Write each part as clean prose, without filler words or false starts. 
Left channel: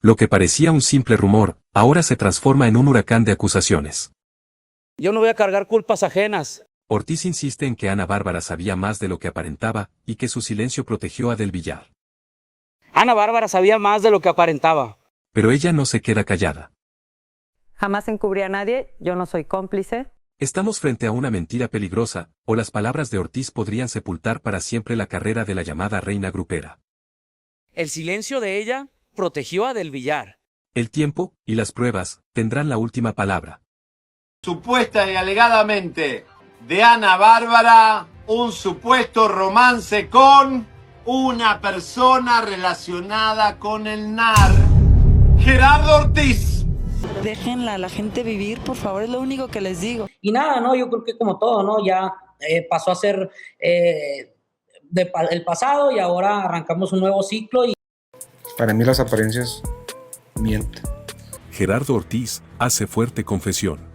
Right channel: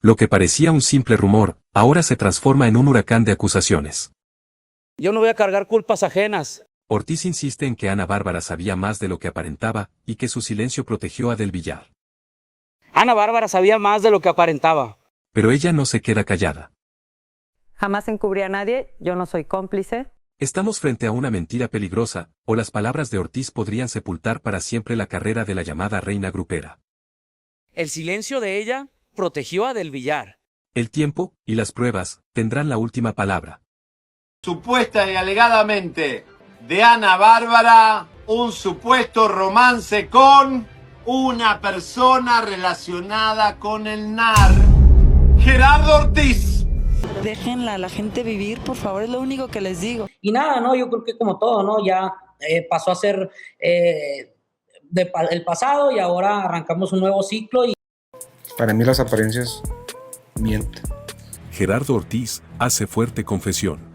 Lo que parecía un simple rumor, ahora se transforma en un huracán de acusaciones. Yo no voy a cargar culpas ajenas. Ortíz insiste en que Ana Bárbara sabía más de lo que aparentaba, y que su silencio protegió a del Villar. Ana Bárbara sabía más de lo que aparentaba. Pero ella no se queda callada. Jamás encubrí a nadie, yo no soy cómplice. Estamos frente a una mentira peligrosa, o las palabras de Ortíz podrían sepultar para siempre la carrera de la llamada reina grupera. El silencio de ella protegió a del Villar. El tiempo, y las pruebas, tendrán la última palabra. Supuesta y alegadamente de Ana Bárbara, un supuesto romance con una persona relacionada con el NAR, Gerardo Ortíz. Déjenla a la gente vivir, por favor, es lo único que les digo. Y nada, ¿no? Yo creo que como todo, ¿no? Ya pasó a ser el pasado y ahora arrancamos un nuevo ciclo. Para mí las apariencias mienten. Gerardo Ortíz hace fuerte confesión.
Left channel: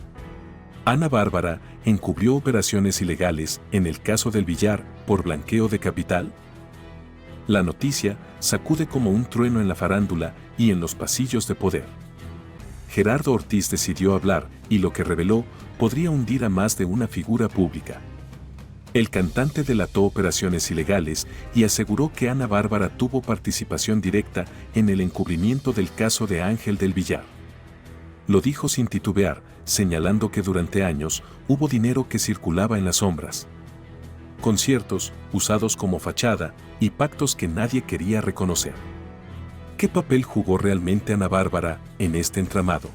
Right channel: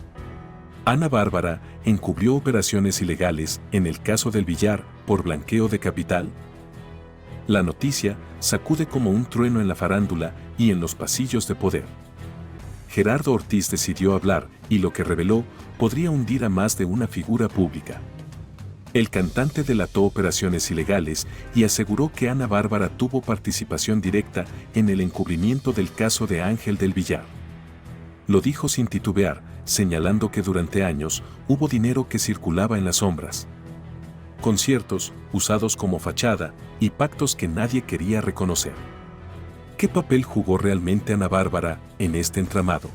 Ana Bárbara encubrió operaciones ilegales en el caso del Villar por blanqueo de capital. La noticia sacude como un trueno en la farándula y en los pasillos de poder. Gerardo Ortíz decidió hablar y lo que reveló podría hundir a más de una figura pública. El cantante delató operaciones ilegales y aseguró que Ana Bárbara tuvo participación directa en el encubrimiento del caso de Ángel del Villar. Lo dijo sin titubear, señalando que durante años hubo dinero que circulaba en las sombras. Conciertos, usados como fachada, y pactos que nadie quería reconocer. ¿Qué papel jugó realmente Ana Bárbara en este entramado?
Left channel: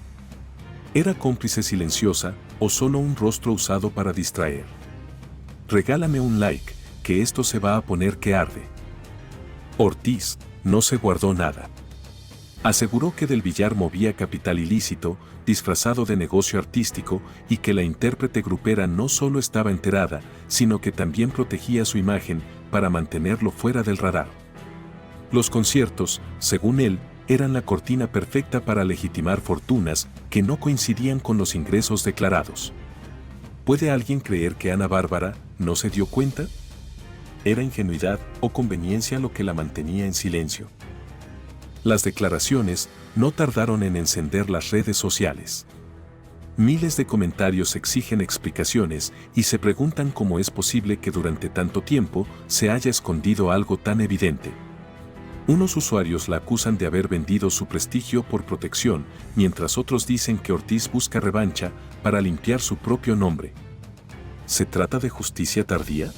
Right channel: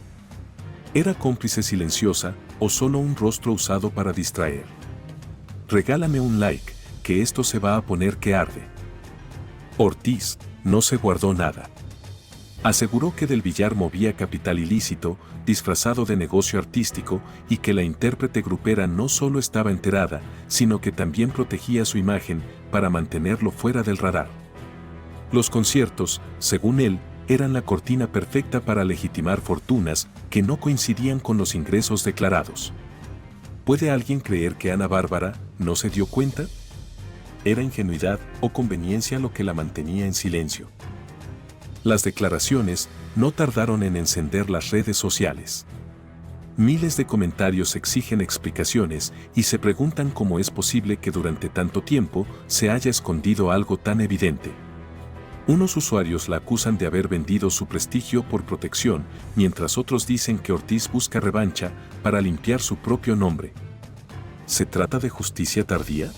¿Era cómplice silenciosa o solo un rostro usado para distraer? Regálame un like, que esto se va a poner que arde. Ortíz no se guardó nada. Aseguró que del Villar movía capital ilícito, disfrazado de negocio artístico, y que la intérprete grupera no solo estaba enterada, sino que también protegía su imagen para mantenerlo fuera del radar. Los conciertos, según él, eran la cortina perfecta para legitimar fortunas que no coincidían con los ingresos declarados. ¿Puede alguien creer que Ana Bárbara no se dio cuenta? ¿Era ingenuidad o conveniencia lo que la mantenía en silencio? Las declaraciones no tardaron en encender las redes sociales. Miles de comentarios exigen explicaciones y se preguntan cómo es posible que durante tanto tiempo se haya escondido algo tan evidente. Unos usuarios la acusan de haber vendido su prestigio por protección, mientras otros dicen que Ortíz busca revancha para limpiar su propio nombre. ¿Se trata de justicia tardía?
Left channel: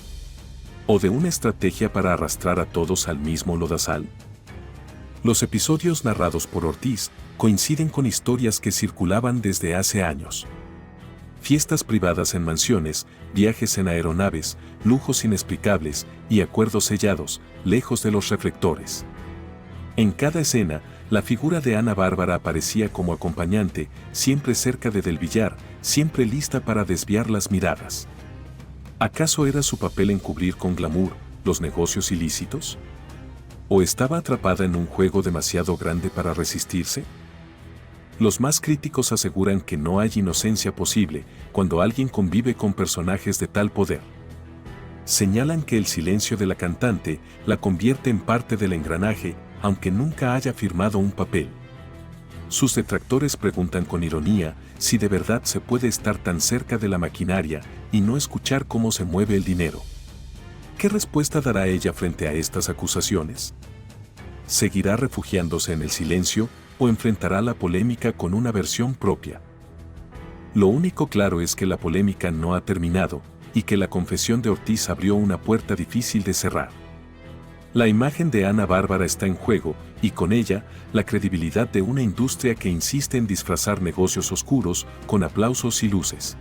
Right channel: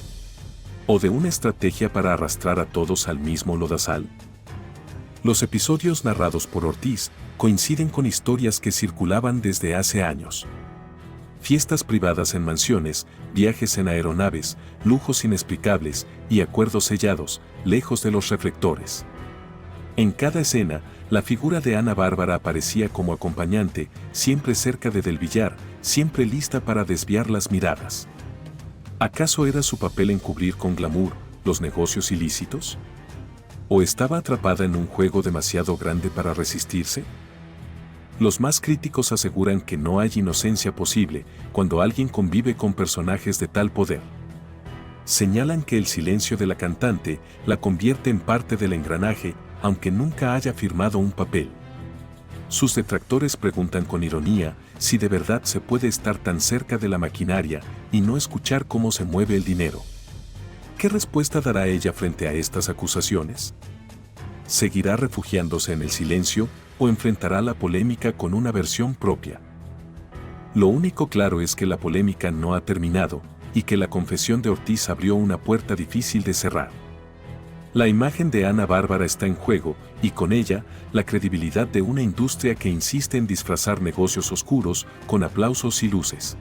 ¿O de una estrategia para arrastrar a todos al mismo lodazal? Los episodios narrados por Ortíz coinciden con historias que circulaban desde hace años. Fiestas privadas en mansiones, viajes en aeronaves, lujos inexplicables y acuerdos sellados, lejos de los reflectores. En cada escena, la figura de Ana Bárbara aparecía como acompañante, siempre cerca de del Villar, siempre lista para desviar las miradas. ¿Acaso era su papel encubrir con glamour los negocios ilícitos? ¿O estaba atrapada en un juego demasiado grande para resistirse? Los más críticos aseguran que no hay inocencia posible cuando alguien convive con personajes de tal poder. Señalan que el silencio de la cantante la convierte en parte del engranaje, aunque nunca haya firmado un papel. Sus detractores preguntan con ironía si de verdad se puede estar tan cerca de la maquinaria y no escuchar cómo se mueve el dinero. ¿Qué respuesta dará ella frente a estas acusaciones? ¿Seguirá refugiándose en el silencio o enfrentará la polémica con una versión propia? Lo único claro es que la polémica no ha terminado y que la confesión de Ortíz abrió una puerta difícil de cerrar. La imagen de Ana Bárbara está en juego y con ella la credibilidad de una industria que insiste en disfrazar negocios oscuros con aplausos y luces.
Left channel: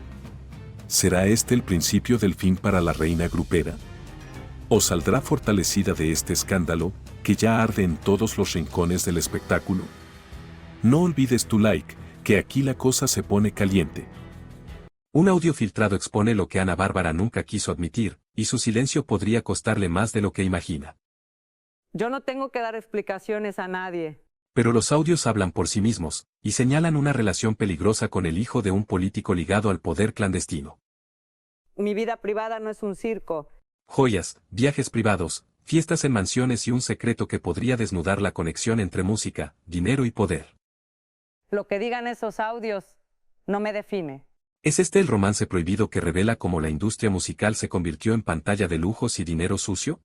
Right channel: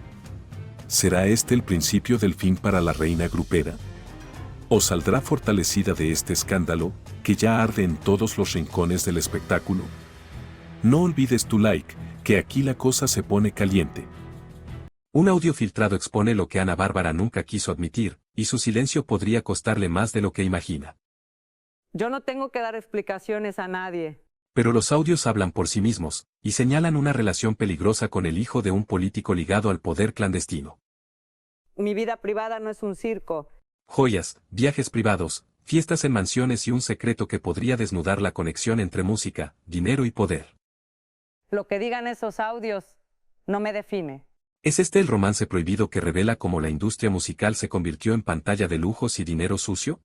¿Será este el principio del fin para la reina grupera? ¿O saldrá fortalecida de este escándalo, que ya arde en todos los rincones del espectáculo? No olvides tu like, que aquí la cosa se pone caliente. Un audio filtrado expone lo que Ana Bárbara nunca quiso admitir, y su silencio podría costarle más de lo que imagina. Yo no tengo que dar explicaciones a nadie. Pero los audios hablan por sí mismos, y señalan una relación peligrosa con el hijo de un político ligado al poder clandestino. Mi vida privada no es un circo. Joyas, viajes privados, fiestas en mansiones y un secreto que podría desnudar la conexión entre música, dinero y poder. Lo que digan esos audios no me define. ¿Es este el romance prohibido que revela cómo la industria musical se convirtió en pantalla de lujos y dinero sucio?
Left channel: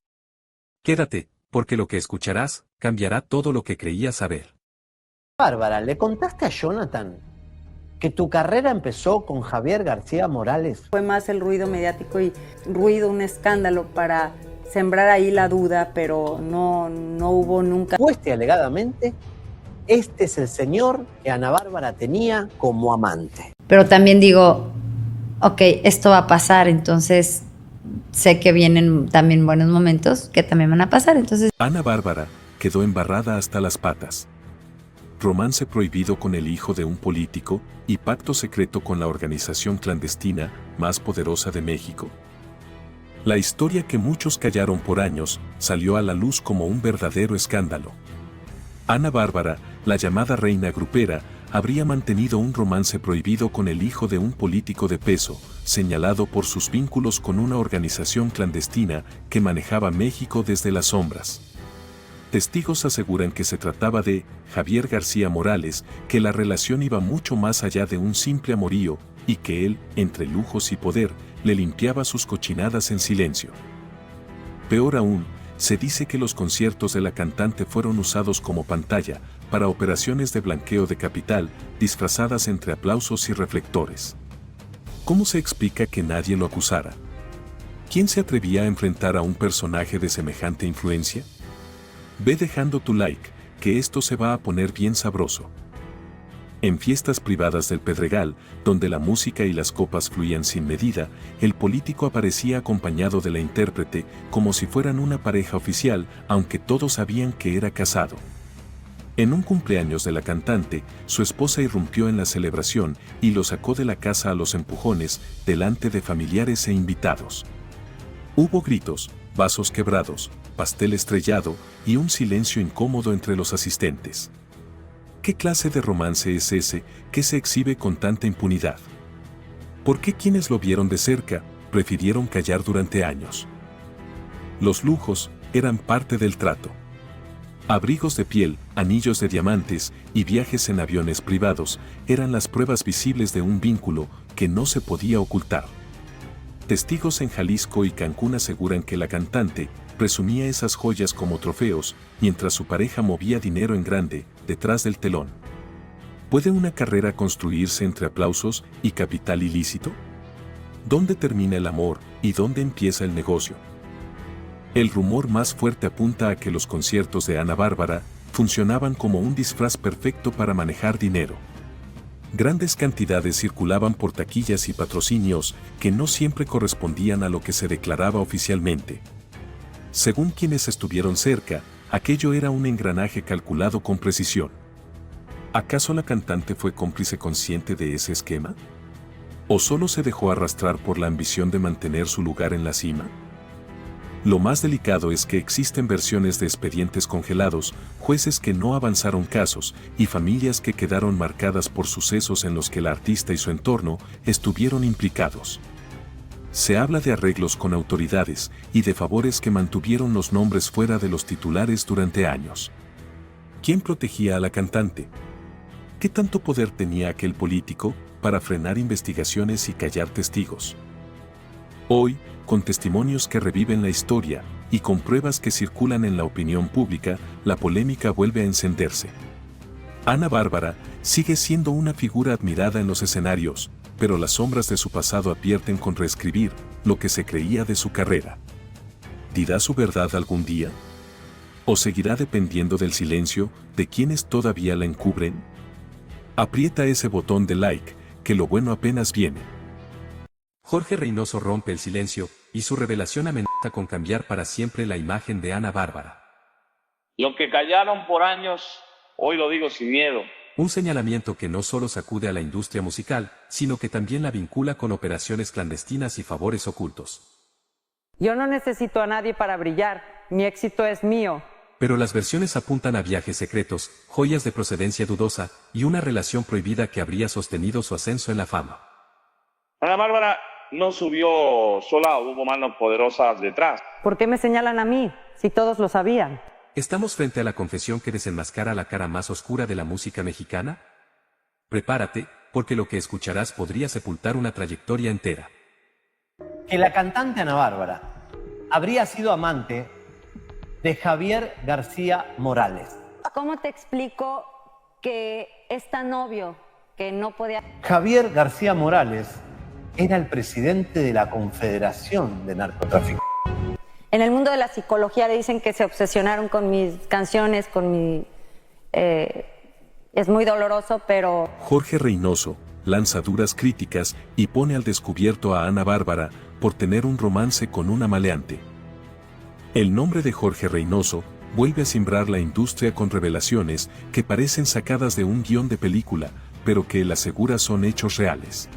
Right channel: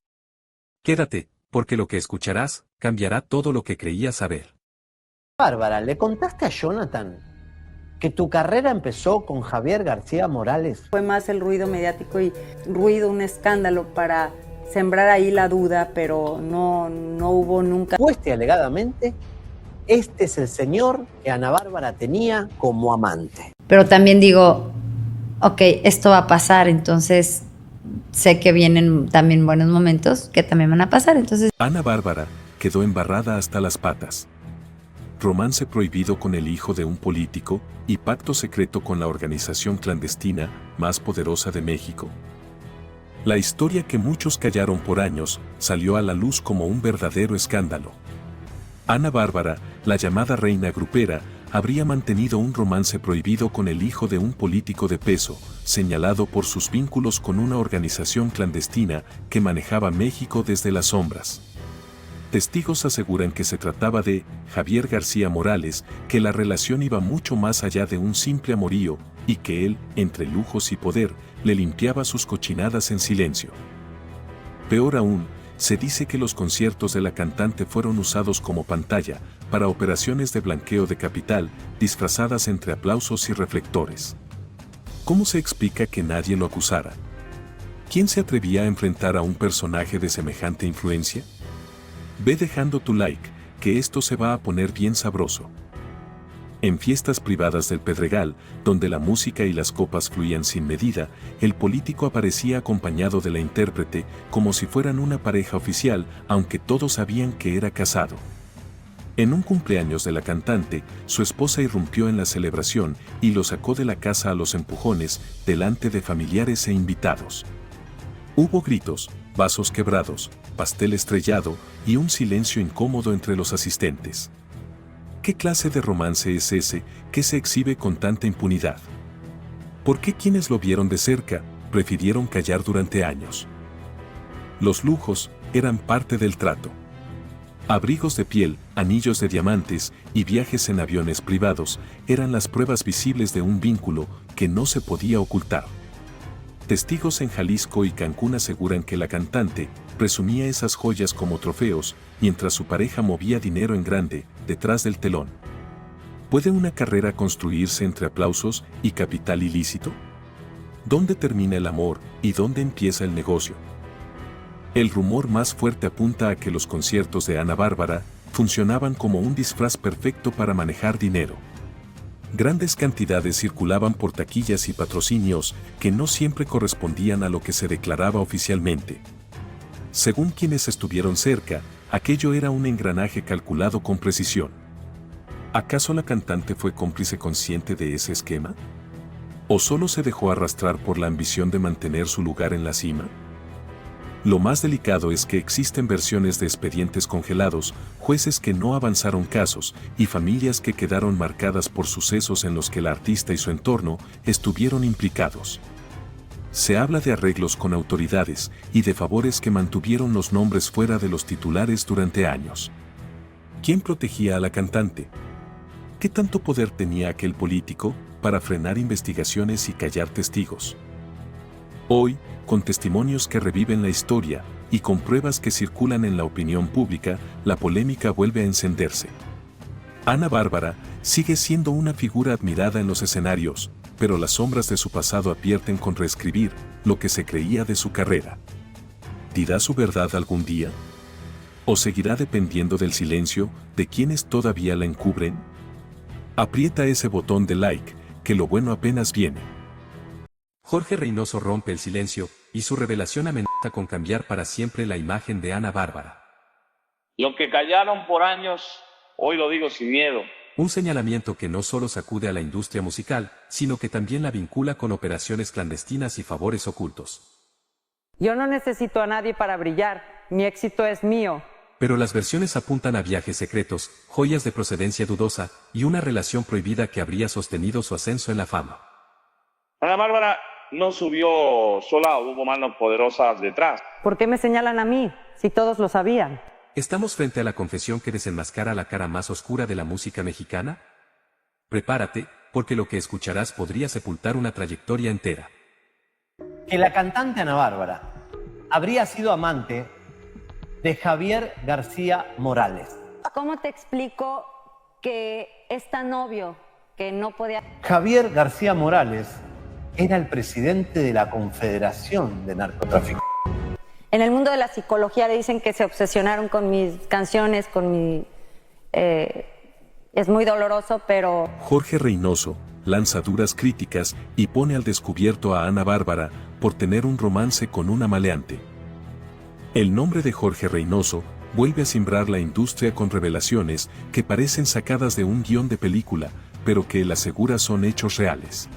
Quédate, porque lo que escucharás cambiará todo lo que creías saber. Bárbara, ¿le contaste a Jonathan que tu carrera empezó con Javier García Morales? Fue más el ruido mediático y un escándalo para sembrar ahí la duda, pero no hubo nunca. Supuesta y alegadamente, este es el señor que Ana Bárbara tenía como amante. Pero también digo, ok, esto va a pasar, entonces sé que vienen también buenos momentos que también van a pasar, entonces... Ana Bárbara quedó embarrada hasta las patas. Romance prohibido con el hijo de un político y pacto secreto con la organización clandestina más poderosa de México. La historia que muchos callaron por años salió a la luz como un verdadero escándalo. Ana Bárbara, la llamada reina grupera, habría mantenido un romance prohibido con el hijo de un político de peso, señalado por sus vínculos con una organización clandestina que manejaba México desde las sombras. Testigos aseguran que se trataba de Javier García Morales, que la relación iba mucho más allá de un simple amorío, y que él, entre lujos y poder, le limpiaba sus cochinadas en silencio. Peor aún, se dice que los conciertos de la cantante fueron usados como pantalla para operaciones de blanqueo de capital, disfrazadas entre aplausos y reflectores. ¿Cómo se explica que nadie lo acusara? ¿Quién se atrevía a enfrentar a un personaje de semejante influencia? Ve dejando tu like, que esto se va a poner bien sabroso. En fiestas privadas del Pedregal, donde la música y las copas fluían sin medida, el político aparecía acompañado de la intérprete como si fueran una pareja oficial, aunque todos sabían que era casado. En un cumpleaños de la cantante, su esposa irrumpió en la celebración y lo sacó de la casa a los empujones, delante de familiares e invitados. Hubo gritos, vasos quebrados, pastel estrellado y un silencio incómodo entre los asistentes. ¿Qué clase de romance es ese que se exhibe con tanta impunidad? ¿Por qué quienes lo vieron de cerca prefirieron callar durante años? Los lujos eran parte del trato. Abrigos de piel, anillos de diamantes y viajes en aviones privados eran las pruebas visibles de un vínculo que no se podía ocultar. Testigos en Jalisco y Cancún aseguran que la cantante presumía esas joyas como trofeos, mientras su pareja movía dinero en grande, detrás del telón. ¿Puede una carrera construirse entre aplausos y capital ilícito? ¿Dónde termina el amor y dónde empieza el negocio? El rumor más fuerte apunta a que los conciertos de Ana Bárbara funcionaban como un disfraz perfecto para manejar dinero. Grandes cantidades circulaban por taquillas y patrocinios que no siempre correspondían a lo que se declaraba oficialmente. Según quienes estuvieron cerca, aquello era un engranaje calculado con precisión. ¿Acaso la cantante fue cómplice consciente de ese esquema? ¿O solo se dejó arrastrar por la ambición de mantener su lugar en la cima? Lo más delicado es que existen versiones de expedientes congelados, jueces que no avanzaron casos y familias que quedaron marcadas por sucesos en los que el artista y su entorno estuvieron implicados. Se habla de arreglos con autoridades y de favores que mantuvieron los nombres fuera de los titulares durante años. ¿Quién protegía a la cantante? ¿Qué tanto poder tenía aquel político para frenar investigaciones y callar testigos? Hoy, con testimonios que reviven la historia y con pruebas que circulan en la opinión pública, la polémica vuelve a encenderse. Ana Bárbara sigue siendo una figura admirada en los escenarios, pero las sombras de su pasado advierten con reescribir lo que se creía de su carrera. ¿Dirá su verdad algún día? ¿O seguirá dependiendo del silencio de quienes todavía la encubren? Aprieta ese botón de like, que lo bueno apenas viene. Jorge Reynoso rompe el silencio, y su revelación amenaza con cambiar para siempre la imagen de Ana Bárbara. Lo que callaron por años, hoy lo digo sin miedo. Un señalamiento que no solo sacude a la industria musical, sino que también la vincula con operaciones clandestinas y favores ocultos. Yo no necesito a nadie para brillar, mi éxito es mío. Pero las versiones apuntan a viajes secretos, joyas de procedencia dudosa, y una relación prohibida que habría sostenido su ascenso en la fama. Ana Bárbara no subió sola, hubo manos poderosas detrás. ¿Por qué me señalan a mí, si todos lo sabían? ¿Estamos frente a la confesión que desenmascara la cara más oscura de la música mexicana? Prepárate, porque lo que escucharás podría sepultar una trayectoria entera. Que la cantante Ana Bárbara habría sido amante de Javier García Morales. ¿Cómo te explico que es tan obvio que no podía? Javier García Morales era el presidente de la Confederación de Narcotráfico. En el mundo de la psicología le dicen que se obsesionaron con mis canciones, con mi... es muy doloroso, pero... Jorge Reynoso lanza duras críticas y pone al descubierto a Ana Bárbara por tener un romance con una maleante. El nombre de Jorge Reynoso vuelve a cimbrar la industria con revelaciones que parecen sacadas de un guión de película, pero que él asegura son hechos reales.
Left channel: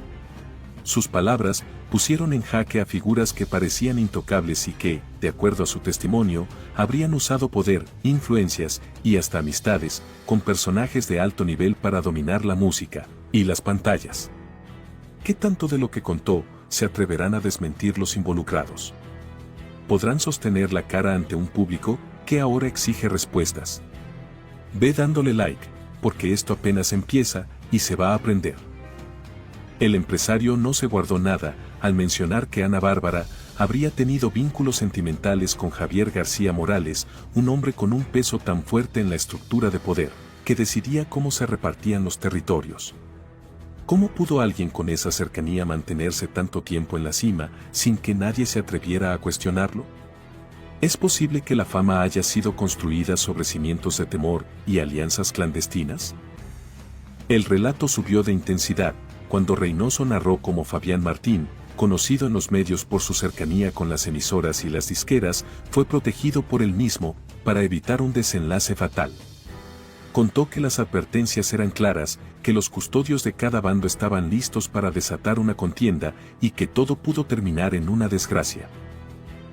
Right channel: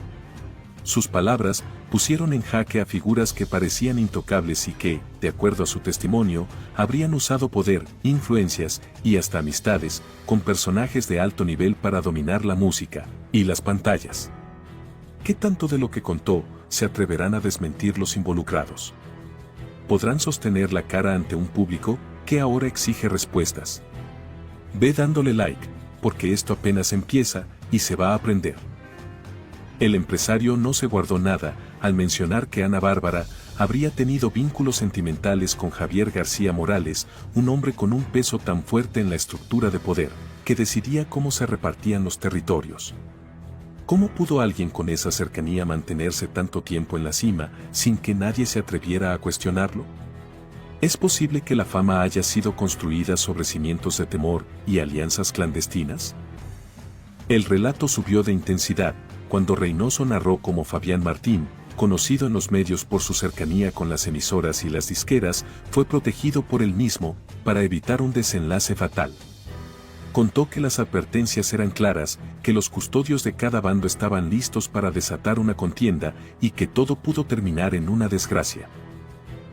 Sus palabras pusieron en jaque a figuras que parecían intocables y que, de acuerdo a su testimonio, habrían usado poder, influencias y hasta amistades con personajes de alto nivel para dominar la música y las pantallas. ¿Qué tanto de lo que contó se atreverán a desmentir los involucrados? ¿Podrán sostener la cara ante un público que ahora exige respuestas? Ve dándole like, porque esto apenas empieza y se va a aprender. El empresario no se guardó nada al mencionar que Ana Bárbara habría tenido vínculos sentimentales con Javier García Morales, un hombre con un peso tan fuerte en la estructura de poder, que decidía cómo se repartían los territorios. ¿Cómo pudo alguien con esa cercanía mantenerse tanto tiempo en la cima sin que nadie se atreviera a cuestionarlo? ¿Es posible que la fama haya sido construida sobre cimientos de temor y alianzas clandestinas? El relato subió de intensidad cuando Reynoso narró cómo Fabián Martín, conocido en los medios por su cercanía con las emisoras y las disqueras, fue protegido por él mismo para evitar un desenlace fatal. Contó que las advertencias eran claras, que los custodios de cada bando estaban listos para desatar una contienda y que todo pudo terminar en una desgracia.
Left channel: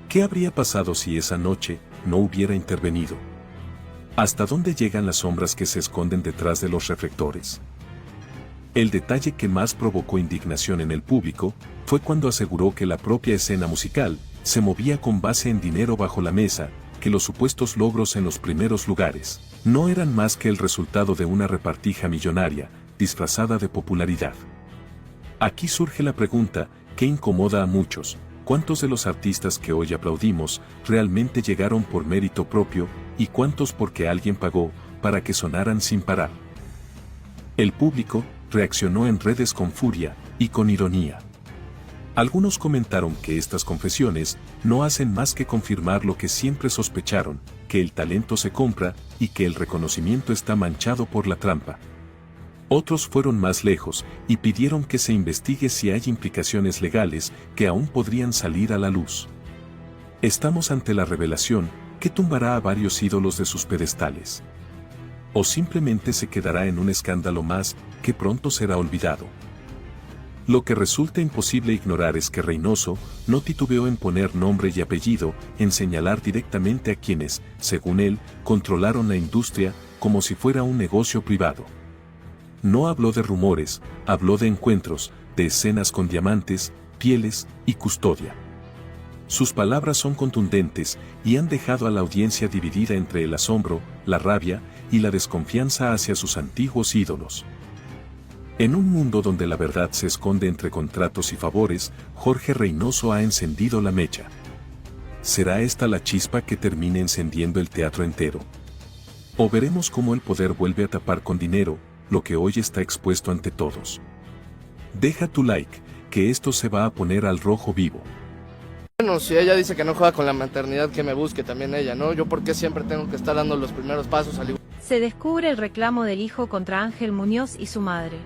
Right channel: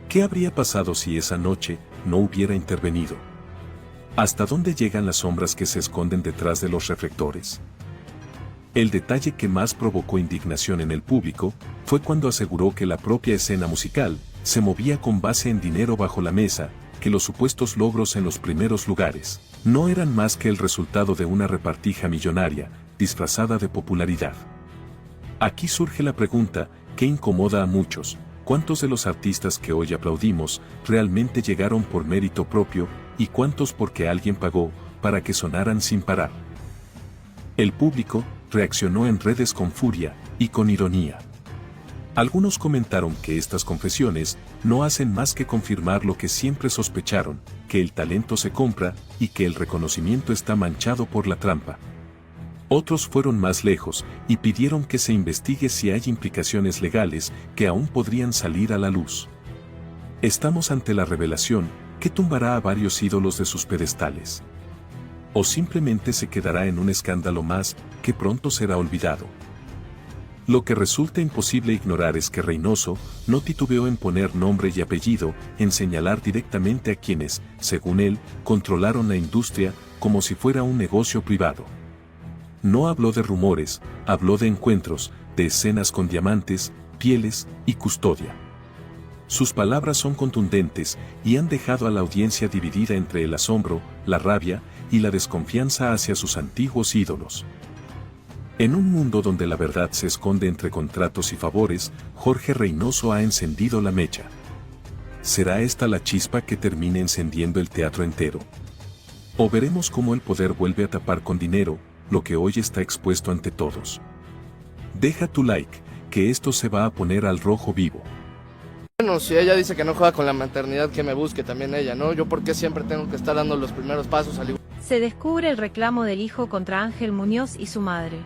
¿Qué habría pasado si esa noche no hubiera intervenido? ¿Hasta dónde llegan las sombras que se esconden detrás de los reflectores? El detalle que más provocó indignación en el público fue cuando aseguró que la propia escena musical se movía con base en dinero bajo la mesa, que los supuestos logros en los primeros lugares no eran más que el resultado de una repartija millonaria, disfrazada de popularidad. Aquí surge la pregunta que incomoda a muchos: ¿cuántos de los artistas que hoy aplaudimos realmente llegaron por mérito propio y cuántos porque alguien pagó para que sonaran sin parar? El público reaccionó en redes con furia y con ironía. Algunos comentaron que estas confesiones no hacen más que confirmar lo que siempre sospecharon, que el talento se compra y que el reconocimiento está manchado por la trampa. Otros fueron más lejos y pidieron que se investigue si hay implicaciones legales que aún podrían salir a la luz. Estamos ante la revelación que tumbará a varios ídolos de sus pedestales. O simplemente se quedará en un escándalo más que pronto será olvidado. Lo que resulta imposible ignorar es que Reynoso no titubeó en poner nombre y apellido, en señalar directamente a quienes, según él, controlaron la industria como si fuera un negocio privado. No habló de rumores, habló de encuentros, de escenas con diamantes, pieles y custodia. Sus palabras son contundentes y han dejado a la audiencia dividida entre el asombro, la rabia y la desconfianza hacia sus antiguos ídolos. En un mundo donde la verdad se esconde entre contratos y favores, Jorge Reynoso ha encendido la mecha. ¿Será esta la chispa que termine encendiendo el teatro entero? ¿O veremos cómo el poder vuelve a tapar con dinero lo que hoy está expuesto ante todos? Deja tu like, que esto se va a poner al rojo vivo. Bueno, si ella dice que no juega con la maternidad, que me busque también ella, ¿no? Yo porque siempre tengo que estar dando los primeros pasos al igual. Se descubre el reclamo del hijo contra Ángel Muñoz y su madre.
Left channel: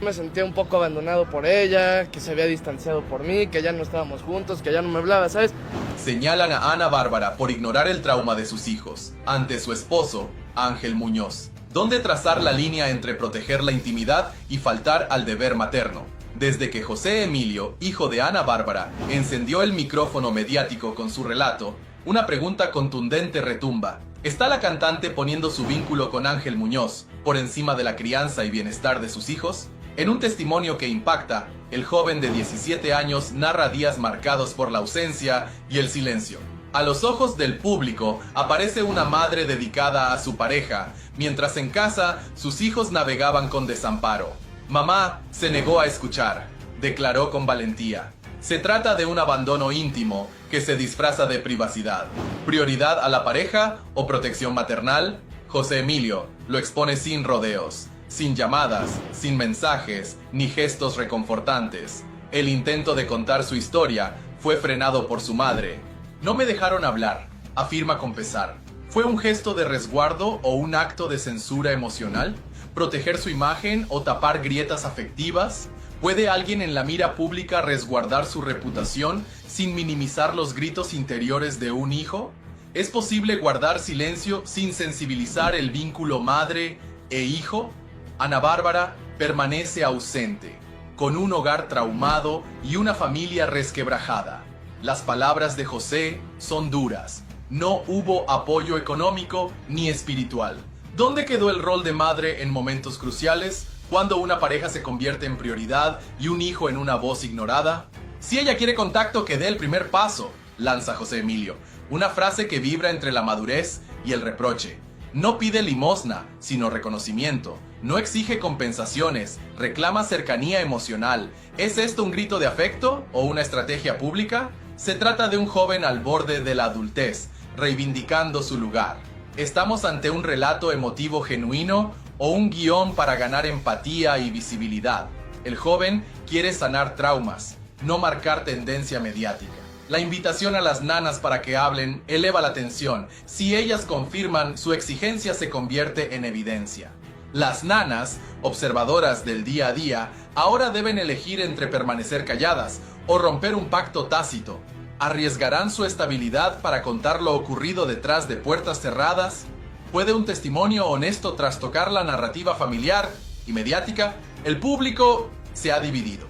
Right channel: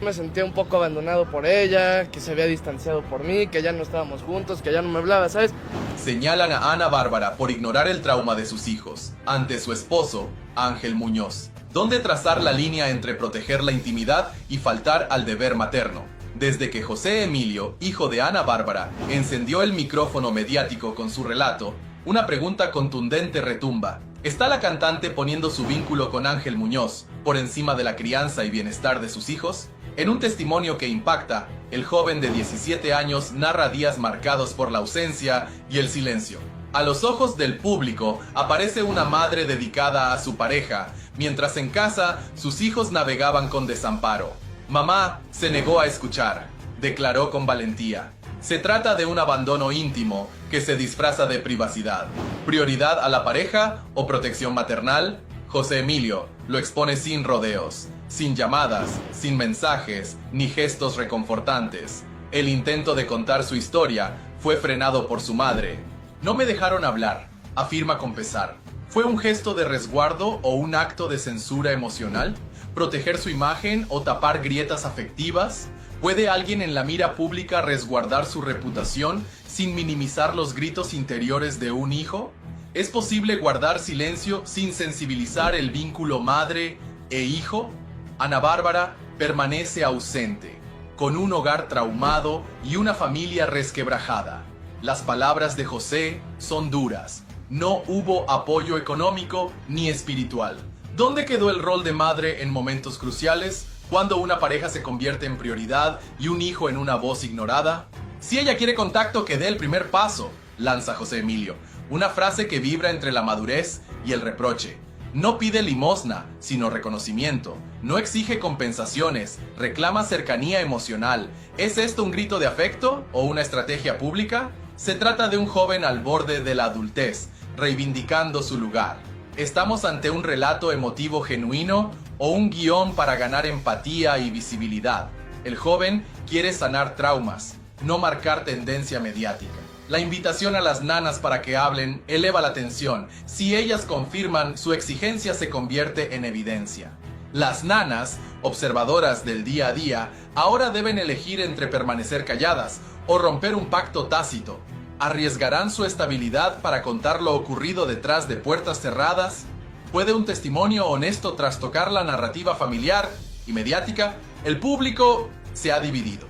Me sentía un poco abandonado por ella, que se había distanciado por mí, que ya no estábamos juntos, que ya no me hablaba, ¿sabes? Señalan a Ana Bárbara por ignorar el trauma de sus hijos ante su esposo, Ángel Muñoz. ¿Dónde trazar la línea entre proteger la intimidad y faltar al deber materno? Desde que José Emilio, hijo de Ana Bárbara, encendió el micrófono mediático con su relato, una pregunta contundente retumba. ¿Está la cantante poniendo su vínculo con Ángel Muñoz por encima de la crianza y bienestar de sus hijos? En un testimonio que impacta, El joven de 17 años narra días marcados por la ausencia y el silencio. A los ojos del público aparece una madre dedicada a su pareja, mientras en casa sus hijos navegaban con desamparo. Mamá se negó a escuchar, declaró con valentía. Se trata de un abandono íntimo que se disfraza de privacidad. ¿Prioridad a la pareja o protección maternal? José Emilio lo expone sin rodeos, sin llamadas, sin mensajes, ni gestos reconfortantes. El intento de contar su historia fue frenado por su madre. No me dejaron hablar, afirma con pesar. ¿Fue un gesto de resguardo o un acto de censura emocional? ¿Proteger su imagen o tapar grietas afectivas? ¿Puede alguien en la mira pública resguardar su reputación sin minimizar los gritos interiores de un hijo? ¿Es posible guardar silencio sin sensibilizar el vínculo madre e hijo? Ana Bárbara permanece ausente, con un hogar traumado y una familia resquebrajada. Las palabras de José son duras. No hubo apoyo económico ni espiritual. ¿Dónde quedó el rol de madre en momentos cruciales? ¿Cuándo una pareja se convierte en prioridad y un hijo en una voz ignorada? Si ella quiere contacto, que dé el primer paso, lanza José Emilio. Una frase que vibra entre la madurez y el reproche. No pide limosna, sino reconocimiento. No exige compensaciones, reclama cercanía emocional. ¿Es esto un grito de afecto o una estrategia pública? Se trata de un joven al borde de la adultez, reivindicando su lugar. ¿Estamos ante un relato emotivo genuino o un guión para ganar empatía y visibilidad? El joven quiere sanar traumas, no marcar tendencia mediática. La invitación a las nanas para que hablen eleva la tensión. Si ellas confirman, su exigencia se convierte en evidencia. Las nanas, observadoras del día a día, ahora deben elegir entre permanecer calladas o romper un pacto tácito. ¿Arriesgarán su estabilidad para contar lo ocurrido detrás de puertas cerradas? ¿Puede un testimonio honesto trastocar la narrativa familiar y mediática? El público se ha dividido.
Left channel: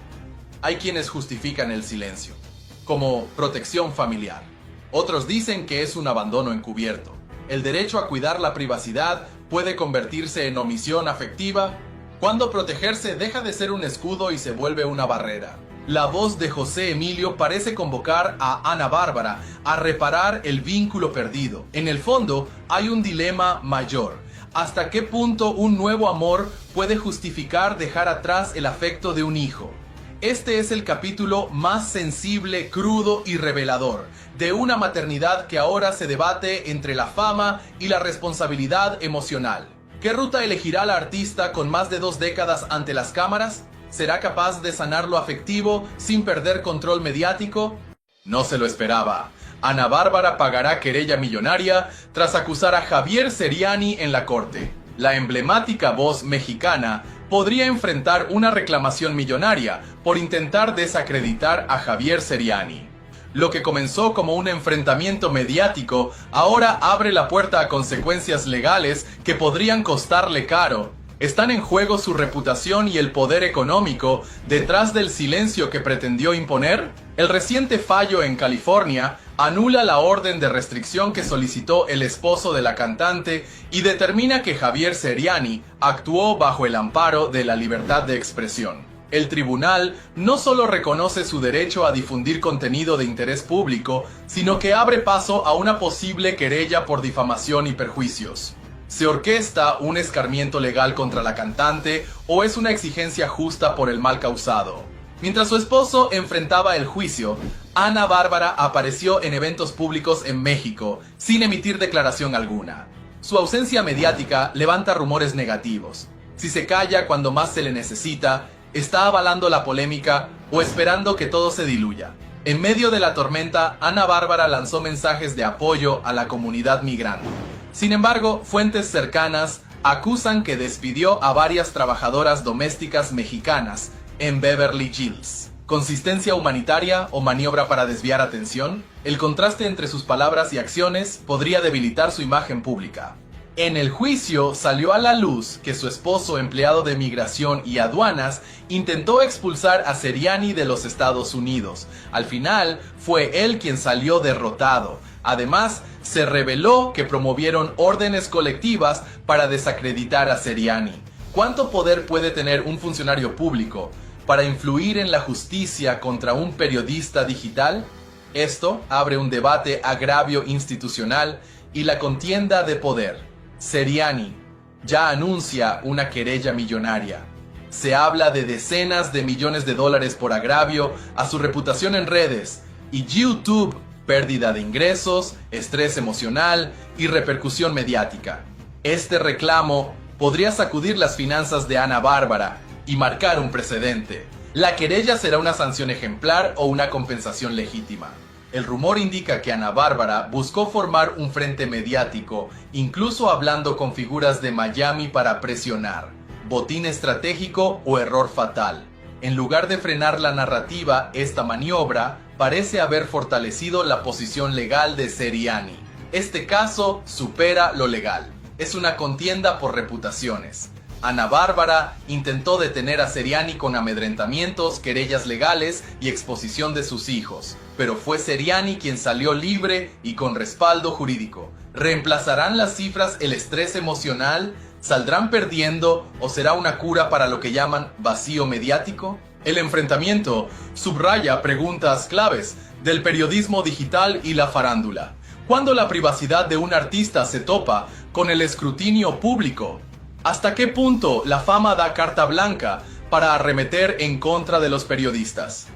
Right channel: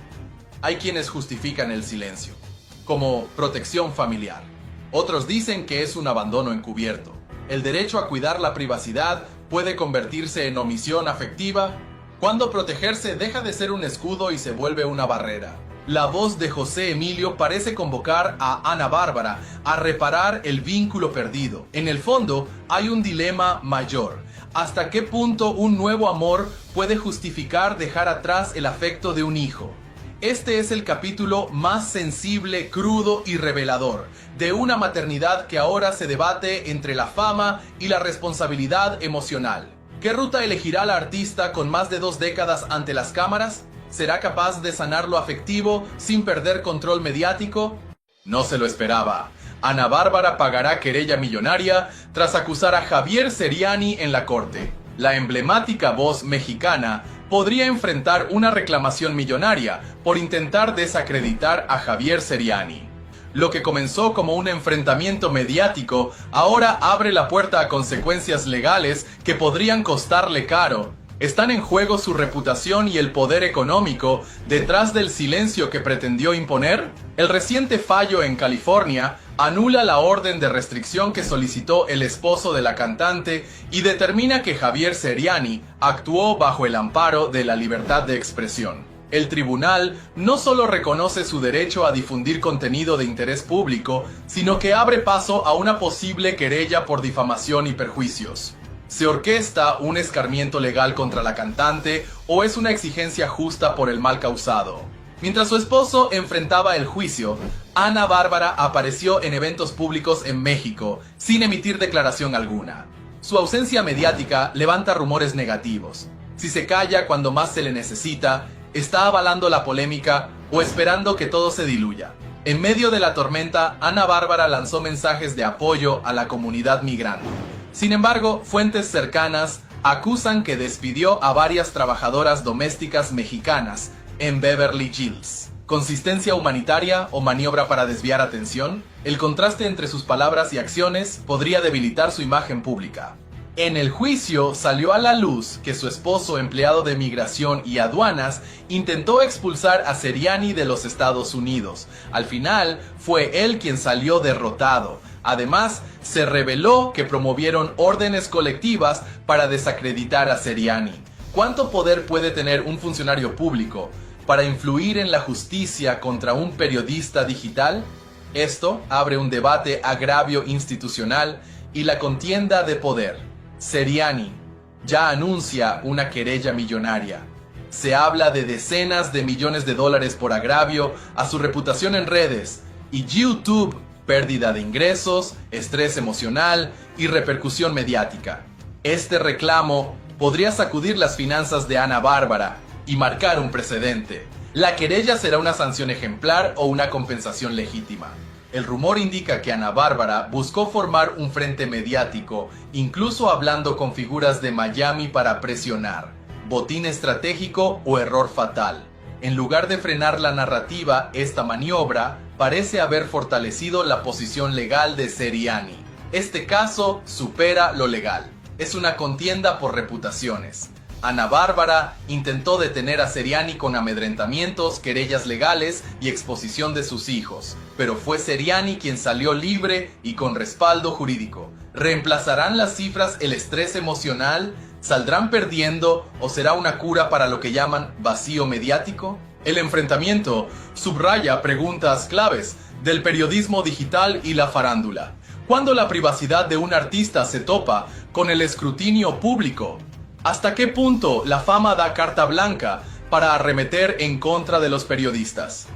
Hay quienes justifican el silencio como protección familiar. Otros dicen que es un abandono encubierto. ¿El derecho a cuidar la privacidad puede convertirse en omisión afectiva? ¿Cuándo protegerse deja de ser un escudo y se vuelve una barrera? La voz de José Emilio parece convocar a Ana Bárbara a reparar el vínculo perdido. En el fondo, hay un dilema mayor. ¿Hasta qué punto un nuevo amor puede justificar dejar atrás el afecto de un hijo? Este es el capítulo más sensible, crudo y revelador, de una maternidad que ahora se debate entre la fama y la responsabilidad emocional. ¿Qué ruta elegirá la artista con más de 2 décadas ante las cámaras? ¿Será capaz de sanar lo afectivo sin perder control mediático? No se lo esperaba. Ana Bárbara pagará querella millonaria tras acusar a Javier Seriani en la corte. La emblemática voz mexicana podría enfrentar una reclamación millonaria por intentar desacreditar a Javier Seriani. Lo que comenzó como un enfrentamiento mediático ahora abre la puerta a consecuencias legales que podrían costarle caro. ¿Están en juego su reputación y el poder económico detrás del silencio que pretendió imponer? El reciente fallo en California anula la orden de restricción que solicitó el esposo de la cantante y determina que Javier Seriani actuó bajo el amparo de la libertad de expresión. El tribunal no solo reconoce su derecho a difundir contenido de interés público, sino que abre paso a una posible querella por difamación y perjuicios. ¿Se orquesta un escarmiento legal contra la cantante o es una exigencia justa por el mal causado? Mientras su esposo enfrentaba el juicio, Ana Bárbara apareció en eventos públicos en México sin emitir declaración alguna. Su ausencia mediática levanta rumores negativos. Si se calla cuando más se le necesita, ¿está avalando la polémica o esperando que todo se diluya? En medio de la tormenta, Ana Bárbara lanzó mensajes de apoyo a la comunidad migrante. Sin embargo, fuentes cercanas acusan que despidió a varias trabajadoras domésticas mexicanas en Beverly Hills. ¿Consistencia humanitaria o maniobra para desviar atención? El contraste entre sus palabras y acciones podría debilitar su imagen pública. En el juicio salió a la luz que su esposo, empleado de migración y aduanas, intentó expulsar a Seriani de los Estados Unidos. Al final, fue él quien salió derrotado. Además, se reveló que promovieron órdenes colectivas para desacreditar a Seriani. ¿Cuánto poder puede tener un funcionario público para influir en la justicia contra un periodista digital? Esto abre un debate agravio institucional y la contienda de poder. Seriani ya anuncia una querella millonaria. Se habla de decenas de millones de dólares por agravio a su reputación en redes, y YouTube, pérdida de ingresos, estrés emocional y repercusión mediática. Este reclamo podría sacudir las finanzas de Ana Bárbara y marcar un precedente. La querella será una sanción ejemplar o una compensación legítima. El rumor indica que Ana Bárbara buscó formar un frente mediático, incluso hablando con figuras de Miami para presionar. Botín estratégico o error fatal. En lugar de frenar la narrativa, esta maniobra parece haber fortalecido la posición legal de Seriani. Este caso supera lo legal. Es una contienda por reputaciones. Ana Bárbara intentó detener a Seriani con amedrentamientos, querellas legales y exposición de sus hijos, pero fue Seriani quien salió libre y con respaldo jurídico. ¿Reemplazarán las cifras el estrés emocional? ¿Saldrán perdiendo o será una cura para lo que llaman vacío mediático? El enfrentamiento subraya preguntas claves del periodismo digital y la farándula. ¿Cuándo la privacidad de un artista se topa con el escrutinio público? ¿Hasta qué punto la fama da carta blanca para arremeter en contra de los periodistas?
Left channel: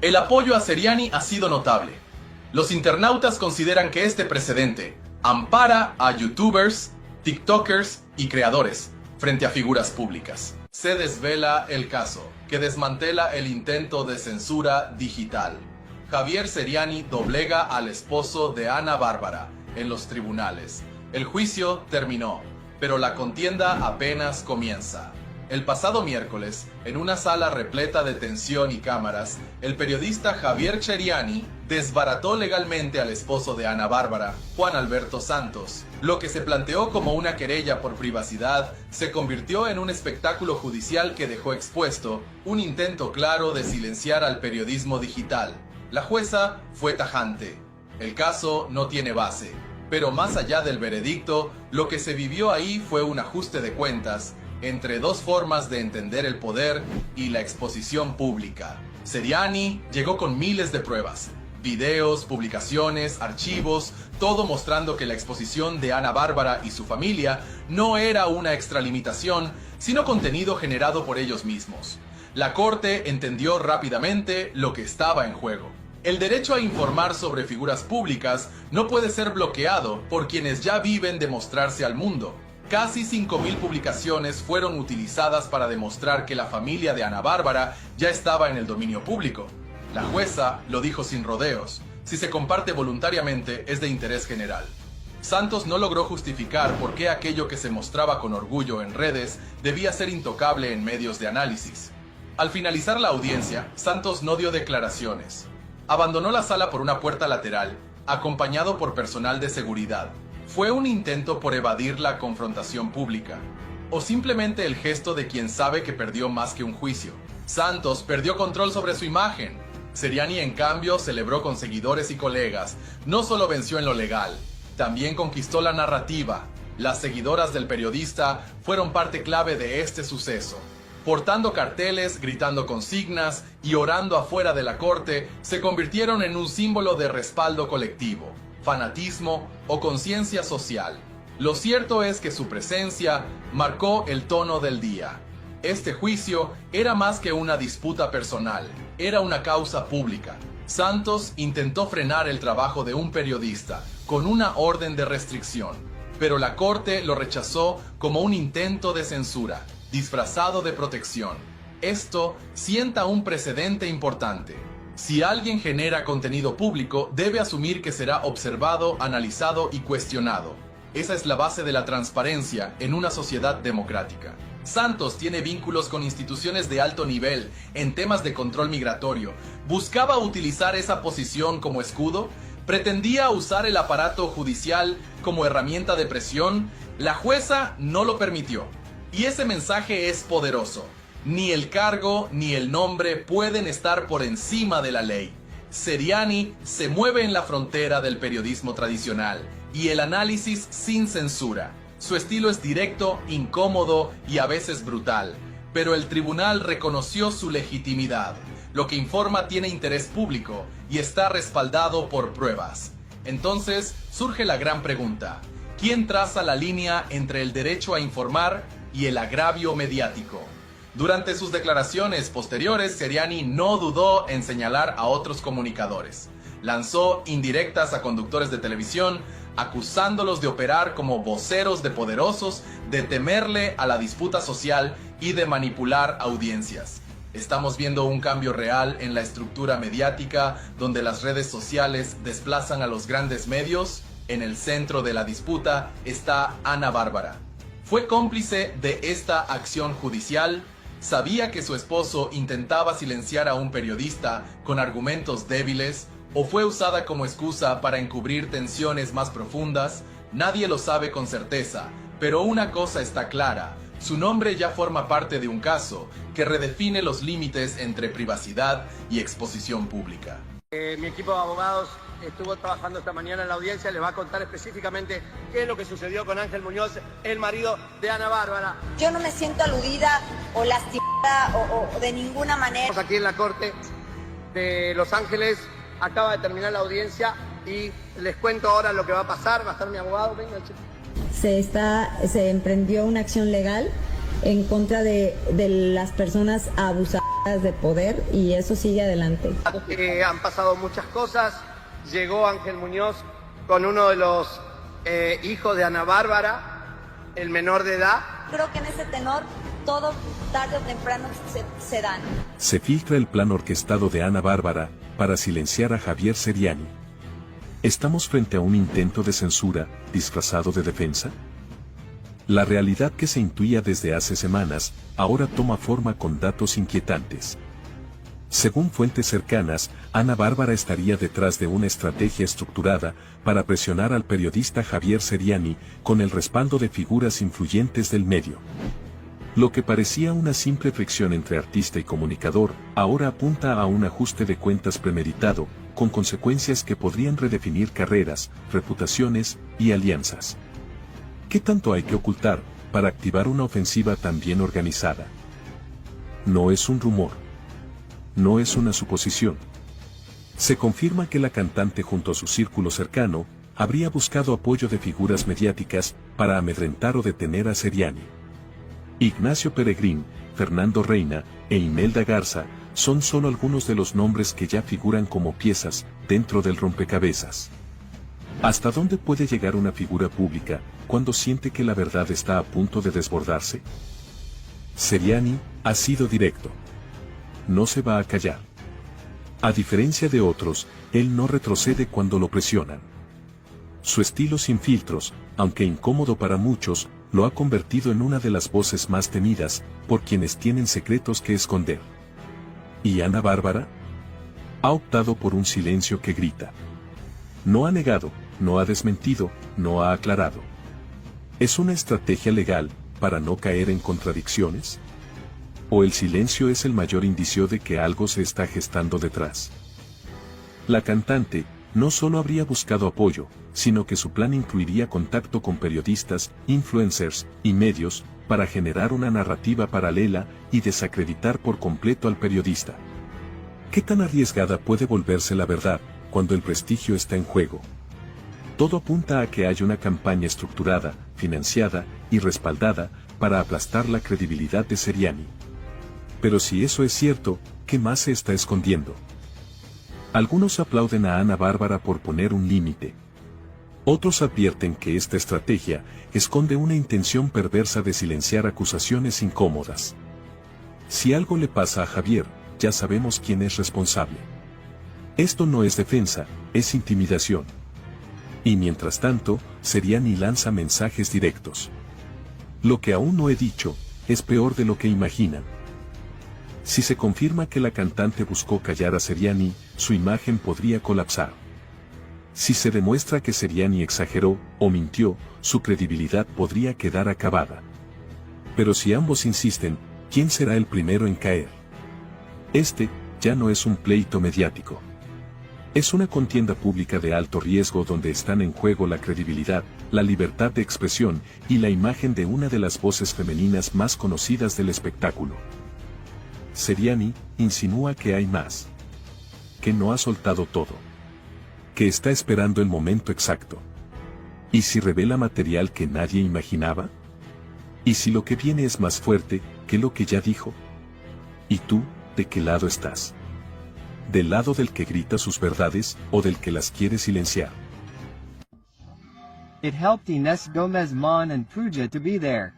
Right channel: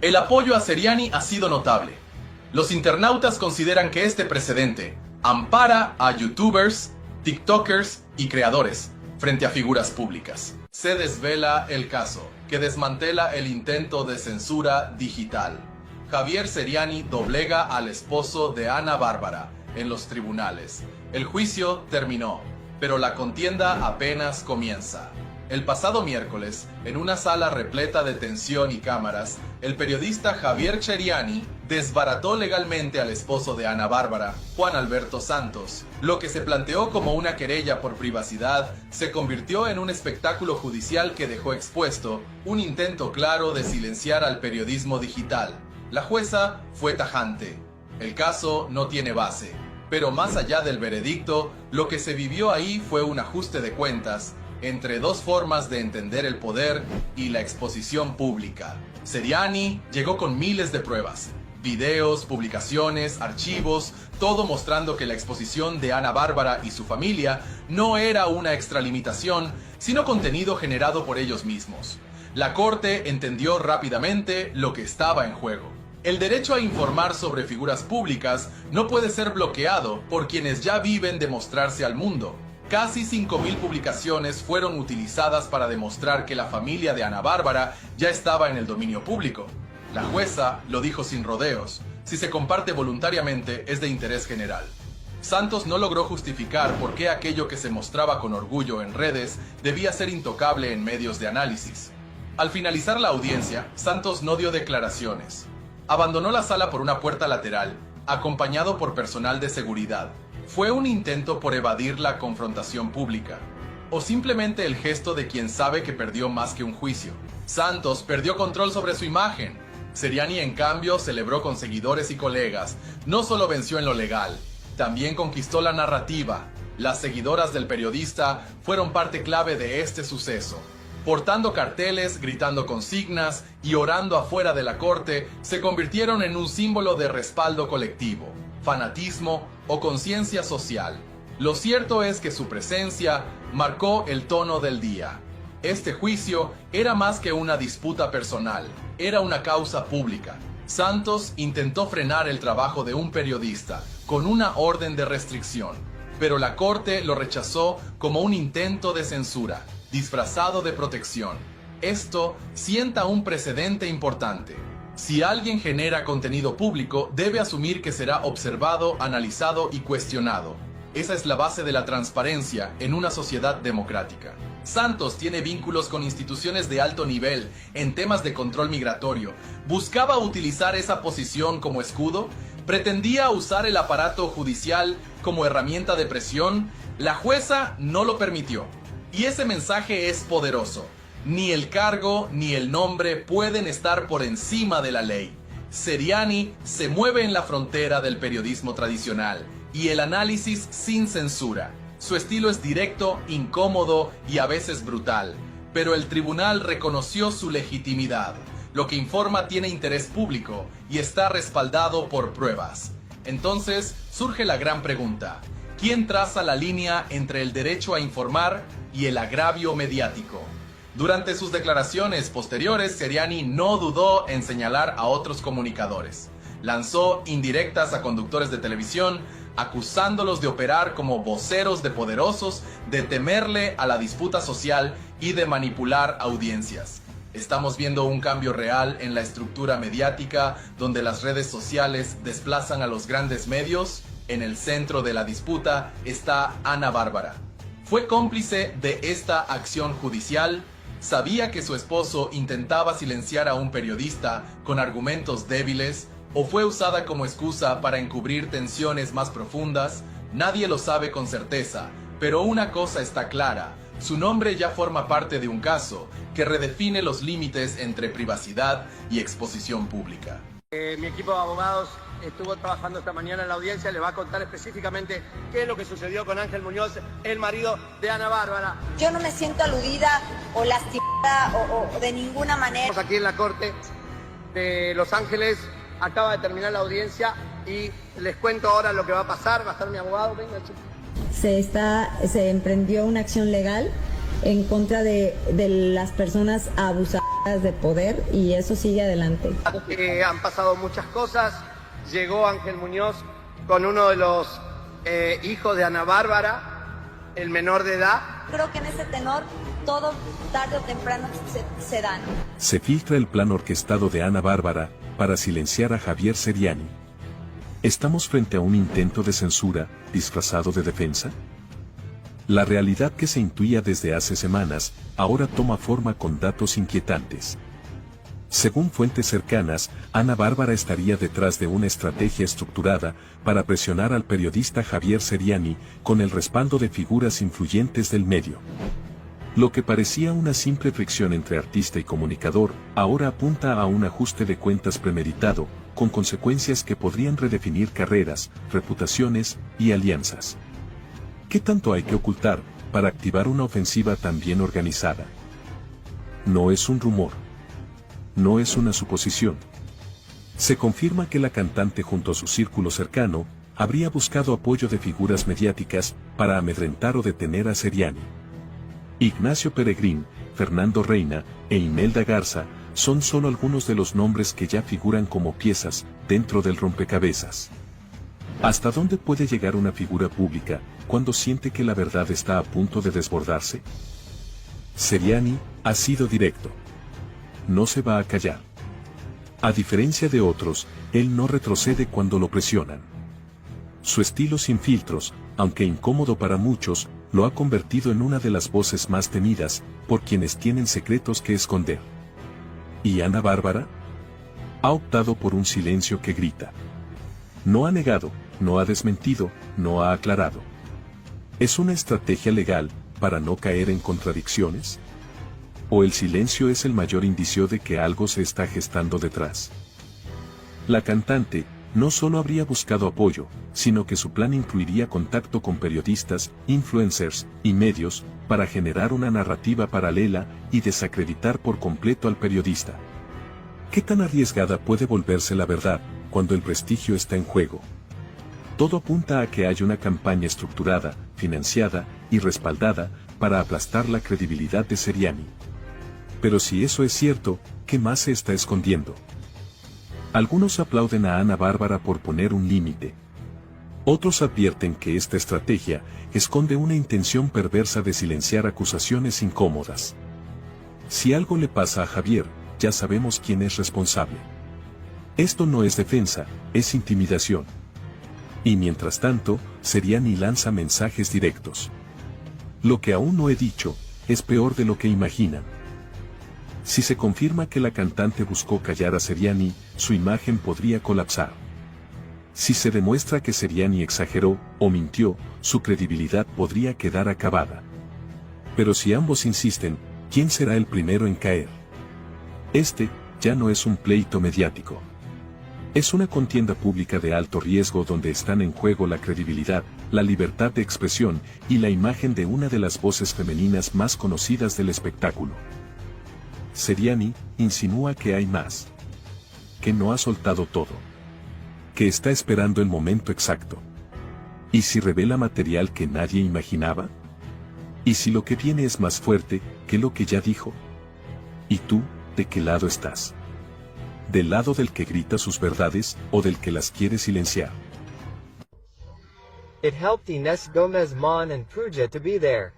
El apoyo a Seriani ha sido notable. Los internautas consideran que este precedente ampara a youtubers, tiktokers y creadores frente a figuras públicas. Se desvela el caso que desmantela el intento de censura digital. Javier Seriani doblega al esposo de Ana Bárbara en los tribunales. El juicio terminó, pero la contienda apenas comienza. El pasado miércoles, en una sala repleta de tensión y cámaras, el periodista Javier Seriani desbarató legalmente al esposo de Ana Bárbara, Juan Alberto Santos. Lo que se planteó como una querella por privacidad se convirtió en un espectáculo judicial que dejó expuesto un intento claro de silenciar al periodismo digital. La jueza fue tajante. El caso no tiene base. Pero más allá del veredicto, lo que se vivió ahí fue un ajuste de cuentas entre dos formas de entender el poder y la exposición pública. Seriani llegó con miles de pruebas, videos, publicaciones, archivos, todo mostrando que la exposición de Ana Bárbara y su familia no era una extralimitación, sino contenido generado por ellos mismos. La corte entendió rápidamente lo que estaba en juego. El derecho a informar sobre figuras públicas no puede ser bloqueado por quienes ya viven de mostrarse al mundo. Casi 5.000 publicaciones fueron utilizadas para demostrar que la familia de Ana Bárbara ya estaba en el dominio público. La jueza lo dijo sin rodeos: si se comparte voluntariamente es de interés general. Santos no logró justificar por qué aquello que se mostraba con orgullo en redes debía ser intocable en medios de análisis. Al finalizar la audiencia, Santos no dio declaraciones. Abandonó la sala por una puerta lateral, acompañado por personal de seguridad. ¿Fue un intento por evadir la confrontación pública? ¿O simplemente el gesto de quien sabe que perdió más que un juicio? Santos perdió control sobre su imagen. Seriani, en cambio, celebró con seguidores y colegas. No solo venció en lo legal, también conquistó la narrativa. Las seguidoras del periodista fueron parte clave de este suceso. Portando carteles, gritando consignas y orando afuera de la corte, se convirtieron en un símbolo de respaldo colectivo, fanatismo o conciencia social. Lo cierto es que su presencia marcó el tono del día. Este juicio era más que una disputa personal, era una causa pública. Santos intentó frenar el trabajo de un periodista con una orden de restricción, pero la corte lo rechazó como un intento de censura, disfrazado de protección. Esto sienta un precedente importante. Si alguien genera contenido público, debe asumir que será observado, analizado y cuestionado. Esa es la base de la transparencia en una sociedad democrática. Santos tiene vínculos con instituciones de alto nivel en temas de control migratorio. ¿Buscaba utilizar esa posición como escudo? ¿Pretendía usar el aparato judicial como herramienta de presión? La jueza no lo permitió. Y ese mensaje es poderoso. Ni el cargo ni el nombre pueden estar por encima de la ley. Seriani se mueve en la frontera del periodismo tradicional y el análisis sin censura. Su estilo es directo, incómodo y a veces brutal, pero el tribunal reconoció su legitimidad. Lo que informa tiene interés público y está respaldado por pruebas. Entonces surge la gran pregunta: ¿quién traza la línea entre el derecho a informar y el agravio mediático? Durante sus declaraciones posteriores, Seriani no dudó en señalar a otros comunicadores. Lanzó indirectas a conductores de televisión, acusándolos de operar como voceros de poderosos, de temerle a la disputa social y de manipular audiencias. Estamos viendo un cambio real en la estructura mediática, donde las redes sociales desplazan a los grandes medios. En el centro de la disputa está Ana Bárbara. Fue cómplice de esta acción judicial. Sabía que su esposo intentaba silenciar a un periodista con argumentos débiles, o fue usada como excusa para encubrir tensiones más profundas. Nadie lo sabe con certeza, pero una cosa está clara: su nombre ya forma parte de un caso que redefine los límites entre privacidad y exposición pública. Mi equipo de abogados estuvo trabajando esta mañana en la audiencia, le va a contar específicamente qué es lo que sucedió con Ángel Muñoz, el marido de Ana Bárbara. Yo no me siento aludida o lastimada o de ninguna manera. Estamos aquí en la corte de Los Ángeles, acaba de terminar la audiencia y les cuento ahora lo que va a pasar. Va a estar mi abogado, venga, chico. Se emprendió una acción legal en contra de las personas abusadoras de poder y eso sigue adelante. Han pasado muchas cosas. Llegó Ángel Muñoz con uno de los hijos de Ana Bárbara, el menor de edad. Creo que en ese tenor todo tarde o temprano se dan. Se filtra el plan orquestado de Ana Bárbara para silenciar a Javier Seriani. ¿Estamos frente a un intento de censura disfrazado de defensa? La realidad que se intuía desde hace semanas, ahora toma forma con datos inquietantes. Según fuentes cercanas, Ana Bárbara estaría detrás de una estrategia estructurada para presionar al periodista Javier Seriani con el respaldo de figuras influyentes del medio. Lo que parecía una simple fricción entre artista y comunicador, ahora apunta a un ajuste de cuentas premeditado, con consecuencias que podrían redefinir carreras, reputaciones y alianzas. ¿Qué tanto hay que ocultar para activar una ofensiva tan bien organizada? No es un rumor. No es una suposición. Se confirma que la cantante junto a su círculo cercano, habría buscado apoyo de figuras mediáticas para amedrentar o detener a Seriani. Ignacio Peregrín, Fernando Reina e Imelda Garza son solo algunos de los nombres que ya figuran como piezas dentro del rompecabezas. ¿Hasta dónde puede llegar una figura pública cuando siente que la verdad está a punto de desbordarse? Seriani ha sido directo. No se va a callar. A diferencia de otros, él no retrocede cuando lo presionan. Su estilo sin filtros, aunque incómodo para muchos, lo ha convertido en una de las voces más temidas por quienes tienen secretos que esconder. ¿Y Ana Bárbara? Ha optado por un silencio que grita. No ha negado, no ha desmentido, no ha aclarado. ¿Es una estrategia legal para no caer en contradicciones? ¿O el silencio es el mayor indicio de que algo se está gestando detrás? La cantante no solo habría buscado apoyo, sino que su plan incluiría contacto con periodistas, influencers y medios, para generar una narrativa paralela y desacreditar por completo al periodista. ¿Qué tan arriesgada puede volverse la verdad cuando el prestigio está en juego? Todo apunta a que hay una campaña estructurada, financiada y respaldada para aplastar la credibilidad de Seriani. Pero si eso es cierto, ¿qué más se está escondiendo? Algunos aplauden a Ana Bárbara por poner un límite. Otros advierten que esta estrategia esconde una intención perversa de silenciar acusaciones incómodas. Si algo le pasa a Javier, ya sabemos quién es responsable. Esto no es defensa, es intimidación. Y mientras tanto, Seriani lanza mensajes directos. Lo que aún no he dicho, es peor de lo que imaginan. Si se confirma que la cantante buscó callar a Seriani, su imagen podría colapsar. Si se demuestra que Seriani exageró o mintió, su credibilidad podría quedar acabada. Pero si ambos insisten, ¿quién será el primero en caer? Este ya no es un pleito mediático. Es una contienda pública de alto riesgo donde están en juego la credibilidad la libertad de expresión y la imagen de una de las voces femeninas más conocidas del espectáculo. Seriani insinúa que hay más. Que no ha soltado todo. Que está esperando el momento exacto. ¿Y si revela material que nadie imaginaba? ¿Y si lo que viene es más fuerte que lo que ya dijo? ¿Y tú, de qué lado estás? ¿Del lado del que grita sus verdades o del que las quiere silenciar? It helped Inés Gómez Mon and Pruja to be there.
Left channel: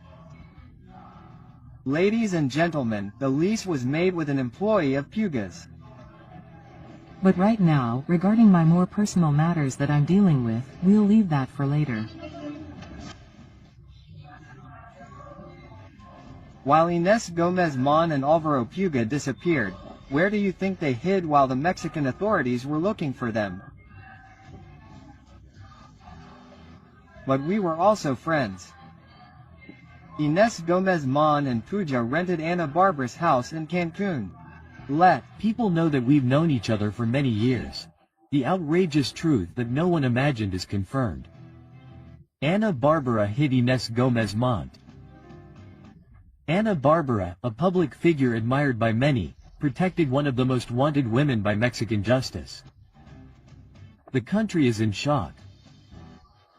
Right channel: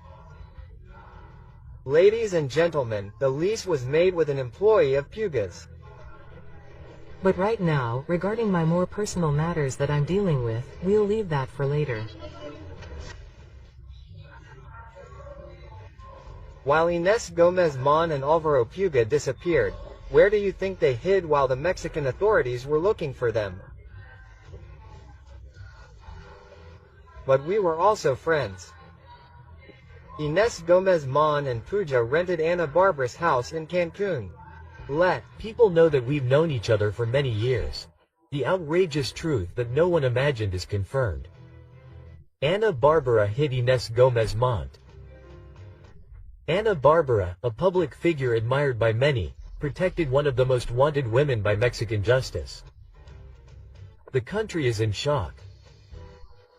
Ladies and gentlemen, the lease was made with an employee of Puga's. But right now, regarding my more personal matters that I'm dealing with, we'll leave that for later. While Inés Gómez Mon and Álvaro Puga disappeared, where do you think they hid while the Mexican authorities were looking for them? But we were also friends. Inés Gómez Mon and Pruja rented Ana Barbara's house in Cancun. People know that we've known each other for many years. The outrageous truth that no one imagined is confirmed. Ana Barbara hid Inés Gómez Mon. Ana Barbara, a public figure admired by many, protected one of the most wanted women by Mexican justice. The country is in shock.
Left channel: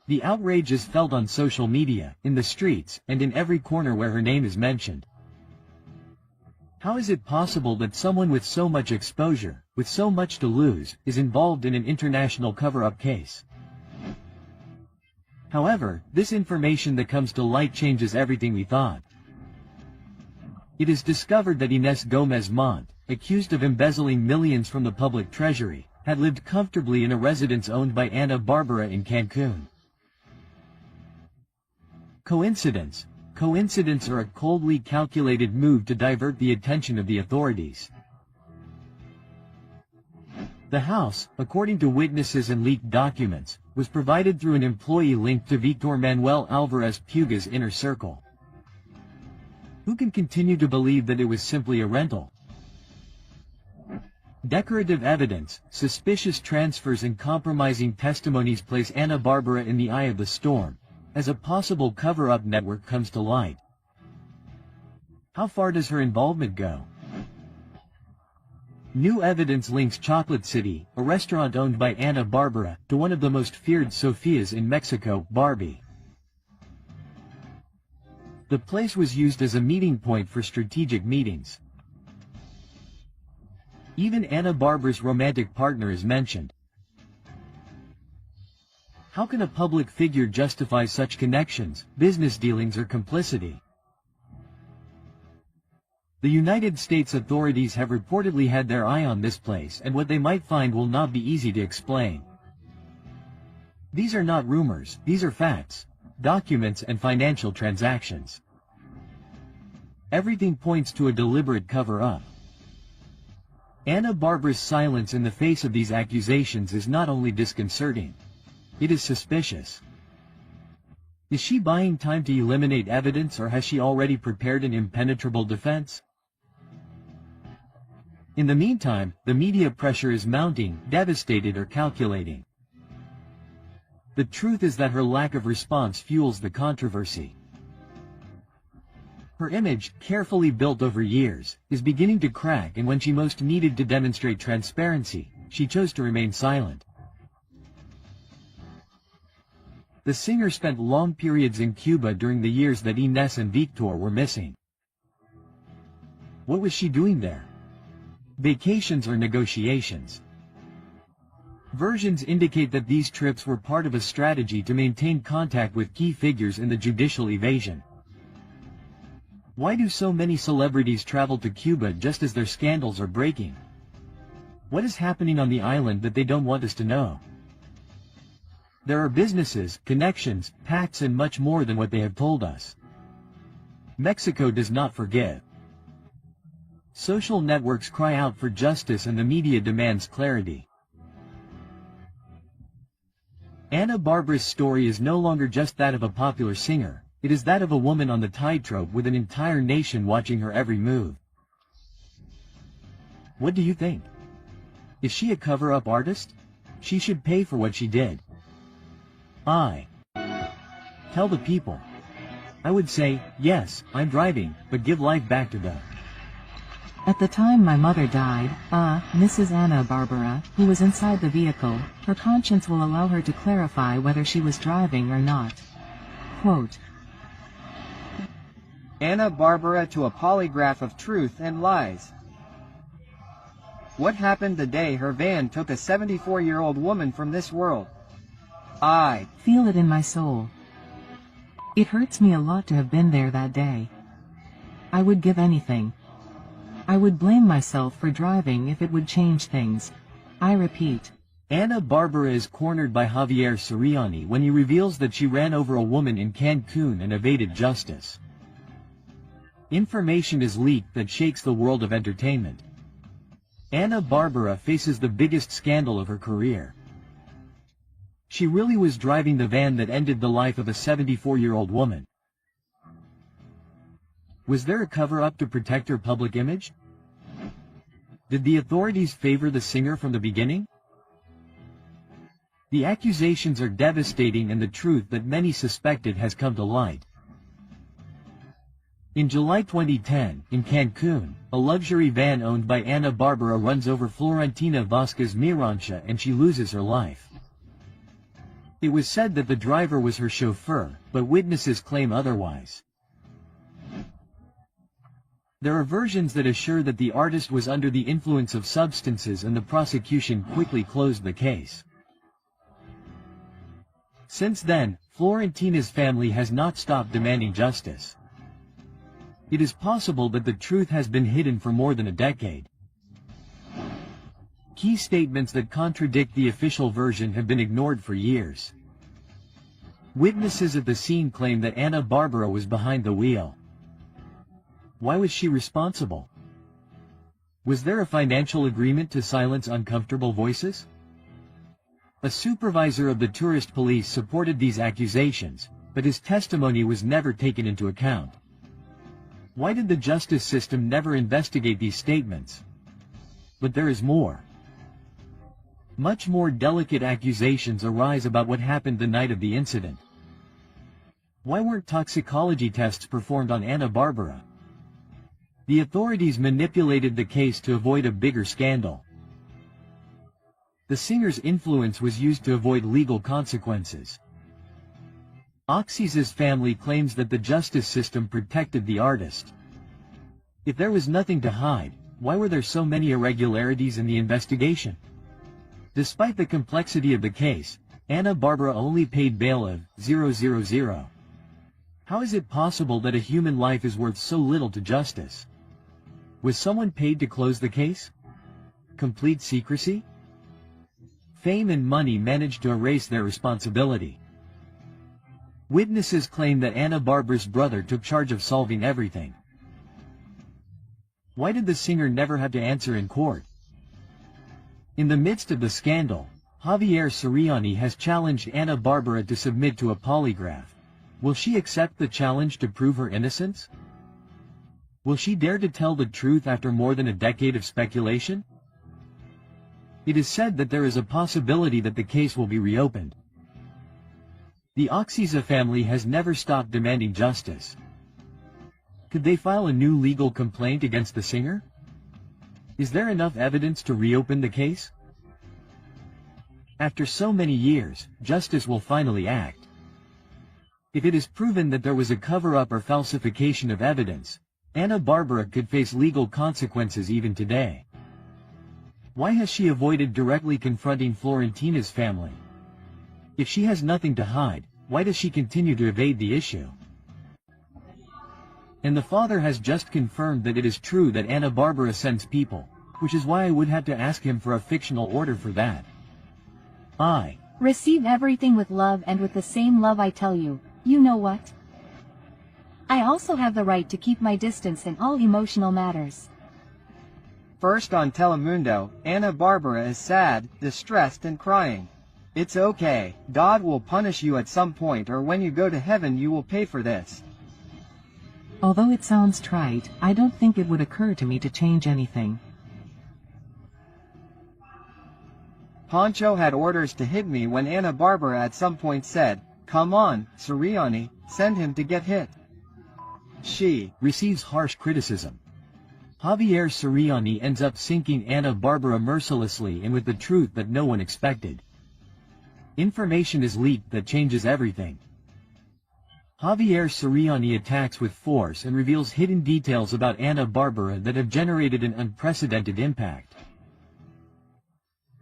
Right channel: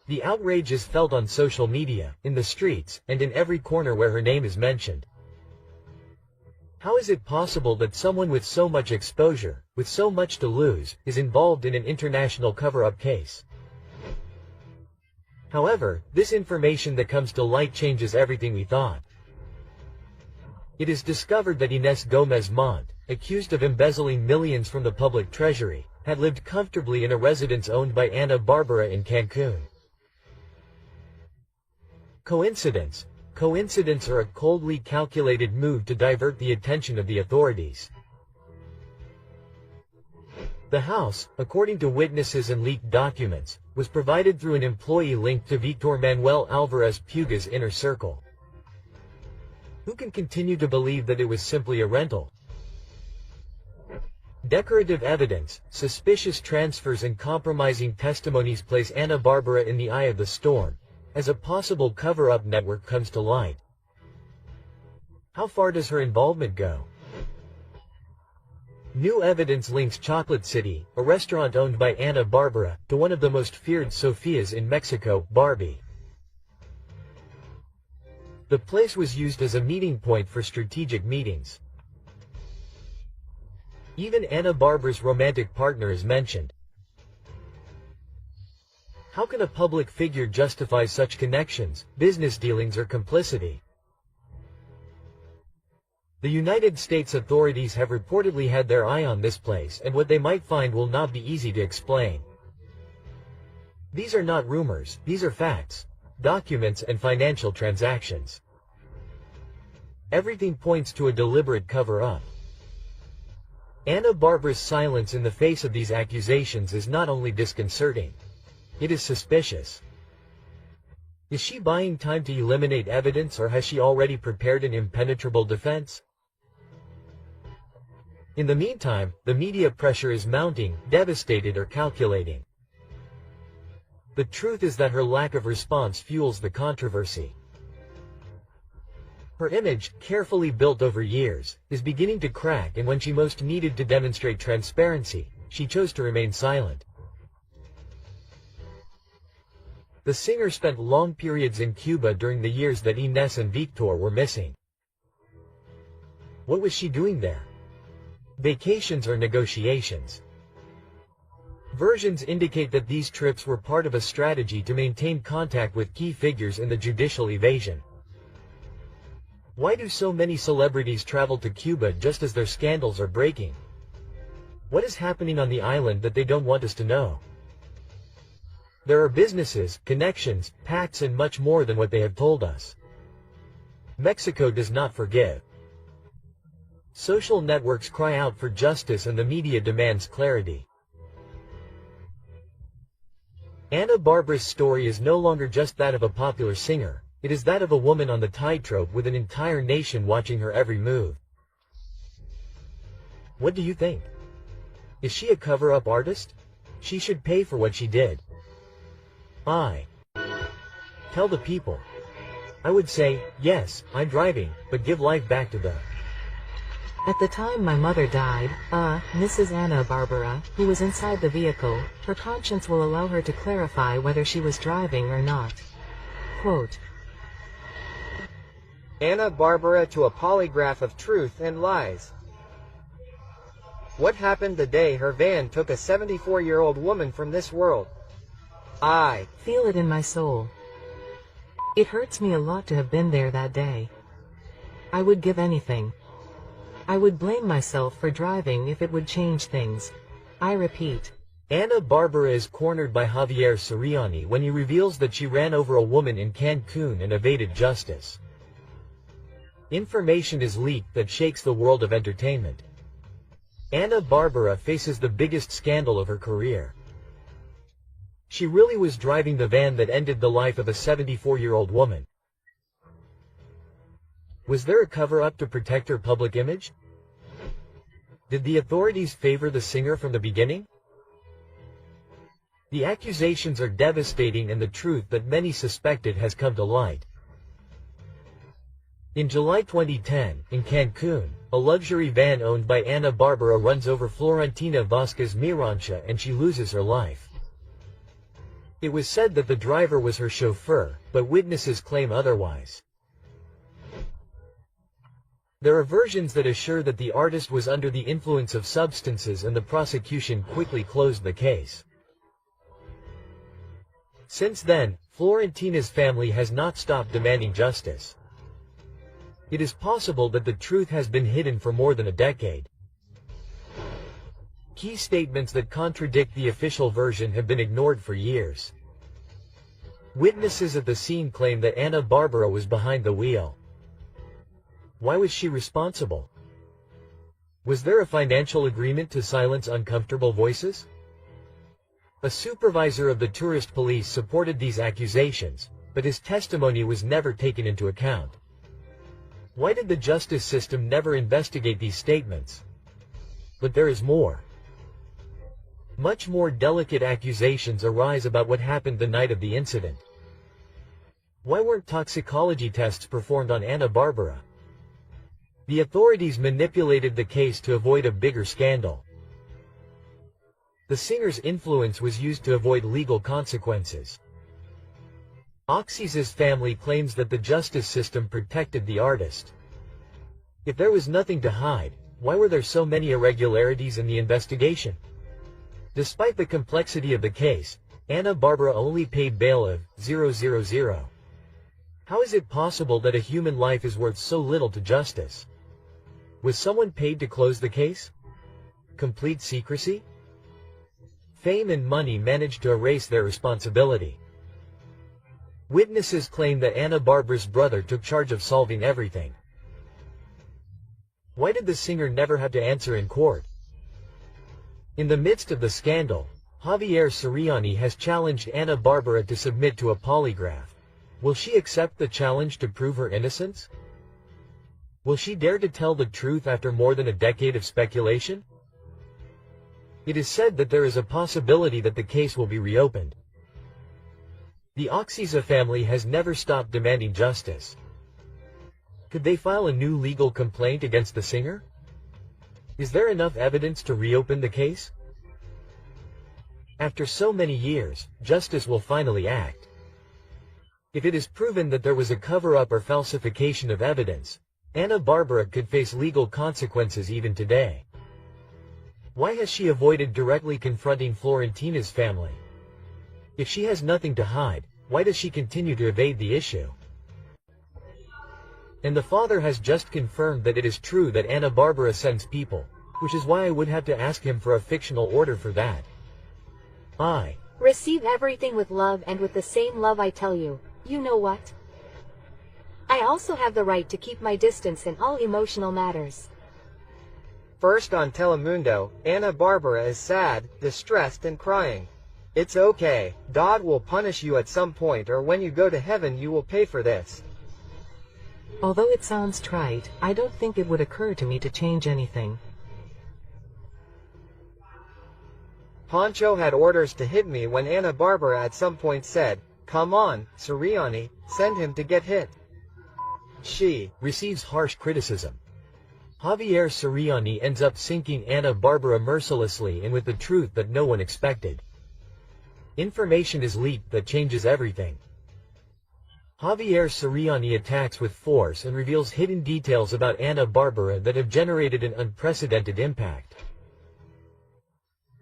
The outrage is felt on social media, in the streets, and in every corner where her name is mentioned. How is it possible that someone with so much exposure, with so much to lose, is involved in an international cover-up case? However, this information that comes to light changes everything we thought. It is discovered that Inés Gómez Mon, accused of embezzling millions from the public treasury, had lived comfortably in a residence owned by Ana Barbara in Cancun. Coincidence? Coincidence or a coldly calculated move to divert the attention of the authorities. The house, according to witnesses and leaked documents, was provided through an employee linked to Victor Manuel Alvarez Puga's inner circle. Who can continue to believe that it was simply a rental? Decorative evidence, suspicious transfers and compromising testimonies place Ana Barbara in the eye of the storm, as a possible cover-up network comes to light. How far does her involvement go? New evidence links Chocolate City, a restaurant owned by Ana Barbara, to one of the most feared Sofias in Mexico, Barbie. The place was used as a meeting point for strategic meetings. Even Ana Barbara's romantic partner is mentioned. How can a public figure justify such connections, business dealings or complicity? The United States authorities have reportedly had their eye on this place, and what they might find will not be easy to explain. These are not rumors, these are facts, documents and financial transactions. Everything points to a deliberate cover-up. Ana Barbara's silence in the face of these accusations is not only disconcerting, it is suspicious. Is she buying time to eliminate evidence, or has she already prepared an impenetrable defense? In the meantime, the media pressure is mounting, devastated or calculating. The truth is that her lack of response fuels the controversy. Her image, carefully built over years, is beginning to crack, and when she most needed to demonstrate transparency, she chose to remain silent. The singer spent long periods in Cuba during the years that Inés and Victor were missing. What was she doing there? Vacations or negotiations? Versions indicate that these trips were part of a strategy to maintain contact with key figures in the judicial evasion. Why do so many celebrities travel to Cuba just as their scandals are breaking? What is happening on the island that they don't want us to know? There are businesses, connections, pacts and much more than what they have told us. Mexico does not forgive. Social networks cry out for justice and the media demands clarity. Ana Barbara's story is no longer just that of a popular singer, it is that of a woman on the tightrope with an entire nation watching her every move. What do you think? Is she a cover-up artist? She should pay for what she did. Tell the people. I would say, yes, I'm driving, but give life back to them. At the time my mother died, Mrs. Ana Bárbara, who was inside the vehicle, her conscience will allow her to clarify whether she was driving or not. Quote, Ana Bárbara to a polygraph of truth and lies. What happened the day her van took a 74-year-old woman from this world? I feel it in my soul. It hurts me a lot to have been there that day. I would give anything. I would blame myself for driving if it would change things. I repeat. Ana Bárbara is cornered by Javier Soriani when he reveals that she ran over a woman in Cancun and evaded justice. Information is leaked that shakes the world of entertainment. Ana Bárbara faces the biggest scandal of her career. She really was driving the van that ended the life of a 74-year-old woman. Was there a cover-up to protect her public image? Did the authorities favor the singer from the beginning? The accusations are devastating and the truth that many suspected has come to light. In July 2010, in Cancun, a luxury van owned by Ana Bárbara runs over Florentina Vázquez Mirancha and she loses her life. It was said that the driver was her chauffeur, but witnesses claim otherwise. There are versions that assure that the artist was under the influence of substances and the prosecution quickly closed the case. Since then, Florentina's family has not stopped demanding justice. It is possible that the truth has been hidden for more than a decade. Key statements that contradict the official version have been ignored for years. Witnesses at the scene claim that Ana Bárbara was behind the wheel. Why was she responsible? Was there a financial agreement to silence uncomfortable voices? A supervisor of the tourist police supported these accusations, but his testimony was never taken into account. Why did the justice system never investigate these statements? But there is more. Much more delicate accusations arise about what happened the night of the incident. Why weren't toxicology tests performed on Ana Bárbara? The authorities manipulated the case to avoid a bigger scandal. The singer's influence was used to avoid legal consequences. Oxys's family claims that the justice system protected the artist. If there was nothing to hide, why were there so many irregularities in the investigation? Despite the complexity of the case, Ana Bárbara only paid bail of 000. How is it possible that a human life is worth so little to justice? Was someone paid to close the case? Complete secrecy? Fame and money managed to erase their responsibility. Witnesses claim that Ana Bárbara's brother took charge of solving everything. Why did the singer never have to answer in court? In the midst of the scandal, Javier Soriani has challenged Ana Bárbara to submit to a polygraph. Will she accept the challenge to prove her innocence? Will she dare to tell the truth after more than a decade of speculation? It is said that there is a possibility that the case will be reopened. The Oxisa family has never stopped demanding justice. Could they file a new legal complaint against the singer? Is there enough evidence to reopen the case? After so many years, justice will finally act. If it is proven that there was a cover-up or falsification of evidence, Ana Bárbara could face legal consequences even today. Why has she avoided directly confronting Florentina's family? If she has nothing to hide, why does she continue to evade the issue? And the father has just confirmed that it is true that Ana Bárbara sends people, which is why I would have to ask him for a fictional order for that. I receive everything with love and with the same love I tell you, you know what? I also have the right to keep my distance in all emotional matters. First on Telemundo, Ana Bárbara is sad, distressed and crying. It's okay, God will punish you at some point, or when you go to heaven you will pay for this. Although it sounds trite, I don't think it would occur to me to change anything. Poncho had orders to hit me when Ana Bárbara at some point said, Come on, Siriani, send him to get hit. She receives harsh criticism. Javier Siriani ends up sinking Ana Bárbara mercilessly and with the truth that no one expected. Information is leaked that changes everything. Javier Siriani attacks with force and reveals hidden details about Ana Bárbara that have generated an unprecedented impact.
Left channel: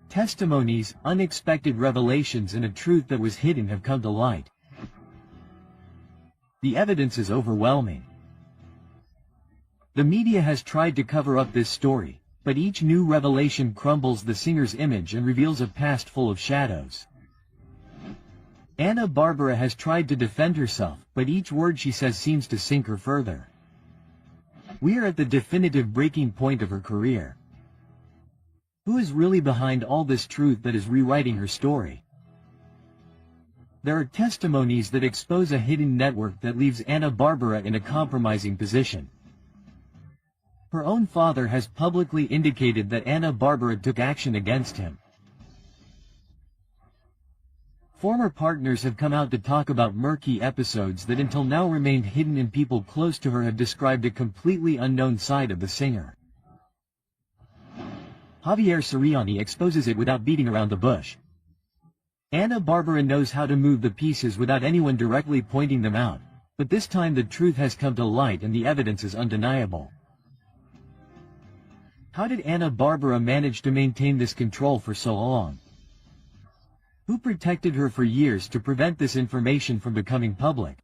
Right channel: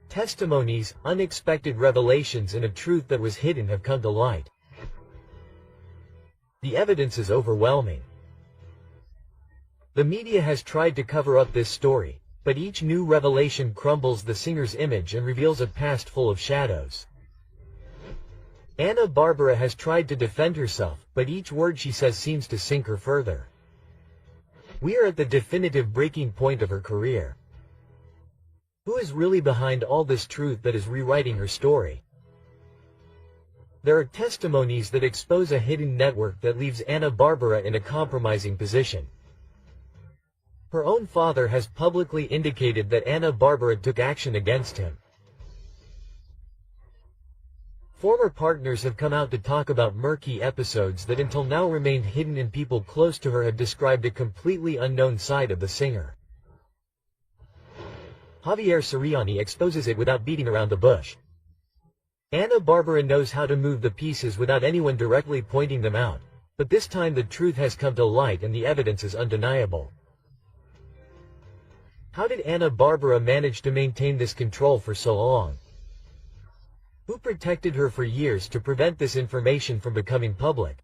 Testimonies, unexpected revelations, and a truth that was hidden have come to light. The evidence is overwhelming. The media has tried to cover up this story, but each new revelation crumbles the singer's image and reveals a past full of shadows. Ana Bárbara has tried to defend herself, but each word she says seems to sink her further. We are at the definitive breaking point of her career. Who is really behind all this truth that is rewriting her story? There are testimonies that expose a hidden network that leaves Ana Bárbara in a compromising position. Her own father has publicly indicated that Ana Bárbara took action against him. Former partners have come out to talk about murky episodes that until now remained hidden, and people close to her have described a completely unknown side of the singer. Javier Siriani exposes it without beating around the bush. Ana Bárbara knows how to move the pieces without anyone directly pointing them out, but this time the truth has come to light and the evidence is undeniable. How did Ana Bárbara manage to maintain this control for so long? Who protected her for years to prevent this information from becoming public?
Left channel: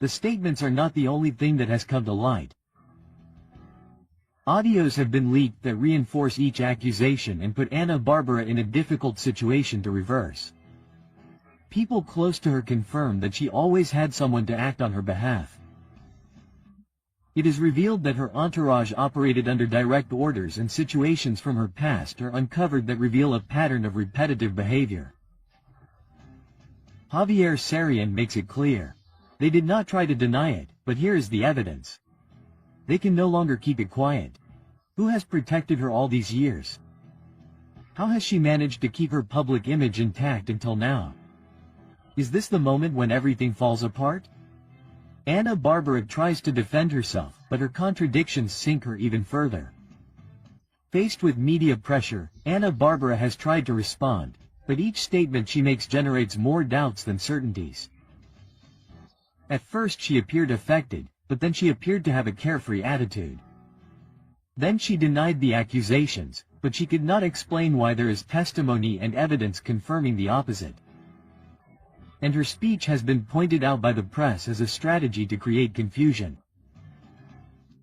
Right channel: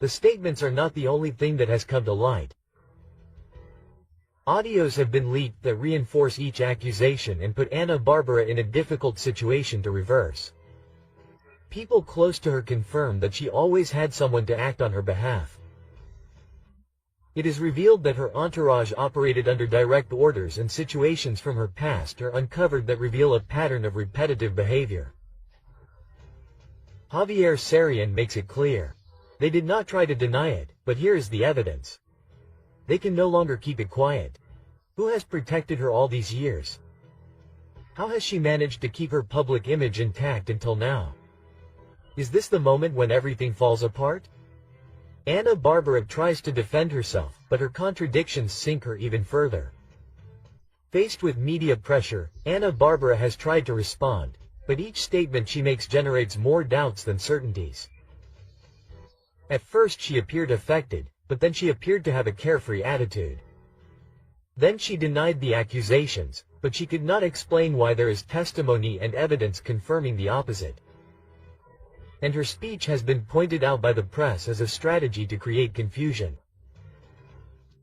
The statements are not the only thing that has come to light. Audios have been leaked that reinforce each accusation and put Ana Bárbara in a difficult situation to reverse. People close to her confirm that she always had someone to act on her behalf. It is revealed that her entourage operated under direct orders, and situations from her past are uncovered that reveal a pattern of repetitive behavior. Javier Siriani makes it clear. They did not try to deny it, but here is the evidence. They can no longer keep it quiet. Who has protected her all these years? How has she managed to keep her public image intact until now? Is this the moment when everything falls apart? Ana Bárbara tries to defend herself, but her contradictions sink her even further. Faced with media pressure, Ana Bárbara has tried to respond, but each statement she makes generates more doubts than certainties. At first she appeared affected, but then she appeared to have a carefree attitude. Then she denied the accusations, but she could not explain why there is testimony and evidence confirming the opposite. And her speech has been pointed out by the press as a strategy to create confusion.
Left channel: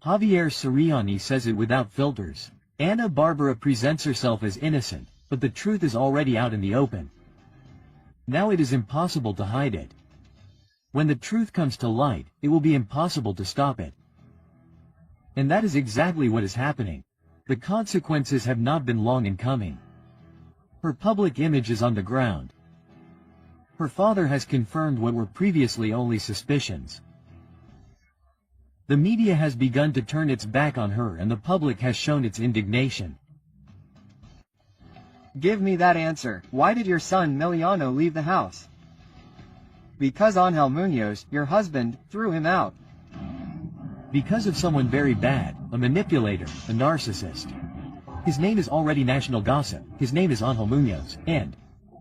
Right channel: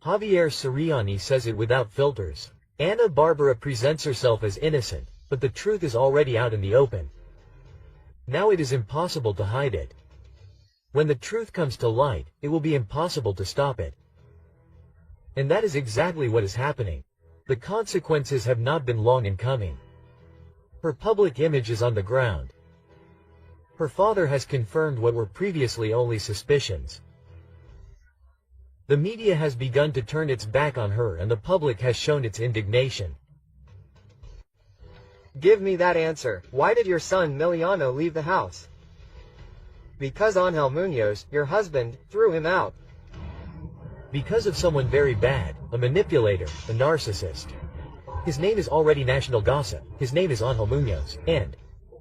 Javier Siriani says it without filters. Ana Bárbara presents herself as innocent, but the truth is already out in the open. Now it is impossible to hide it. When the truth comes to light, it will be impossible to stop it. And that is exactly what is happening. The consequences have not been long in coming. Her public image is on the ground. Her father has confirmed what were previously only suspicions. The media has begun to turn its back on her, and the public has shown its indignation. Give me that answer. Why did your son Miliano leave the house? Because Ángel Muñoz, your husband, threw him out. Because of someone very bad, a manipulator, a narcissist. His name is already national gossip. His name is Ángel Muñoz, and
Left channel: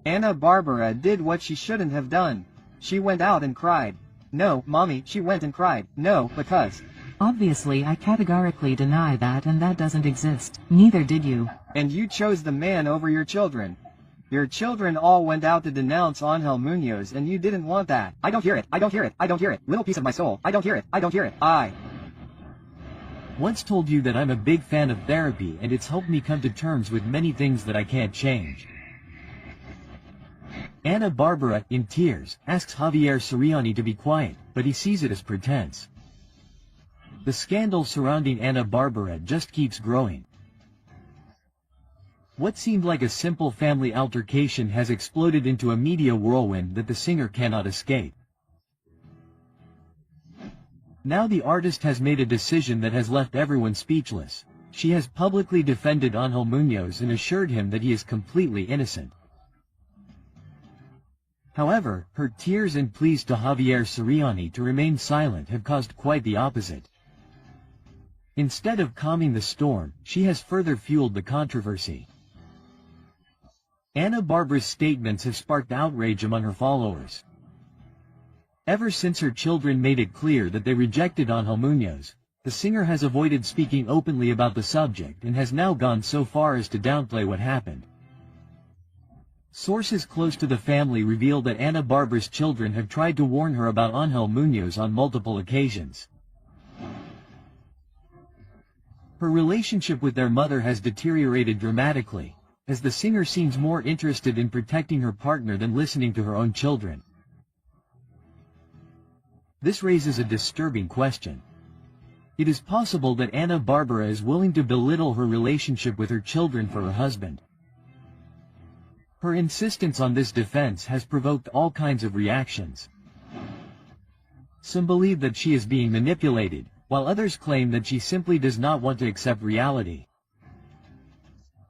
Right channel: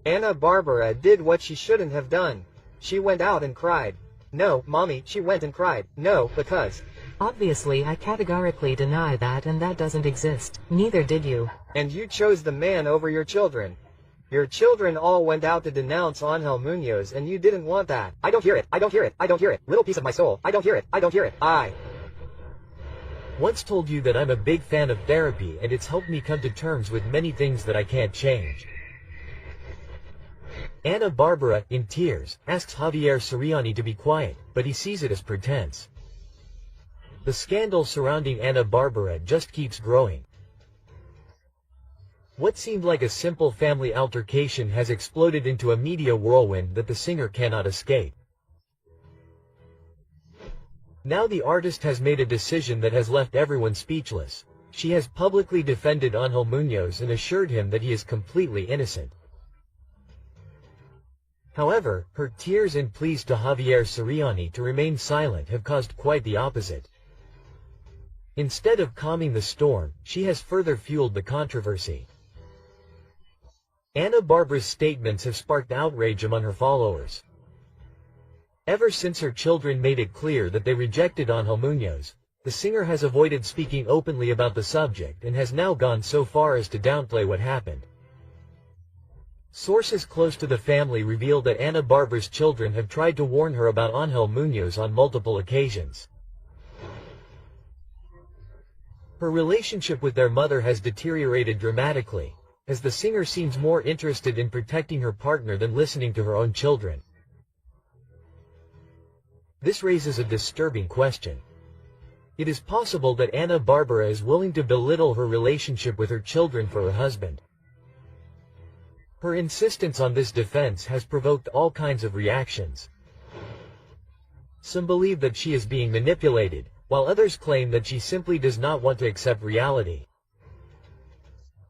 Ana Bárbara did what she shouldn't have done. She went out and cried. No, mommy, she went and cried. No, because... Obviously I categorically deny that, and that doesn't exist. Neither did you. And you chose the man over your children. Your children all went out to denounce Ángel Muñoz, and you didn't want that. I don't hear it. I don't hear it. I don't hear it. Little piece of my soul. I don't hear it. I don't hear it. I once told you that I'm a big fan of therapy, and it's helped me come to terms with many things that I can't change. Ana Bárbara, in tears, asks Javier Siriani to be quiet, but he sees it as pretense. The scandal surrounding Ana Bárbara just keeps growing. What seemed like a simple family altercation has exploded into a media whirlwind that the singer cannot escape. Now the artist has made a decision that has left everyone speechless. She has publicly defended Ángel Muñoz and assured him that he is completely innocent. However, her tears and pleas to Javier Soriani to remain silent have caused quite the opposite. Instead of calming the storm, she has further fueled the controversy. Ana Barbara's statements have sparked outrage among her followers. Ever since her children made it clear that they rejected Ángel Muñoz, the singer has avoided speaking openly about the subject and has now gone so far as to downplay what happened. Sources close to the family reveal that Ana Barbara's children have tried to warn her about Ángel Muñoz on multiple occasions. Her relationship with their mother has deteriorated dramatically, as the singer seems more interested in protecting her partner than listening to her own children. This raises a disturbing question. It is possible that Ana Barbara is willing to belittle her relationship with her children for her husband. Her insistence on this defense has provoked all kinds of reactions. Some believe that she is being manipulated, while others claim that she simply does not want to accept reality.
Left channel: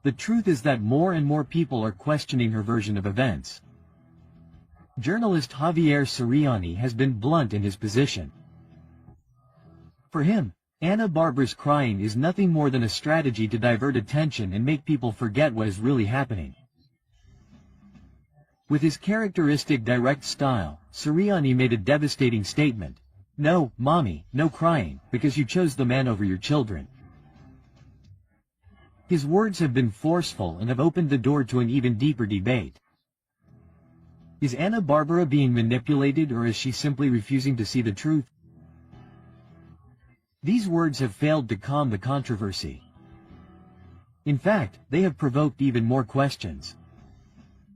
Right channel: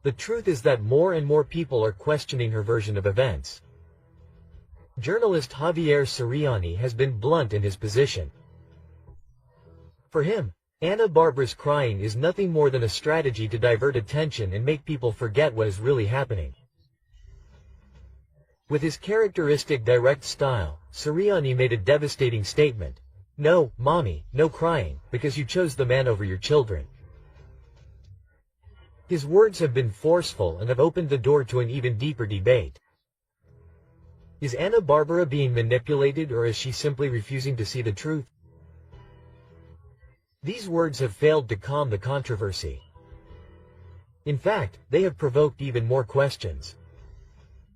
The truth is that more and more people are questioning her version of events. Journalist Javier Soriani has been blunt in his position. For him, Ana Barbara's crying is nothing more than a strategy to divert attention and make people forget what is really happening. With his characteristic direct style, Soriani made a devastating statement. "No, mommy, no crying, because you chose the man over your children." His words have been forceful and have opened the door to an even deeper debate. Is Ana Barbara being manipulated, or is she simply refusing to see the truth? These words have failed to calm the controversy. In fact, they have provoked even more questions.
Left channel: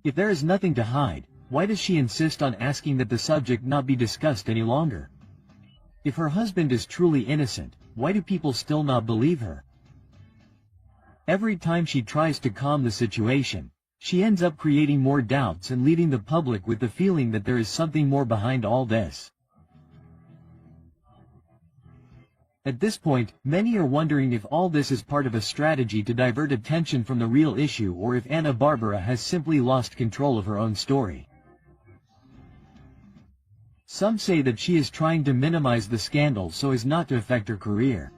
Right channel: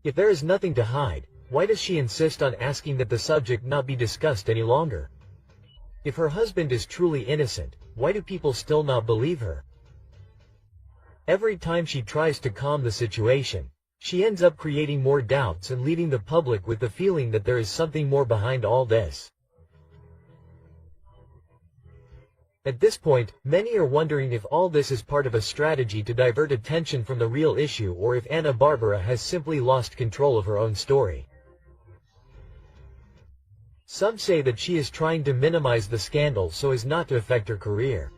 If there is nothing to hide, why does she insist on asking that the subject not be discussed any longer? If her husband is truly innocent, why do people still not believe her? Every time she tries to calm the situation, she ends up creating more doubts and leaving the public with the feeling that there is something more behind all this. At this point, many are wondering if all this is part of a strategy to divert attention from the real issue, or if Ana Barbara has simply lost control of her own story. Some say that she is trying to minimize the scandal so as not to affect her career.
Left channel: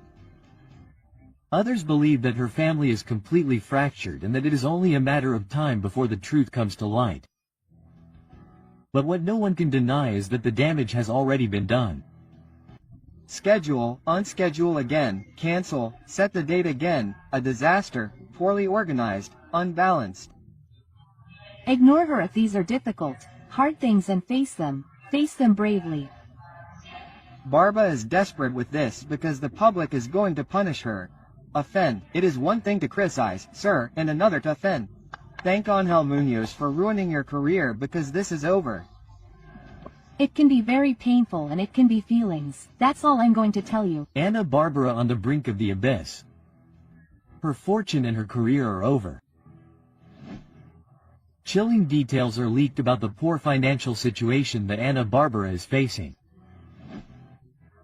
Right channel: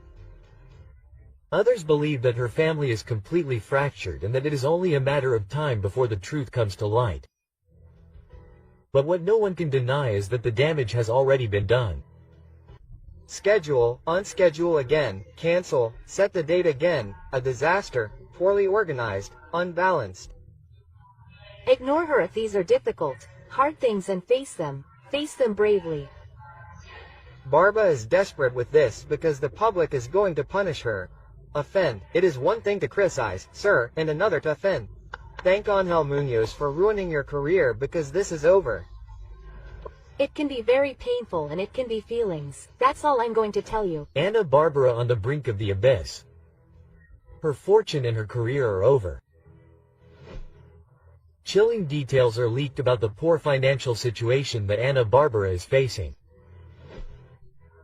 Others believe that her family is completely fractured and that it is only a matter of time before the truth comes to light. But what no one can deny is that the damage has already been done. Schedule, unschedule again, cancel, set the date again, a disaster, poorly organized, unbalanced. Ignore her if these are difficult, hard things and face them bravely. Barba is desperate with this because the public is going to punish her. Offend, it is one thing to criticize, sir, and another to offend. Thank Ángel Muñoz for ruining your career because this is over. It can be very painful and it can be feelings. That's all I'm going to tell you. Ana Barbara on the brink of the abyss. Her fortune and her career are over. Chilling details are leaked about the poor financial situation that Ana Barbara is facing.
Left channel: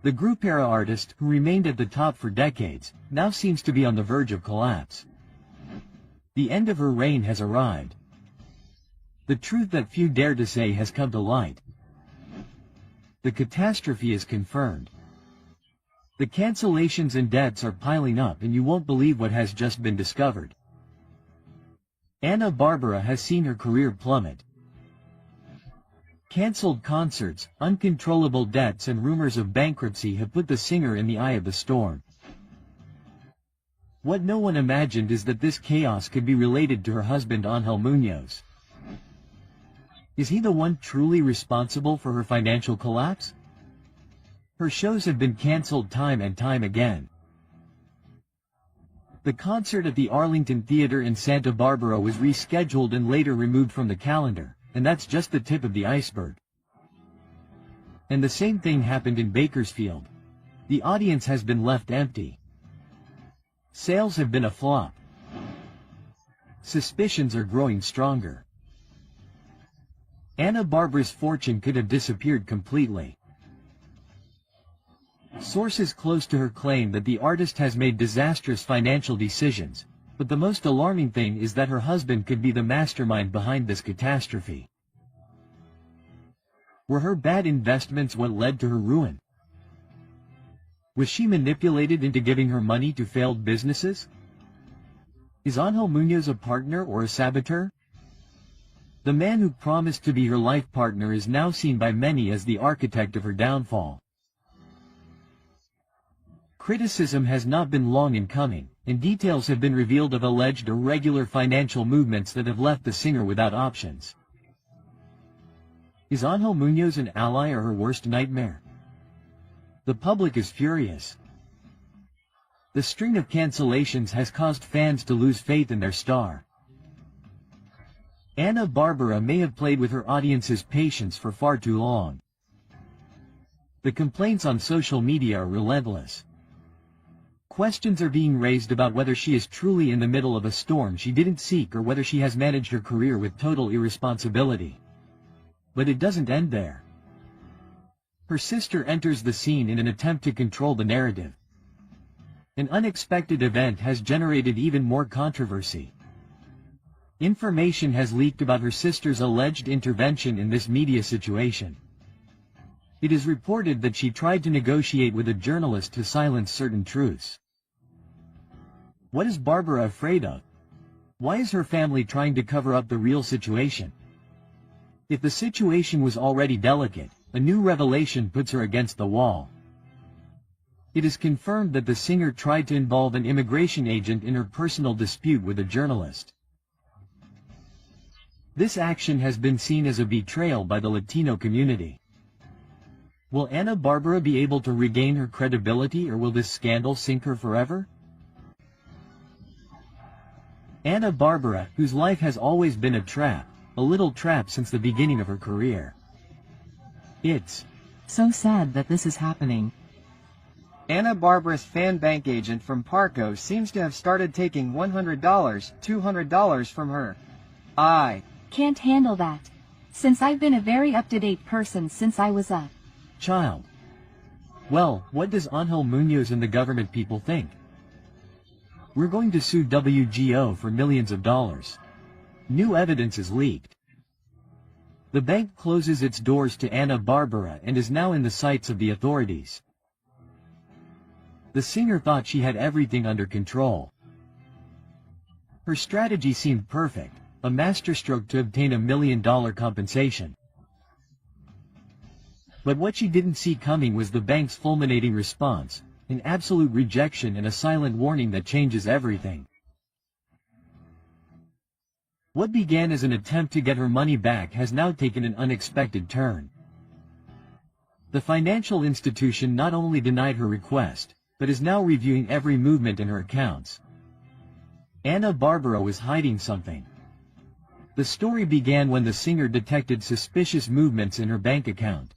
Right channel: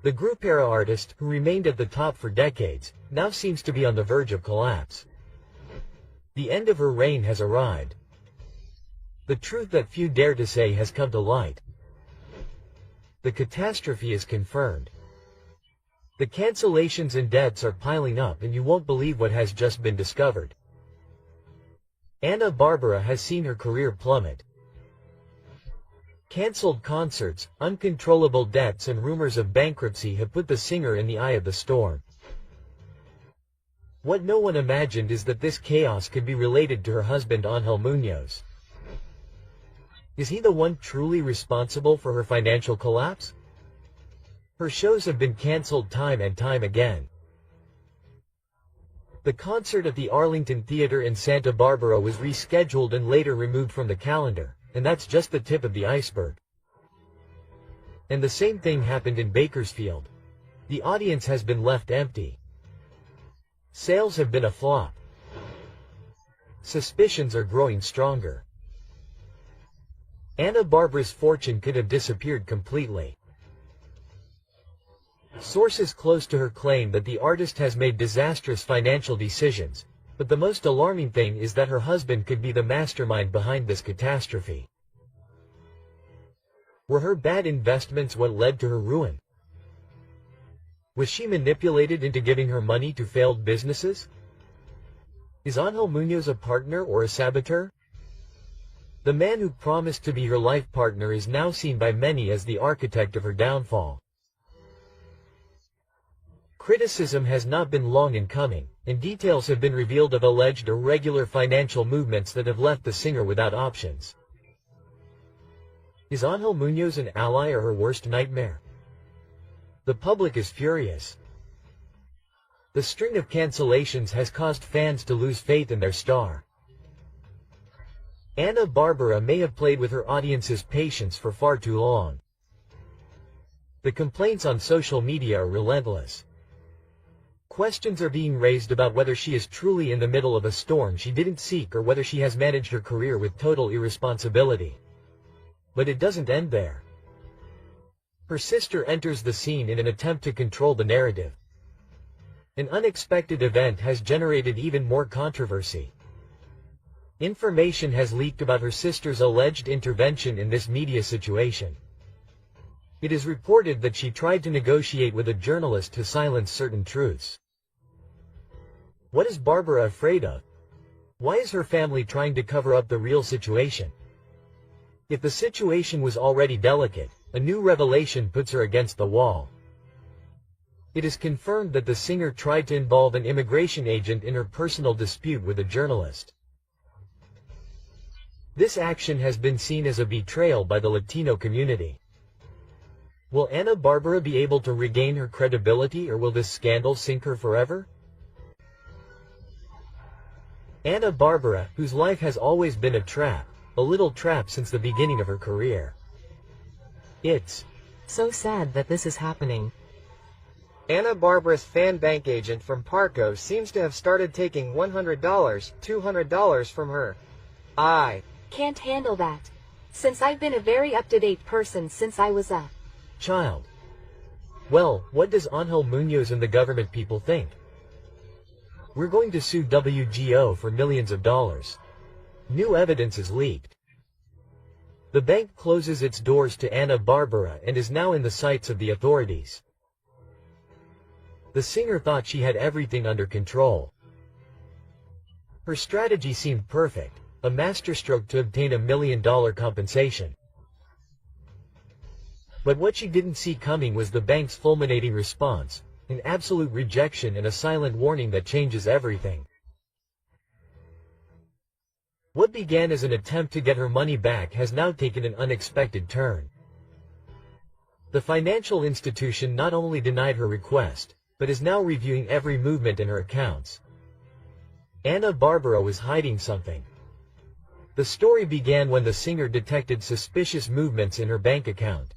The group-era artist, who remained at the top for decades, now seems to be on the verge of collapse. The end of her reign has arrived. The truth that few dare to say has come to light. The catastrophe is confirmed. The cancellations and debts are piling up and you won't believe what has just been discovered. Ana Barbara has seen her career plummet. Cancelled concerts, uncontrollable debts and rumors of bankruptcy have put the singer in the eye of the storm. What no one imagined is that this chaos could be related to her husband Ángel Muñoz. Is he the one truly responsible for her financial collapse? Her shows have been cancelled time and time again. The concert at the Arlington Theater in Santa Barbara was rescheduled and later removed from the calendar, and that's just the tip of the iceberg. And the same thing happened in Bakersfield. The audience has been left empty. Sales have been a flop. Suspicions are growing stronger. Ana Barbara's fortune could have disappeared completely. Sources close to her claim that the artist has made disastrous financial decisions, but the most alarming thing is that her husband could be the mastermind behind this catastrophe. Were her bad investments what led to her ruin? Was she manipulated into giving her money to failed businesses? Is Angel Muñoz a partner or a saboteur? The man who promised to be her life partner is now seen by many as the architect of her downfall. Criticism has not been long in coming, and details have been revealed of alleged irregular financial movements that have left the singer without options. Is Angel Muñoz an ally or her worst nightmare? The public is furious. The string of cancellations has caused fans to lose faith in their star. Ana Bárbara may have played with her audience's patience for far too long. The complaints on social media are relentless. Questions are being raised about whether she is truly in the middle of a storm she didn't seek or whether she has managed her career with total irresponsibility. But it doesn't end there. Her sister enters the scene in an attempt to control the narrative. An unexpected event has generated even more controversy. Information has leaked about her sister's alleged intervention in this media situation. It is reported that she tried to negotiate with a journalist to silence certain truths. What is Bárbara afraid of? Why is her family trying to cover up the real situation? If the situation was already delicate, a new revelation puts her against the wall. It is confirmed that the singer tried to involve an immigration agent in her personal dispute with a journalist. This action has been seen as a betrayal by the Latino community. Will Ana Bárbara be able to regain her credibility, or will this scandal sink her forever? Ana Bárbara, whose life has always been a little trap since the beginning of her career. It's so sad that this is happening. Ana Bárbara's fan bank agent from Parco seems to have started taking $100, $200 from her. I can't handle that, since I've been a very up-to-date person since I was a child. Well, what does Angel Muñoz and the government people think? We're going to sue WGO for millions of dollars. New evidence is leaked. The bank closes its doors to Ana Bárbara and is now in the sights of the authorities. The singer thought she had everything under control. Her strategy seemed perfect, a masterstroke to obtain $1 million compensation. But what she didn't see coming was the bank's fulminating response, an absolute rejection and a silent warning that changes everything. What began as an attempt to get her money back has now taken an unexpected turn. The financial institution not only denied her request, but is now reviewing every movement in her accounts. Ana Bárbara was hiding something. The story began when the singer detected suspicious movements in her bank account.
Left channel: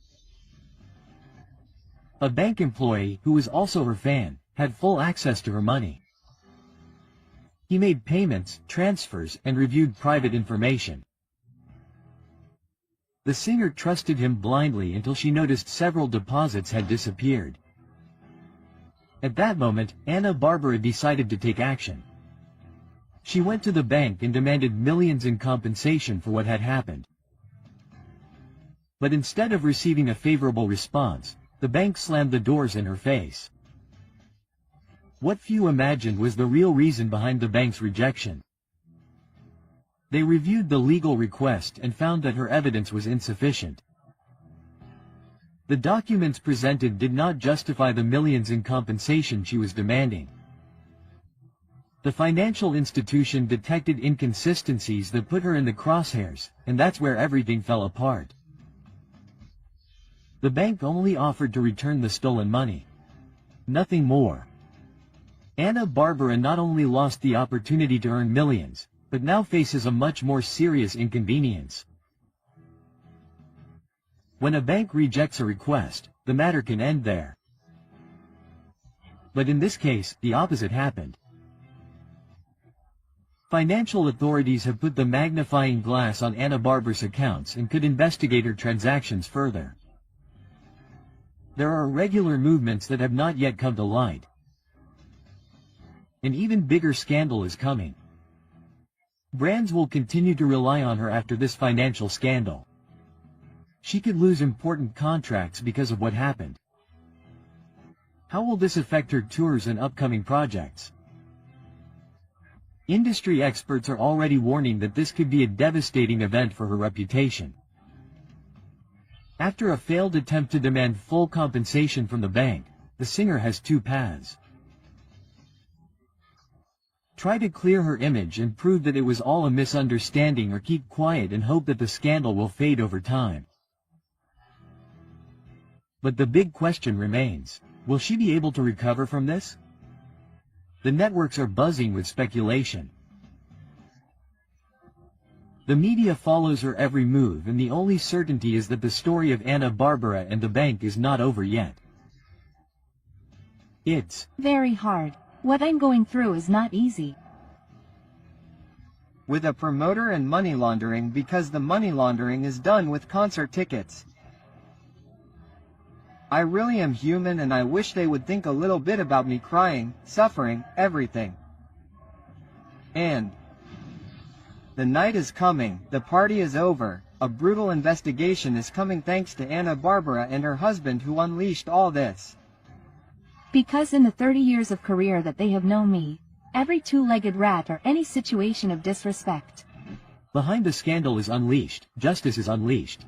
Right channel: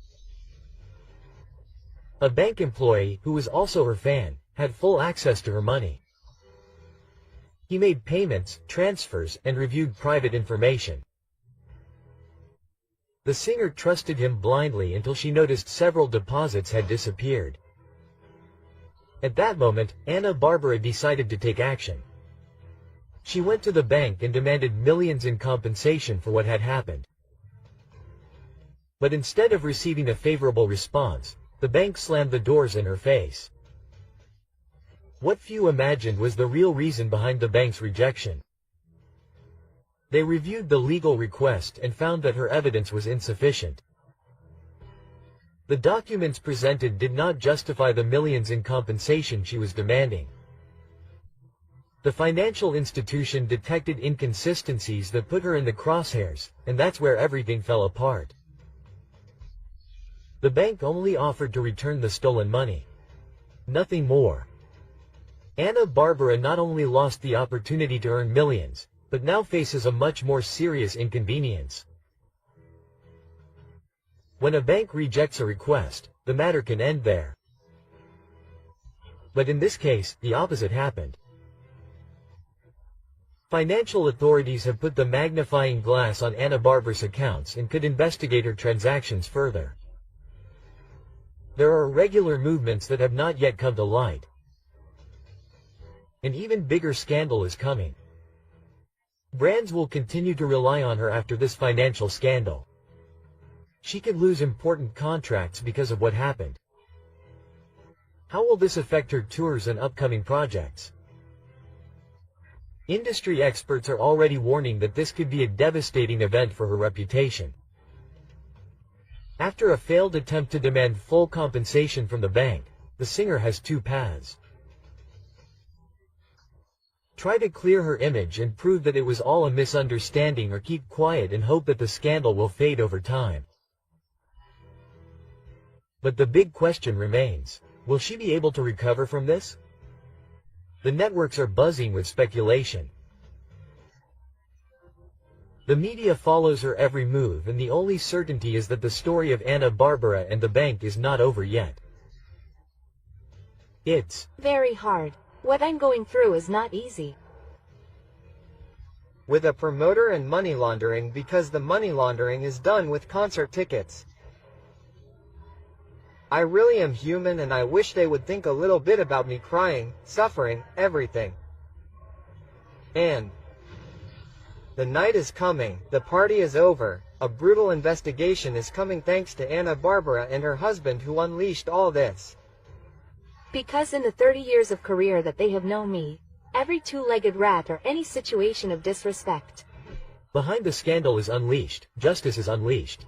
A bank employee, who was also her fan, had full access to her money. He made payments, transfers, and reviewed private information. The singer trusted him blindly until she noticed several deposits had disappeared. At that moment, Ana Bárbara decided to take action. She went to the bank and demanded millions in compensation for what had happened. But instead of receiving a favorable response, the bank slammed the doors in her face. What few imagined was the real reason behind the bank's rejection. They reviewed the legal request and found that her evidence was insufficient. The documents presented did not justify the millions in compensation she was demanding. The financial institution detected inconsistencies that put her in the crosshairs, and that's where everything fell apart. The bank only offered to return the stolen money. Nothing more. Ana Bárbara not only lost the opportunity to earn millions, but now faces a much more serious inconvenience. When a bank rejects a request, the matter can end there. But in this case, the opposite happened. Financial authorities have put the magnifying glass on Ana Bárbara's accounts and could investigate her transactions further. There are irregular movements that have not yet come to light. An even bigger scandal is coming. Brands will continue to rely on her after this financial scandal. She could lose important contracts because of what happened. How will this affect her tours and upcoming projects? Industry experts are already warning that this could be a devastating event for her reputation. After a failed attempt to demand full compensation from the bank, the singer has two paths. Try to clear her image and prove that it was all a misunderstanding, or keep quiet and hope that the scandal will fade over time. But the big question remains, will she be able to recover from this? The networks are buzzing with speculation. The media follows her every move, and the only certainty is that the story of Ana Bárbara and the bank is not over yet. It's very hard. What I'm going through is not easy. With a promoter and money laundering, because the money laundering is done with concert tickets. I really am human, and I wish they would think a little bit about me crying, suffering, everything. And the night is coming, the party is over, a brutal investigation is coming thanks to Ana Bárbara and her husband who unleashed all this. Because in the 30 years of career that they have known me, every two-legged rat or any situation of disrespect. behind the scandal is unleashed, justice is unleashed.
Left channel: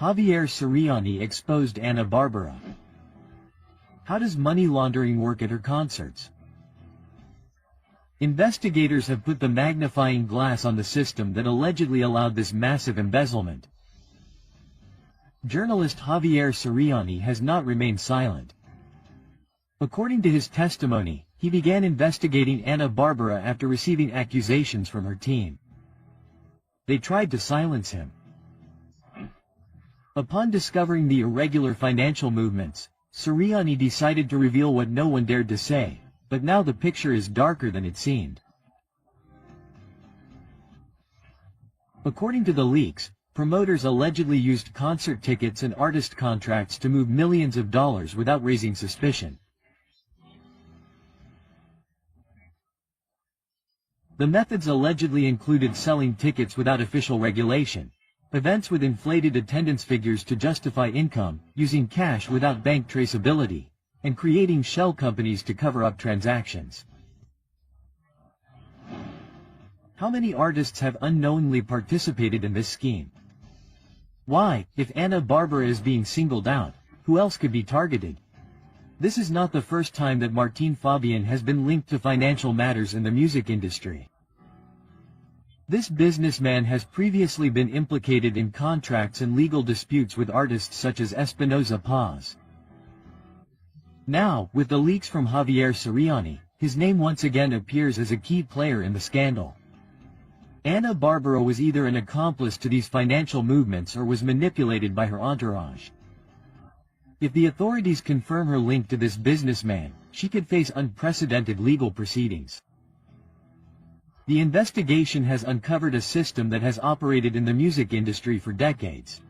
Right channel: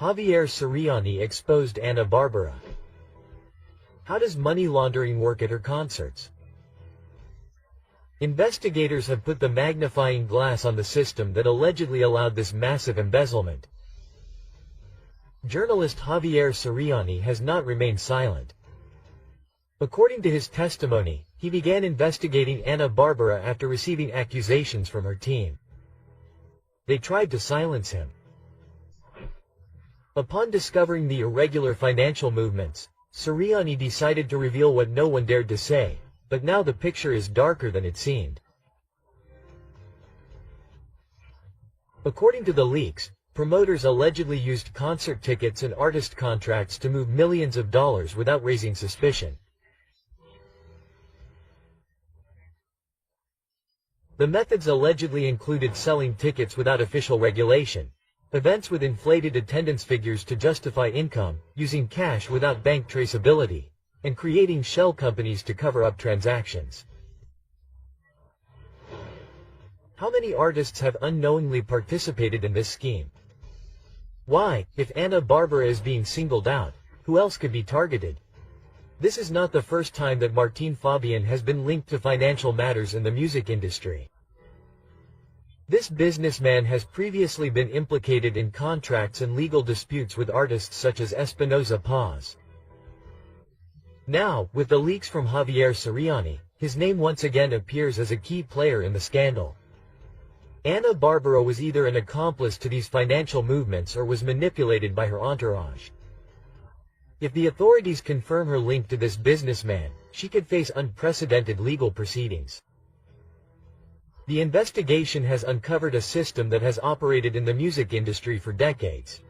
Javier Siriani exposed Ana Bárbara. How does money laundering work at her concerts? Investigators have put the magnifying glass on the system that allegedly allowed this massive embezzlement. Journalist Javier Siriani has not remained silent. According to his testimony, he began investigating Ana Bárbara after receiving accusations from her team. They tried to silence him. Upon discovering the irregular financial movements, Siriani decided to reveal what no one dared to say, but now the picture is darker than it seemed. According to the leaks, promoters allegedly used concert tickets and artist contracts to move millions of dollars without raising suspicion. The methods allegedly included selling tickets without official regulation, events with inflated attendance figures to justify income, using cash without bank traceability, and creating shell companies to cover up transactions. How many artists have unknowingly participated in this scheme? Why, if Ana Bárbara is being singled out, who else could be targeted? This is not the first time that Martín Fabián has been linked to financial matters in the music industry. This businessman has previously been implicated in contracts and legal disputes with artists such as Espinoza Paz. Now, with the leaks from Javier Siriani, his name once again appears as a key player in the scandal. Ana Bárbara was either an accomplice to these financial movements or was manipulated by her entourage. If the authorities confirm her link to this businessman, she could face unprecedented legal proceedings. The investigation has uncovered a system that has operated in the music industry for decades.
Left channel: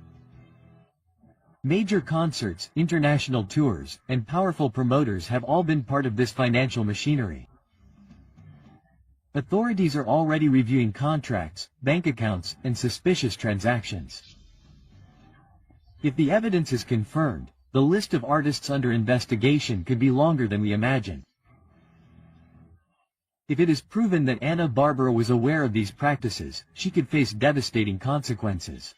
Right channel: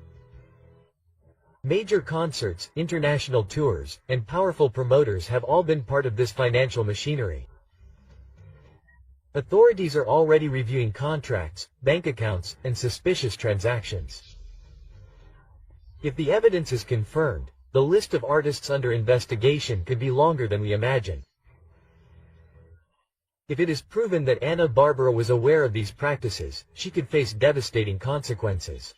Major concerts, international tours, and powerful promoters have all been part of this financial machinery. Authorities are already reviewing contracts, bank accounts, and suspicious transactions. If the evidence is confirmed, the list of artists under investigation could be longer than we imagine. If it is proven that Ana Bárbara was aware of these practices, she could face devastating consequences.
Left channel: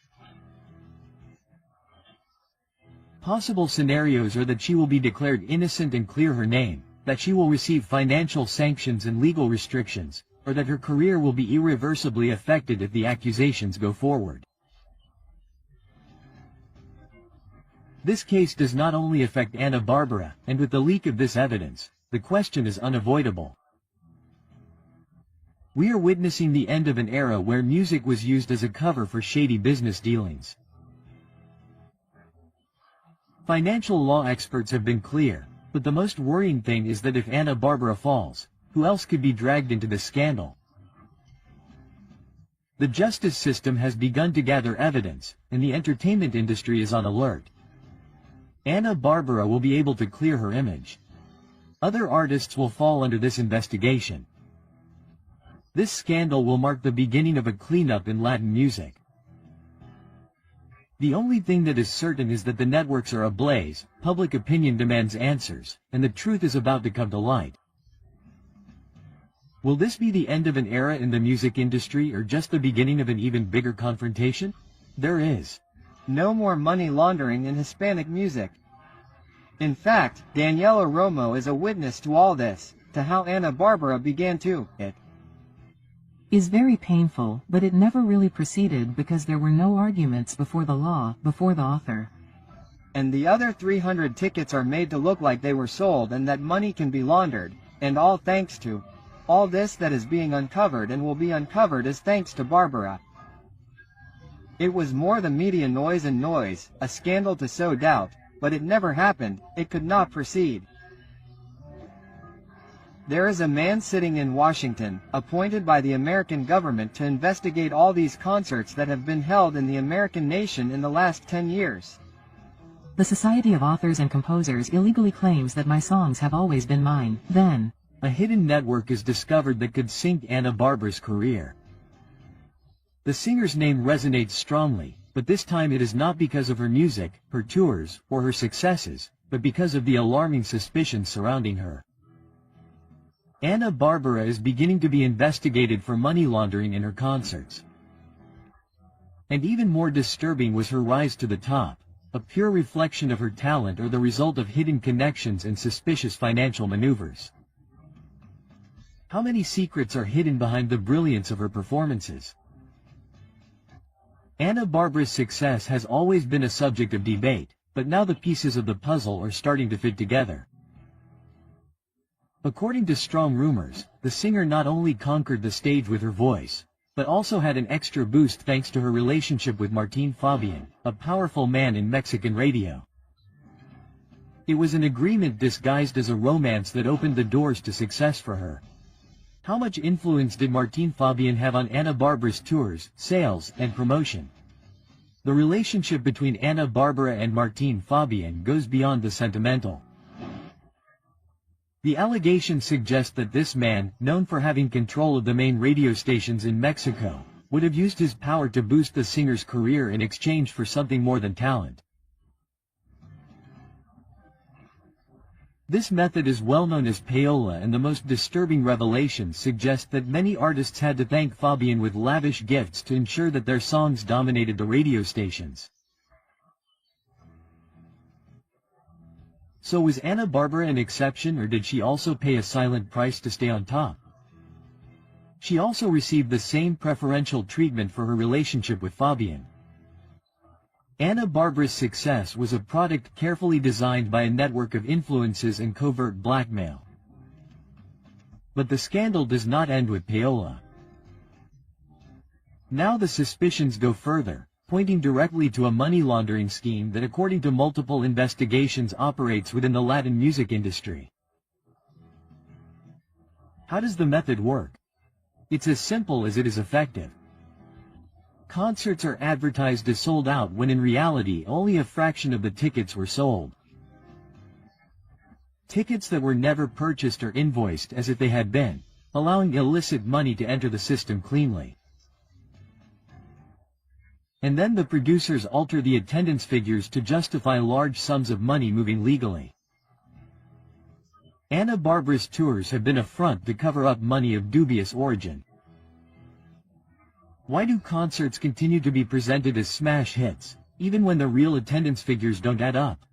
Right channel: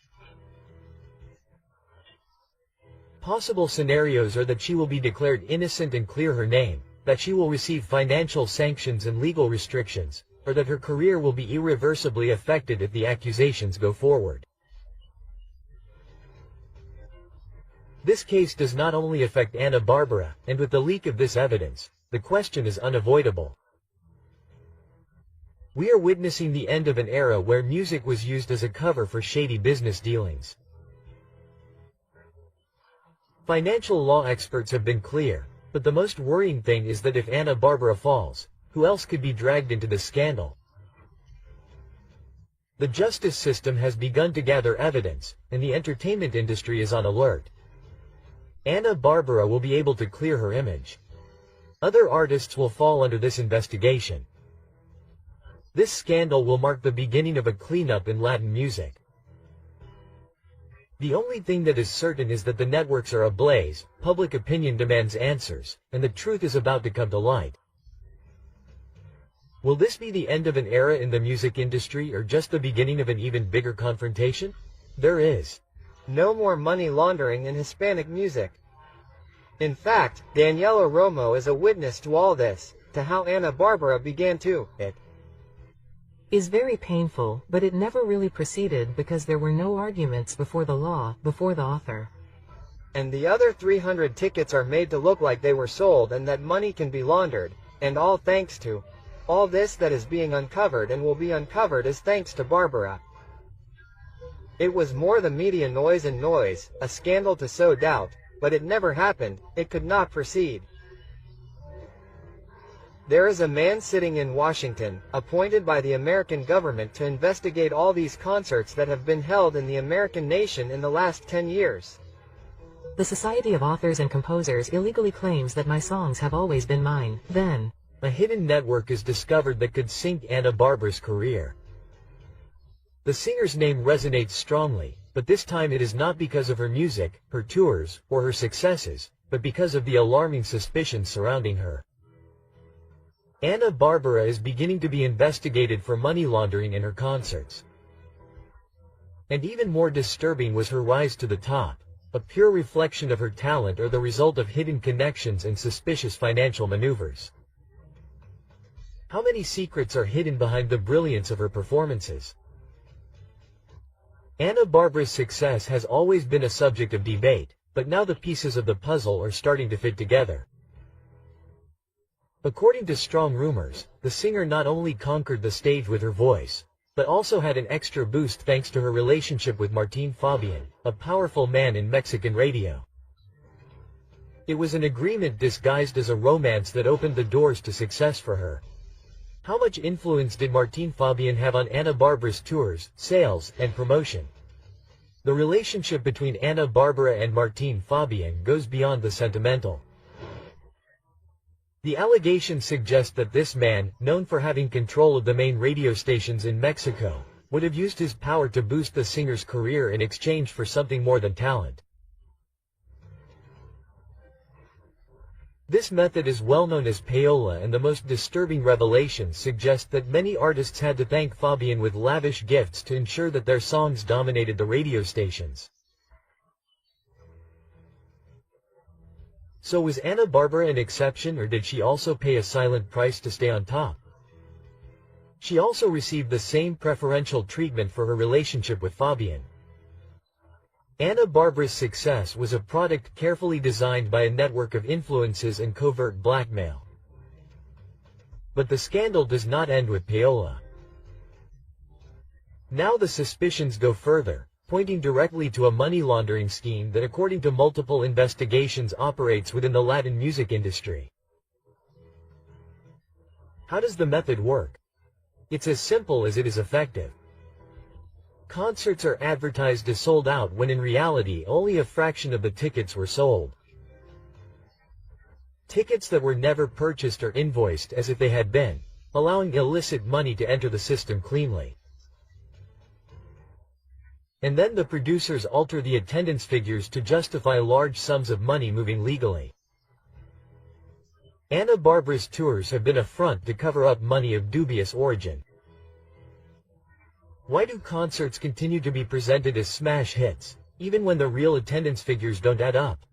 Possible scenarios are that she will be declared innocent and clear her name, that she will receive financial sanctions and legal restrictions, or that her career will be irreversibly affected if the accusations go forward. This case does not only affect Ana Bárbara, and with the leak of this evidence, the question is unavoidable. We are witnessing the end of an era where music was used as a cover for shady business dealings. Financial law experts have been clear, but the most worrying thing is that if Ana Bárbara falls, who else could be dragged into this scandal? The justice system has begun to gather evidence, and the entertainment industry is on alert. Ana Bárbara will be able to clear her image. Other artists will fall under this investigation. This scandal will mark the beginning of a cleanup in Latin music. The only thing that is certain is that the networks are ablaze, public opinion demands answers, and the truth is about to come to light. Will this be the end of an era in the music industry or just the beginning of an even bigger confrontation? There is no more money laundering in Hispanic music. In fact, Daniela Romo is a witness to all this, to how Ana Bárbara began to it. Is very painful, but it never really proceeded because there were no arguments before the law, before the author. And the other 300 tickets are made to look like they were sold and that money can be laundered, and all thanks to all this that is being uncovered and will be uncovered is thanks to Bárbara. It was more the media noise and noise, a scandal to sow doubt, but it never happened, it could not proceed. There is a man sitting in Washington, appointed by the American government to investigate all these concerts that have been held in the American nation in the last 10 years. The Society of Authors and Composers illegally claims that my songs have always been mine. Then, a hidden network is discovered that could sink Ana Bárbara's career. The singer's name resonates strongly, but this time it is not because of her music, her tours, or her successes, but because of the alarming suspicions surrounding her. Ana Bárbara is beginning to be investigated for money laundering in her concerts. And even more disturbing was her rise to the top, a pure reflection of her talent or the result of hidden connections and suspicious financial maneuvers. How many secrets are hidden behind the brilliance of her performances? Ana Bárbara's success has always been a subject of debate, but now the pieces of the puzzle are starting to fit together. According to strong rumors, the singer not only conquered the stage with her voice, but also had an extra boost thanks to her relationship with Martín Fabián, a powerful man in Mexican radio. It was an agreement disguised as a romance that opened the doors to success for her. How much influence did Martín Fabián have on Ana Bárbara's tours, sales, and promotion? The relationship between Ana Bárbara and Martín Fabián goes beyond the sentimental. The allegations suggest that this man, known for having control of the main radio stations in Mexico, would have used his power to boost the singer's career in exchange for something more than talent. This method is well known as payola, and the most disturbing revelations suggest that many artists had to thank Fabián with lavish gifts to ensure that their songs dominated the radio stations. So was Ana Bárbara an exception, or did she also pay a silent price to stay on top? She also received the same preferential treatment for her relationship with Fabián. Ana Bárbara's success was a product carefully designed by a network of influences and covert blackmail. But the scandal does not end with payola. Now the suspicions go further, pointing directly to a money laundering scheme that, according to multiple investigations, operates within the Latin music industry. How does the method work? It's as simple as it is effective. Concerts are advertised as sold out when in reality only a fraction of the tickets were sold. Tickets that were never purchased are invoiced as if they had been, allowing illicit money to enter the system cleanly. And then the producers alter the attendance figures to justify large sums of money moving legally. Ana Bárbara's tours have been a front to cover up money of dubious origin. Why do concerts continue to be presented as smash hits, even when the real attendance figures don't add up?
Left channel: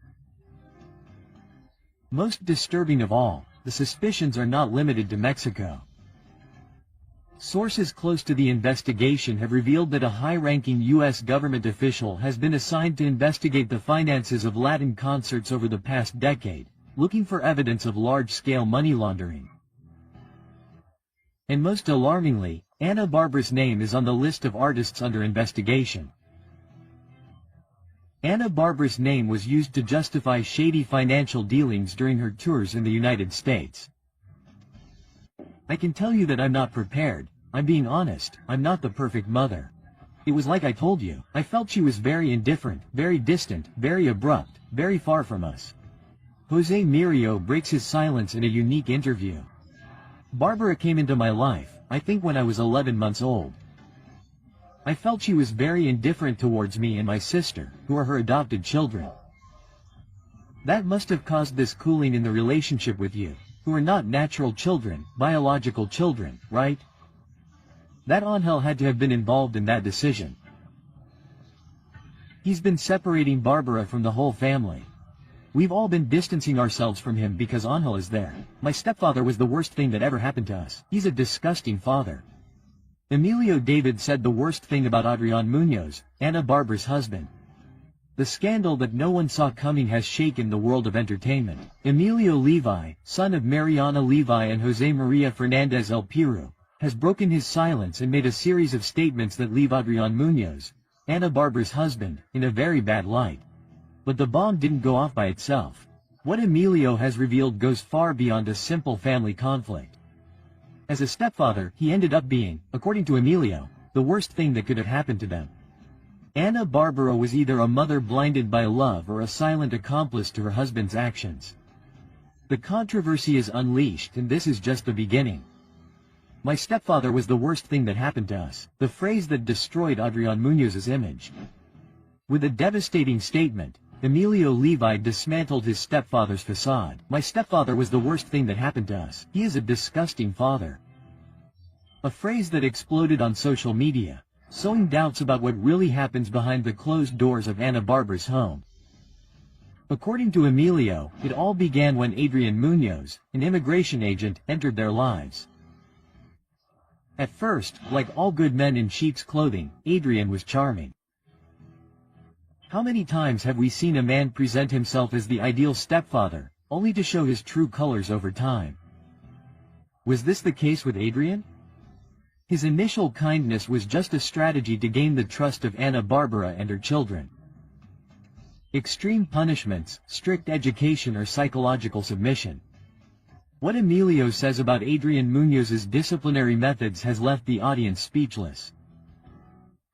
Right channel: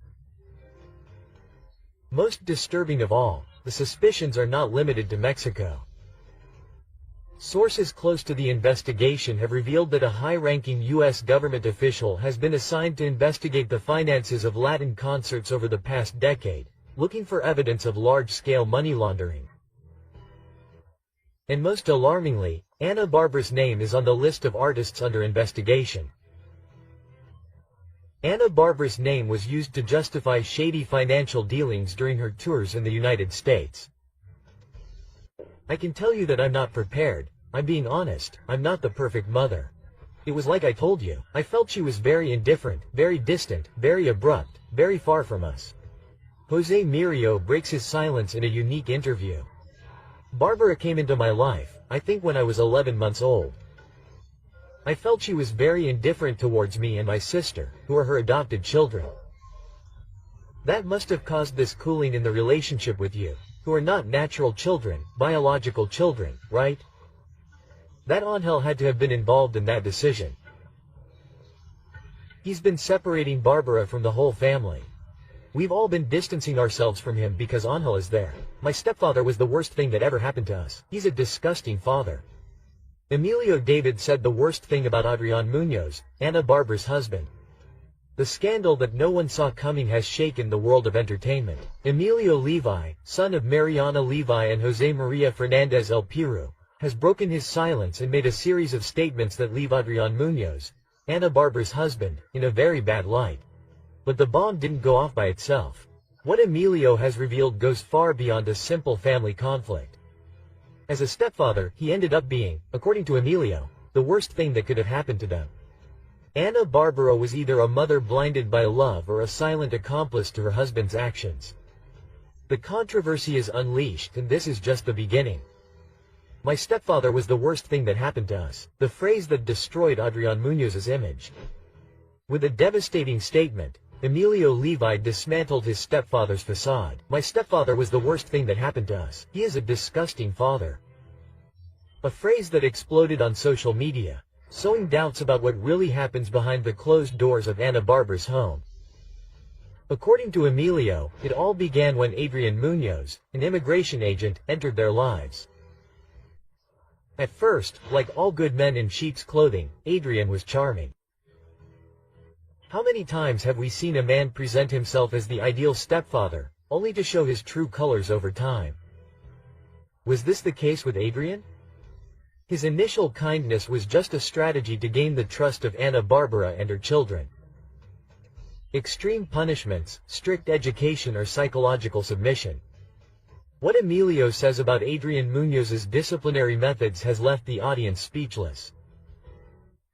Most disturbing of all, the suspicions are not limited to Mexico. Sources close to the investigation have revealed that a high-ranking U.S. government official has been assigned to investigate the finances of Latin concerts over the past decade, looking for evidence of large-scale money laundering. And most alarmingly, Ana Bárbara's name is on the list of artists under investigation. Ana Bárbara's name was used to justify shady financial dealings during her tours in the United States. I can tell you that I'm not prepared. I'm being honest, I'm not the perfect mother. It was like I told you, I felt she was very indifferent, very distant, very abrupt, very far from us. Jose Mirio breaks his silence in a unique interview. Bárbara came into my life, I think when I was 11 months old. I felt she was very indifferent towards me and my sister, who are her adopted children. That must have caused this cooling in the relationship with you, who are not natural children, biological children, right? That Angel had to have been involved in that decision. He's been separating Barbara from the whole family. We've all been distancing ourselves from him because Angel is there. My stepfather was the worst thing that ever happened to us. He's a disgusting father. Emilio David said the worst thing about Adrián Muñoz, Ana Barbara's husband. The scandal that no one saw coming has shaken the world of entertainment. Emilio Levi, son of Mariana Levi and Jose Maria Fernandez El Piru, has broken his silence and made a series of statements that leave Adrián Muñoz, Ana Barbara's husband, in a very bad light. But the bomb didn't go off by itself. What Emilio has revealed goes far beyond a simple family conflict. As a stepfather, he ended up being, according to Emilio, the worst thing that could have happened to them. Ana Barbara was either a mother blinded by love or a silent accomplice to her husband's actions. The controversy is unleashed, and this is just the beginning. My stepfather was the worst thing that happened to us, the phrase that destroyed Adrián Muñoz's image. With a devastating statement, Emilio Levi dismantled his stepfather's facade. My stepfather was the worst thing that happened to us. He is a disgusting father. A phrase that exploded on social media, sowing doubts about what really happens behind the closed doors of Ana Barbara's home. According to Emilio, it all began when Adrián Muñoz, an immigration agent, entered their lives. At first, like all good men in sheep's clothing, Adrián was charming. How many times have we seen a man present himself as the ideal stepfather, only to show his true colors over time? Was this the case with Adrián? His initial kindness was just a strategy to gain the trust of Ana Barbara and her children. Extreme punishments, strict education, or psychological submission. What Emilio says about Adrián Muñoz's disciplinary methods has left the audience speechless.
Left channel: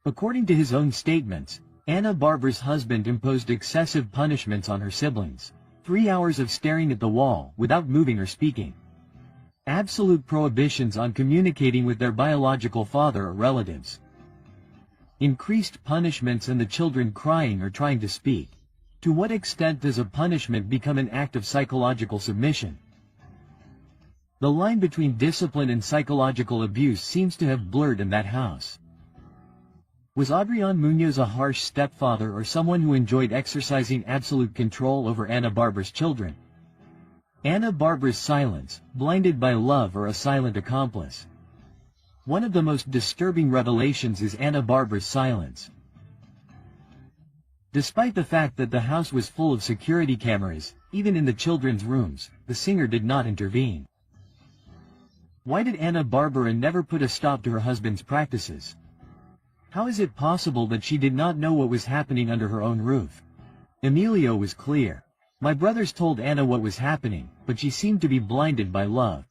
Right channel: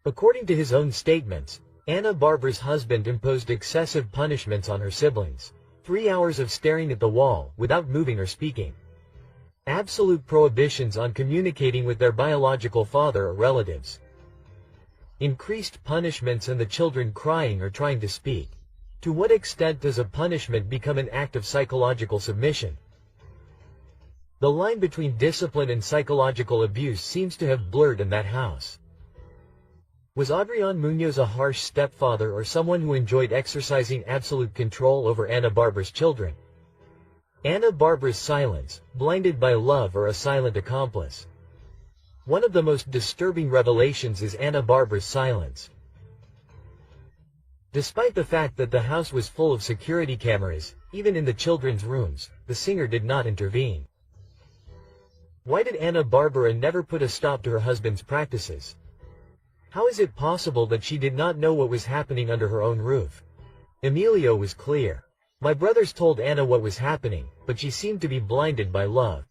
According to his own statements, Ana Barbara's husband imposed excessive punishments on her siblings. 3 hours of staring at the wall, without moving or speaking. Absolute prohibitions on communicating with their biological father or relatives. Increased punishments and the children crying or trying to speak. To what extent does a punishment become an act of psychological submission? The line between discipline and psychological abuse seems to have blurred in that house. Was Adrián Muñoz a harsh stepfather or someone who enjoyed exercising absolute control over Ana Barbara's children? Ana Barbara's silence, blinded by love, or a silent accomplice? One of the most disturbing revelations is Ana Barbara's silence. Despite the fact that the house was full of security cameras, even in the children's rooms, the singer did not intervene. Why did Ana Barbara never put a stop to her husband's practices? How is it possible that she did not know what was happening under her own roof? Emilio was clear. My brothers told Ana what was happening, but she seemed to be blinded by love.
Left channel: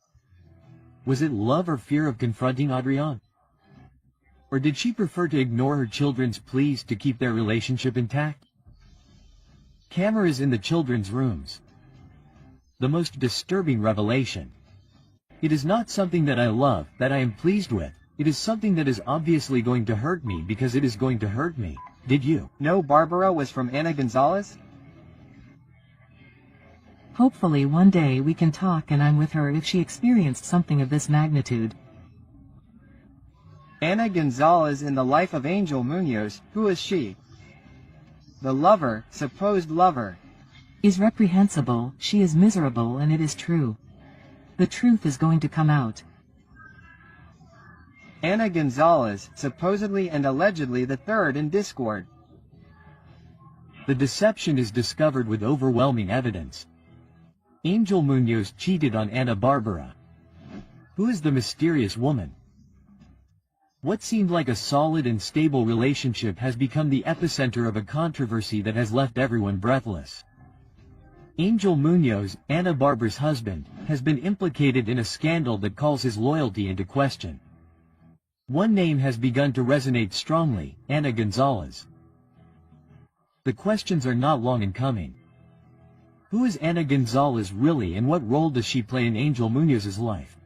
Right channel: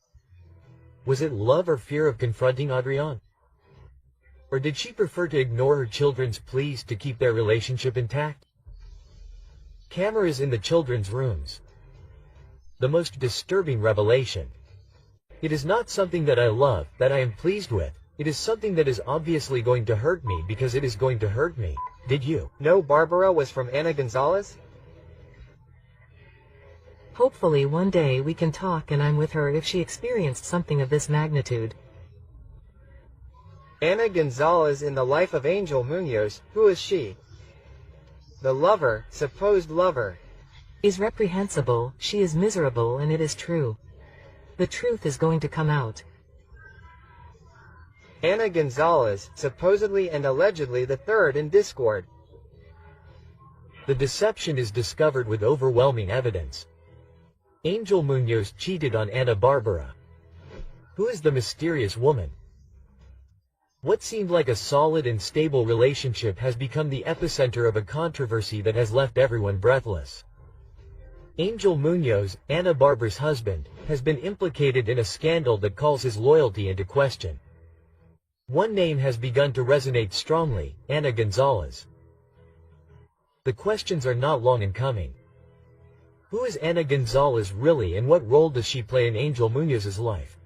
Was it love or fear of confronting Adrián? Or did she prefer to ignore her children's pleas to keep their relationship intact? Cameras in the children's rooms. The most disturbing revelation. It is not something that I love, that I am pleased with. It is something that is obviously going to hurt me because it is going to hurt me. Did you know Barbara was from Ana González? Hopefully one day we can talk and I'm with her if she experienced something of this magnitude. Ana González in the life of Angel Muñoz, who is she? The lover, supposed lover. Is reprehensible, she is miserable, and it is true. The truth is going to come out. Ana González, supposedly and allegedly the third in discord. The deception is discovered with overwhelming evidence. Angel Muñoz cheated on Ana Barbara. Who is the mysterious woman? What seemed like a solid and stable relationship has become the epicenter of a controversy that has left everyone breathless. Angel Muñoz, Ana Barbara's husband, has been implicated in a scandal that calls his loyalty into question. One name has begun to resonate strongly, Ana González. The questions are not long in coming. Who is Ana González really, and what role does she play in Angel Muñoz's life?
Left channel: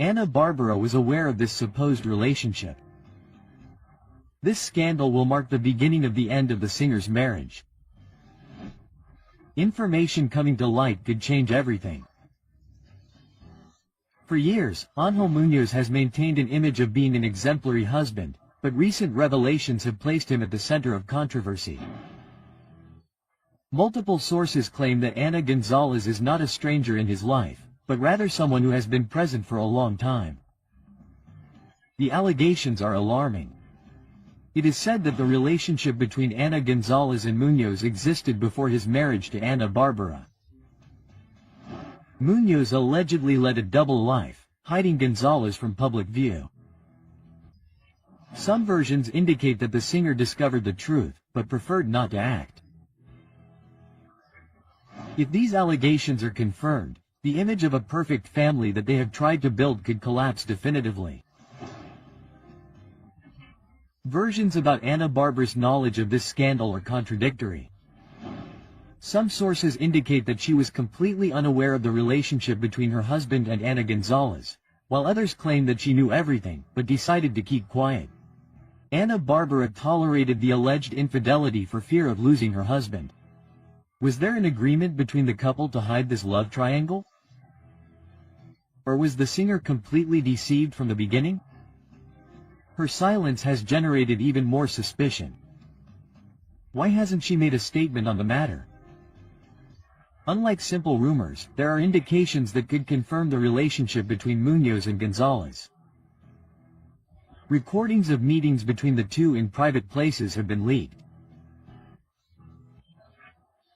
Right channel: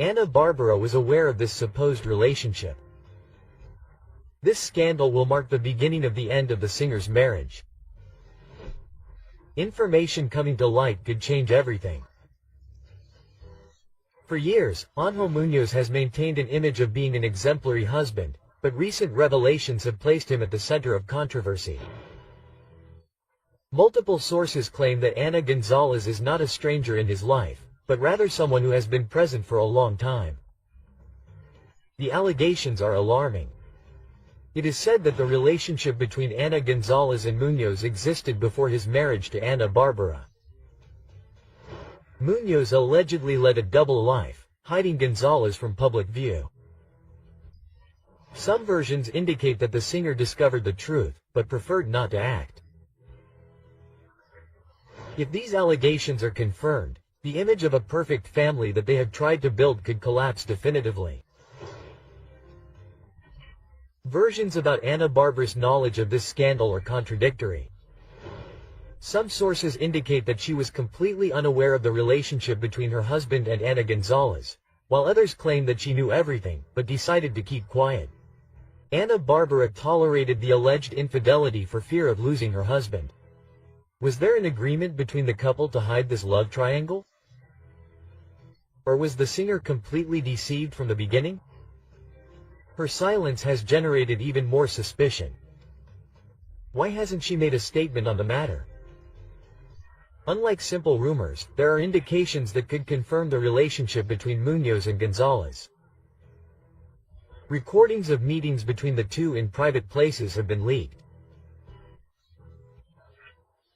Ana Barbara was aware of this supposed relationship. This scandal will mark the beginning of the end of the singer's marriage. Information coming to light could change everything. For years, Ángel Muñoz has maintained an image of being an exemplary husband, but recent revelations have placed him at the center of controversy. Multiple sources claim that Ana González is not a stranger in his life, but rather someone who has been present for a long time. The allegations are alarming. It is said that the relationship between Ana González and Muñoz existed before his marriage to Ana Bárbara. Muñoz allegedly led a double life, hiding González from public view. Some versions indicate that the singer discovered the truth, but preferred not to act. If these allegations are confirmed, the image of a perfect family that they have tried to build could collapse definitively. Versions about Ana Bárbara's knowledge of this scandal are contradictory. Some sources indicate that she was completely unaware of the relationship between her husband and Ana González, while others claim that she knew everything, but decided to keep quiet. Ana Bárbara tolerated the alleged infidelity for fear of losing her husband. Was there an agreement between the couple to hide this love triangle? Or was the singer completely deceived from the beginning? Her silence has generated even more suspicion. Why hasn't she made a statement on the matter? Unlike simple rumors, there are indications that could confirm the relationship between Muñoz and González. Recordings of meetings between the two in private places have been leaked.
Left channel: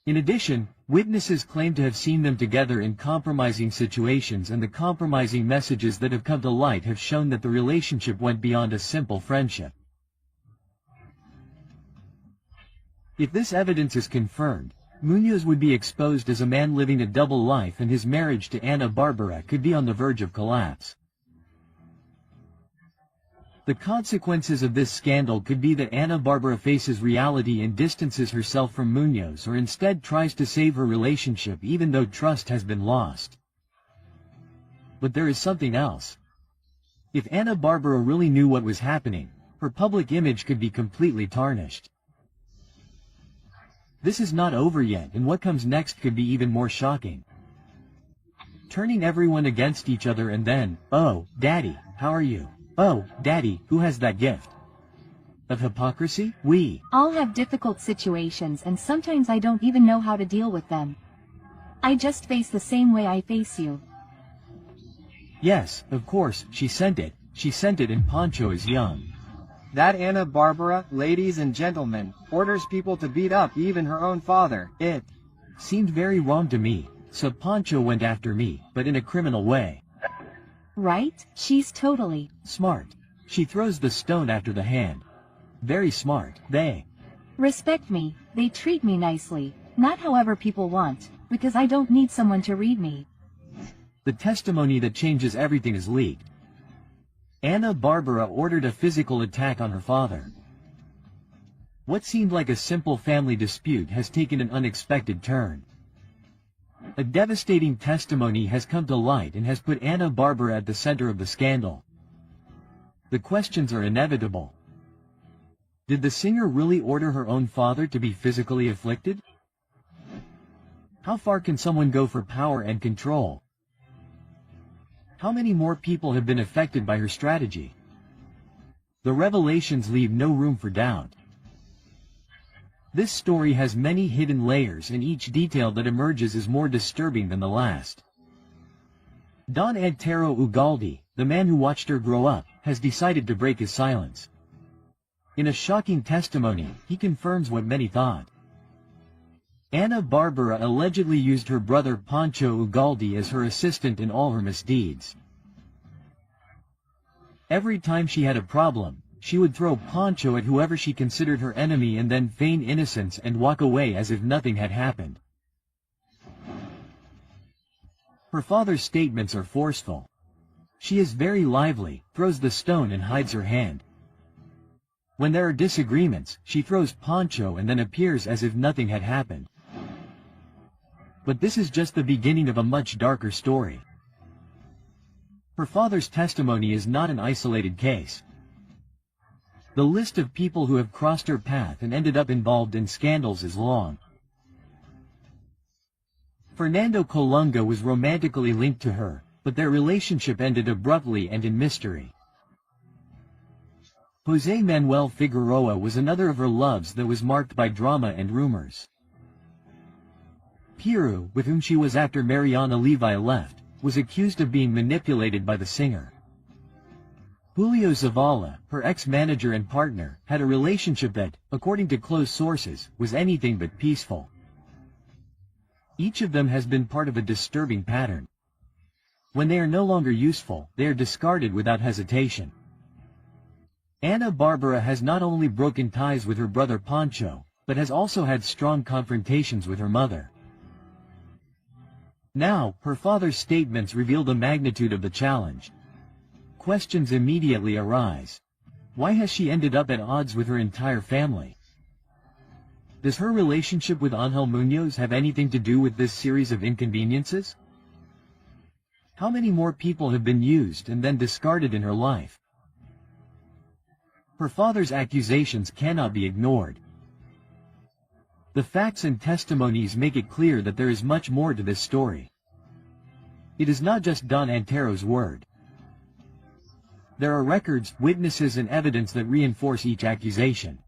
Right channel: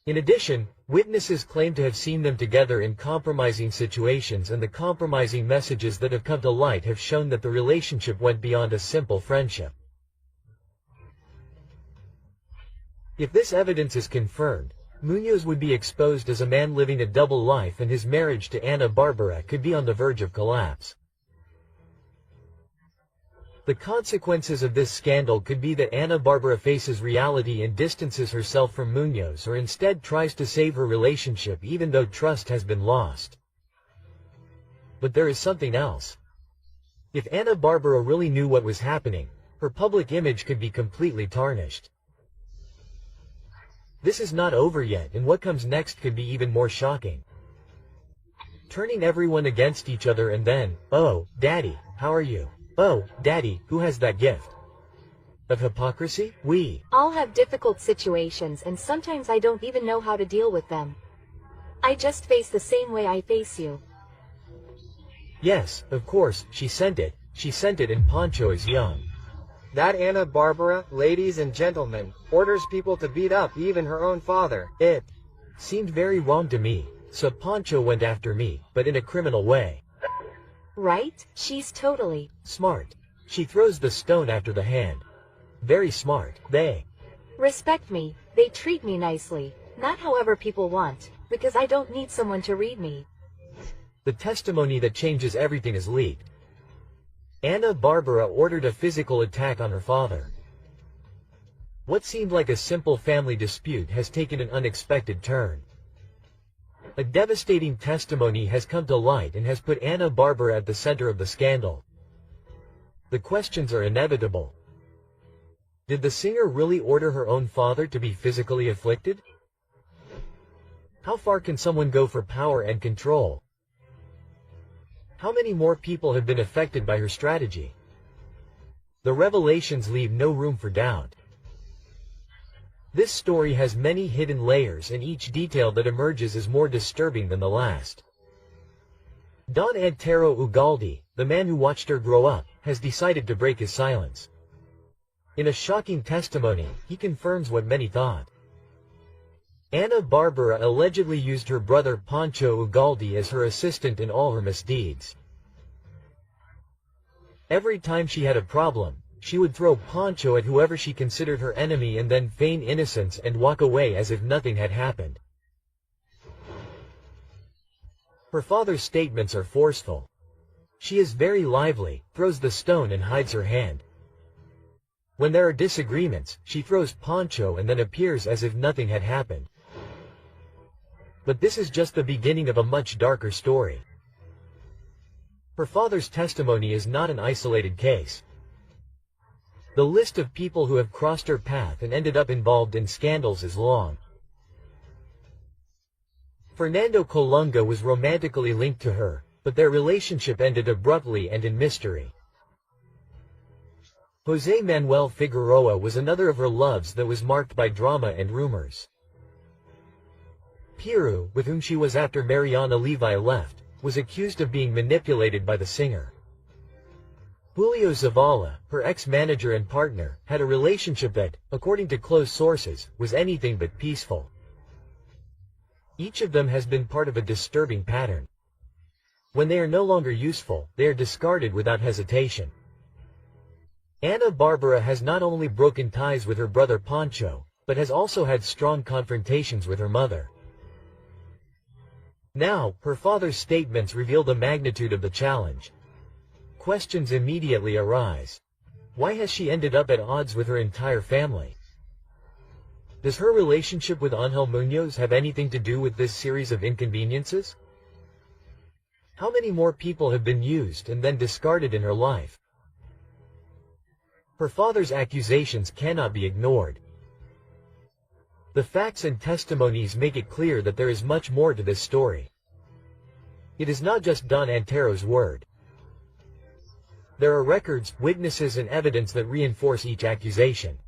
In addition, witnesses claim to have seen them together in compromising situations, and the compromising messages that have come to light have shown that the relationship went beyond a simple friendship. If this evidence is confirmed, Muñoz would be exposed as a man living a double life, and his marriage to Ana Bárbara could be on the verge of collapse. The consequences of this scandal could be that Ana Bárbara faces reality and distances herself from Muñoz, or instead tries to save her relationship even though trust has been lost. But there is something else. If Ana Bárbara really knew what was happening, her public image could be completely tarnished. This is not over yet, and what comes next could be even more shocking. Turning everyone against each other, and then, "Oh, Daddy, how are you? Oh, Daddy, who has that gift?" Of hypocrisy, we all have difficult situations, and sometimes I don't even know how to deal with them. I just face the same way I face you. Yes, of course, she sent it. She sent it, and Pancho is young. That Ana Bárbara, ladies and gentlemen, orders people to beat up even her own father. It seemed very wrong to me, so Pancho went after me, but in a criminal way. Right? She's totally smart. She throws the stone after the hand. Very smart. They respect me, they treat me nicely, not however people want, because I don't need someone to read me. The testimony that changes everything is leaked. Ana Bárbara ordered a physical attack on her father. What seemed like a simple family dispute has taken an unexpected turn. A devastating testimony has come to light and has put Ana Bárbara at the center of the scandal. The questions are inevitable. Did the singer really order her own father to be physically afflicted? How far can someone go for power and control? How many more people have been affected by her strategy? The revelations leave no room for doubt. This story has many hidden layers, and each detail that emerges is more disturbing than the last. Don Antero Ugalde, the man who watched her grow up, has decided to break his silence. In a shocking testimony, he confirms what many thought. Ana Bárbara allegedly used her brother Pancho Ugalde as her assistant in all her misdeeds. Every time she had a problem, she would throw Pancho at whoever she considered her enemy and then feign innocence and walk away as if nothing had happened. Her father's statements are forceful. She is very lively, throws the stone and hides her hand. When there are disagreements, she throws Pancho and then appears as if nothing had happened. But this is just the beginning of a much darker story. Her father's testimony is not an isolated case. The list of people who have crossed her path and ended up involved in scandals is long. Fernando Colunga was romantically linked to her, but their relationship ended abruptly and in mystery. José Manuel Figueroa was another of her loves that was marked by drama and rumors. Piru, with whom she was after Mariana Levi left, was accused of being manipulated by the singer. Julio Zavala, her ex-manager and partner, had a relationship that, according to close sources, was anything but peaceful. Each of them has been part of a disturbing pattern. When they are no longer useful, they are discarded without hesitation. Ana Bárbara has not only broken ties with her brother Pancho, but has also had strong confrontations with her mother. Now, her father's statements reveal the magnitude of the challenge. Questions immediately arise. Why has she ended up at odds with her entire family? Does her relationship with Ángel Muñoz have anything to do with this series of inconveniences? How many more people have been used and then discarded in her life? Her father's accusations cannot be ignored. The facts and testimonies make it clear that there is much more to this story. It is not just Don Antero's word. There are records, witnesses and evidence that reinforce each accusation.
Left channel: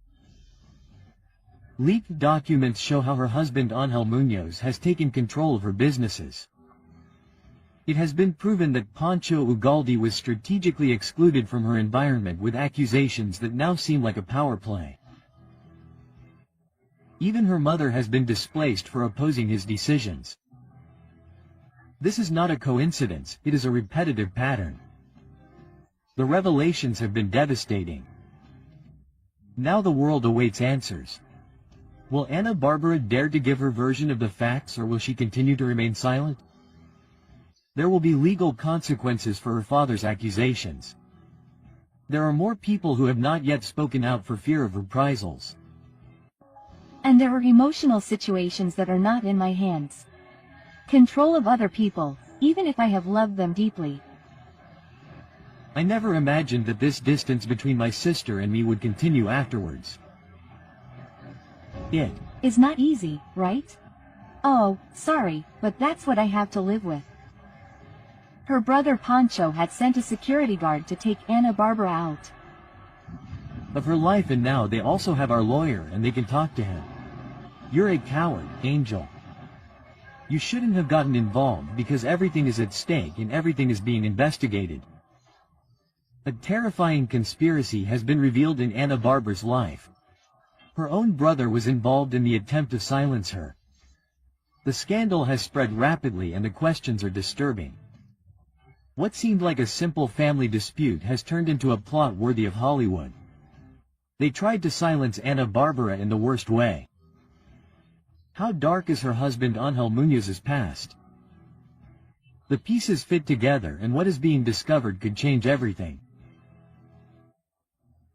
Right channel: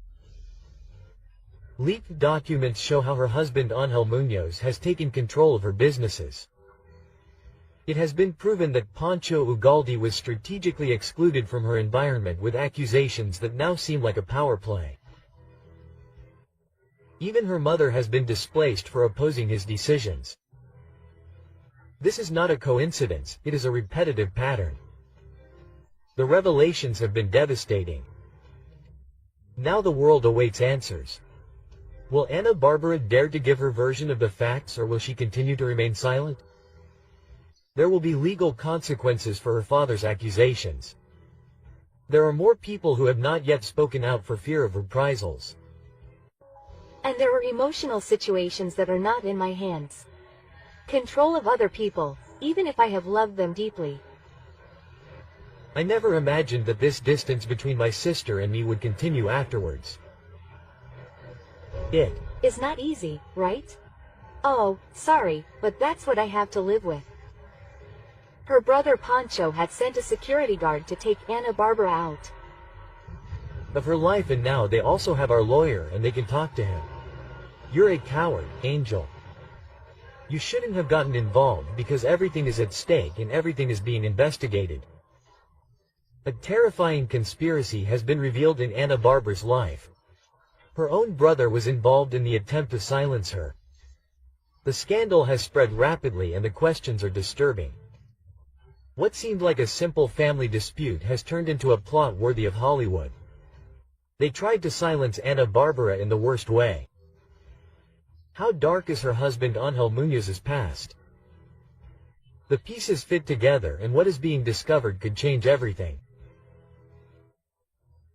Leaked documents show how her husband Ángel Muñoz has taken control of her businesses. It has been proven that Pancho Ugalde was strategically excluded from her environment with accusations that now seem like a power play. Even her mother has been displaced for opposing his decisions. This is not a coincidence, it is a repetitive pattern. The revelations have been devastating. Now the world awaits answers. Will Ana Bárbara dare to give her version of the facts, or will she continue to remain silent? There will be legal consequences for her father's accusations. There are more people who have not yet spoken out for fear of reprisals. And there are emotional situations that are not in my hands. Control of other people, even if I have loved them deeply. I never imagined that this distance between my sister and me would continue afterwards. It is not easy, right? Oh, sorry, but that's what I have to live with. Her brother Pancho had sent a security guard to take Ana Bárbara out of her life, and now they also have our lawyer and they can talk to him. You're a coward, Angel. You shouldn't have gotten involved because everything is at stake and everything is being investigated. A terrifying conspiracy has been revealed in Ana Bárbara's life. Her own brother was involved in the attempt to silence her. The scandal has spread rapidly and the questions are disturbing. What seemed like a simple family dispute has turned into a plot worthy of Hollywood. They tried to silence Ana Bárbara in the worst way. How dark is her husband Ángel Muñoz's past? The pieces fit together and what is being discovered could change everything.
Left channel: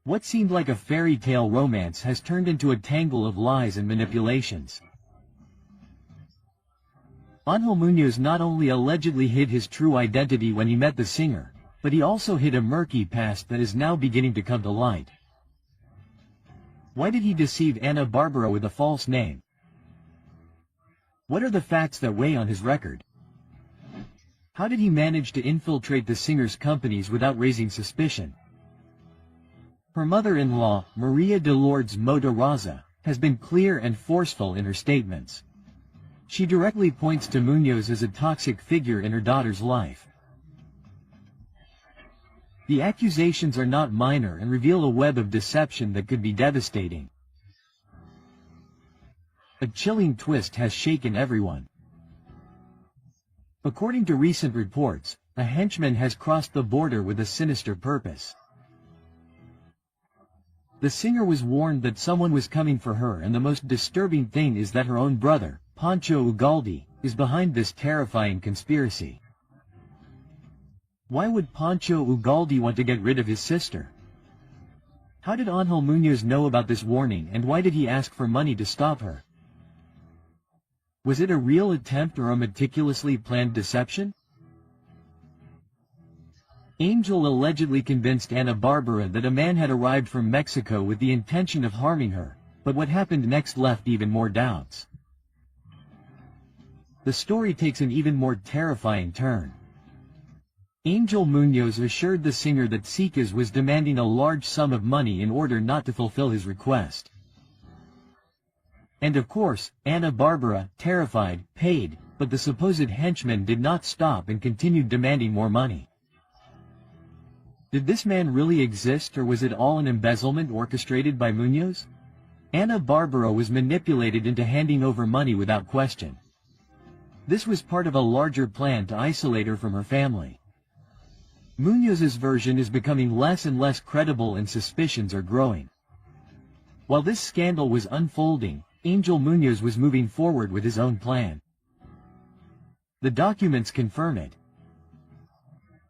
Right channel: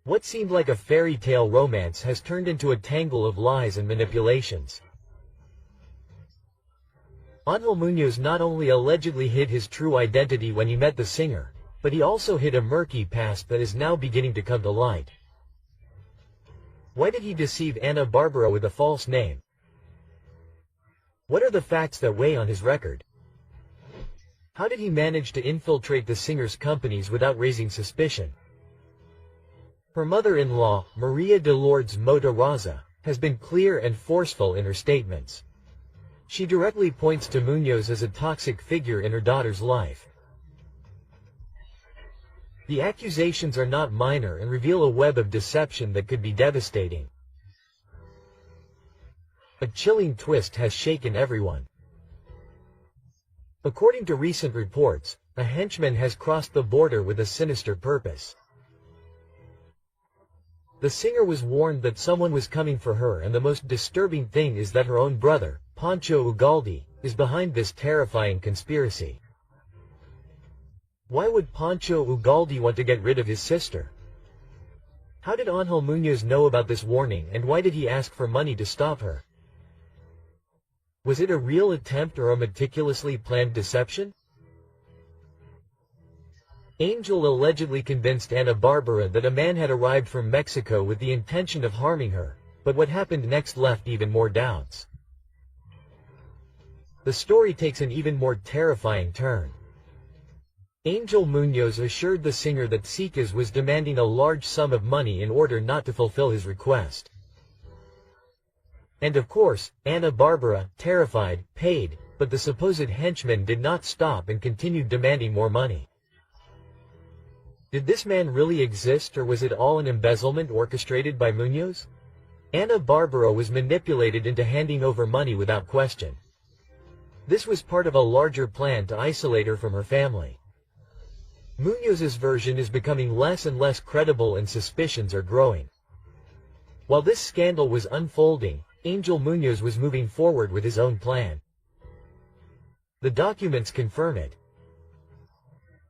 What seemed like a fairy tale romance has turned into a tangle of lies and manipulations. Ángel Muñoz not only allegedly hid his true identity when he met the singer, but he also hid a murky past that is now beginning to come to light. Why did he deceive Ana Bárbara with a false name? What are the facts that weigh on his record? How did he manage to infiltrate the singer's companies without raising suspicion? Her mother-in-law, Maria de Lourdes Mota Raza, has been clear and forceful in her statements. She directly points to Muñoz as a toxic figure in her daughter's life. The accusations are not minor and reveal a web of deception that could be devastating. A chilling twist has shaken everyone. According to recent reports, a henchman has crossed the border with a sinister purpose. The singer was warned that someone was coming for her, and the most disturbing thing is that her own brother, Pancho Ugalde, is behind this terrifying conspiracy. Why would Pancho Ugalde want to get rid of his sister? How did Ángel Muñoz know about this warning, and why did he ask for money to stop her? Was it a real attempt or a meticulously planned deception? Angel allegedly convinced Ana Bárbara that a man had arrived from Mexico with the intention of harming her, but what happened next left even more doubts. The story takes an even more terrifying turn. Angel Muñoz assured the singer that Sicas was demanding a large sum of money in order not to fulfill his request. And of course, Ana Bárbara, terrified, paid, but the supposed henchman did not stop and continued demanding more money. Did this man really exist, or was it all an embezzlement orchestrated by Muñoz? Ana Bárbara was manipulated into handing over money without question. This was part of a larger plan to isolate her from her family. Muñoz's version is becoming less and less credible and suspicions are growing. While this scandal was unfolding, Angel Muñoz was moving forward with his own plan. The documents confirm it.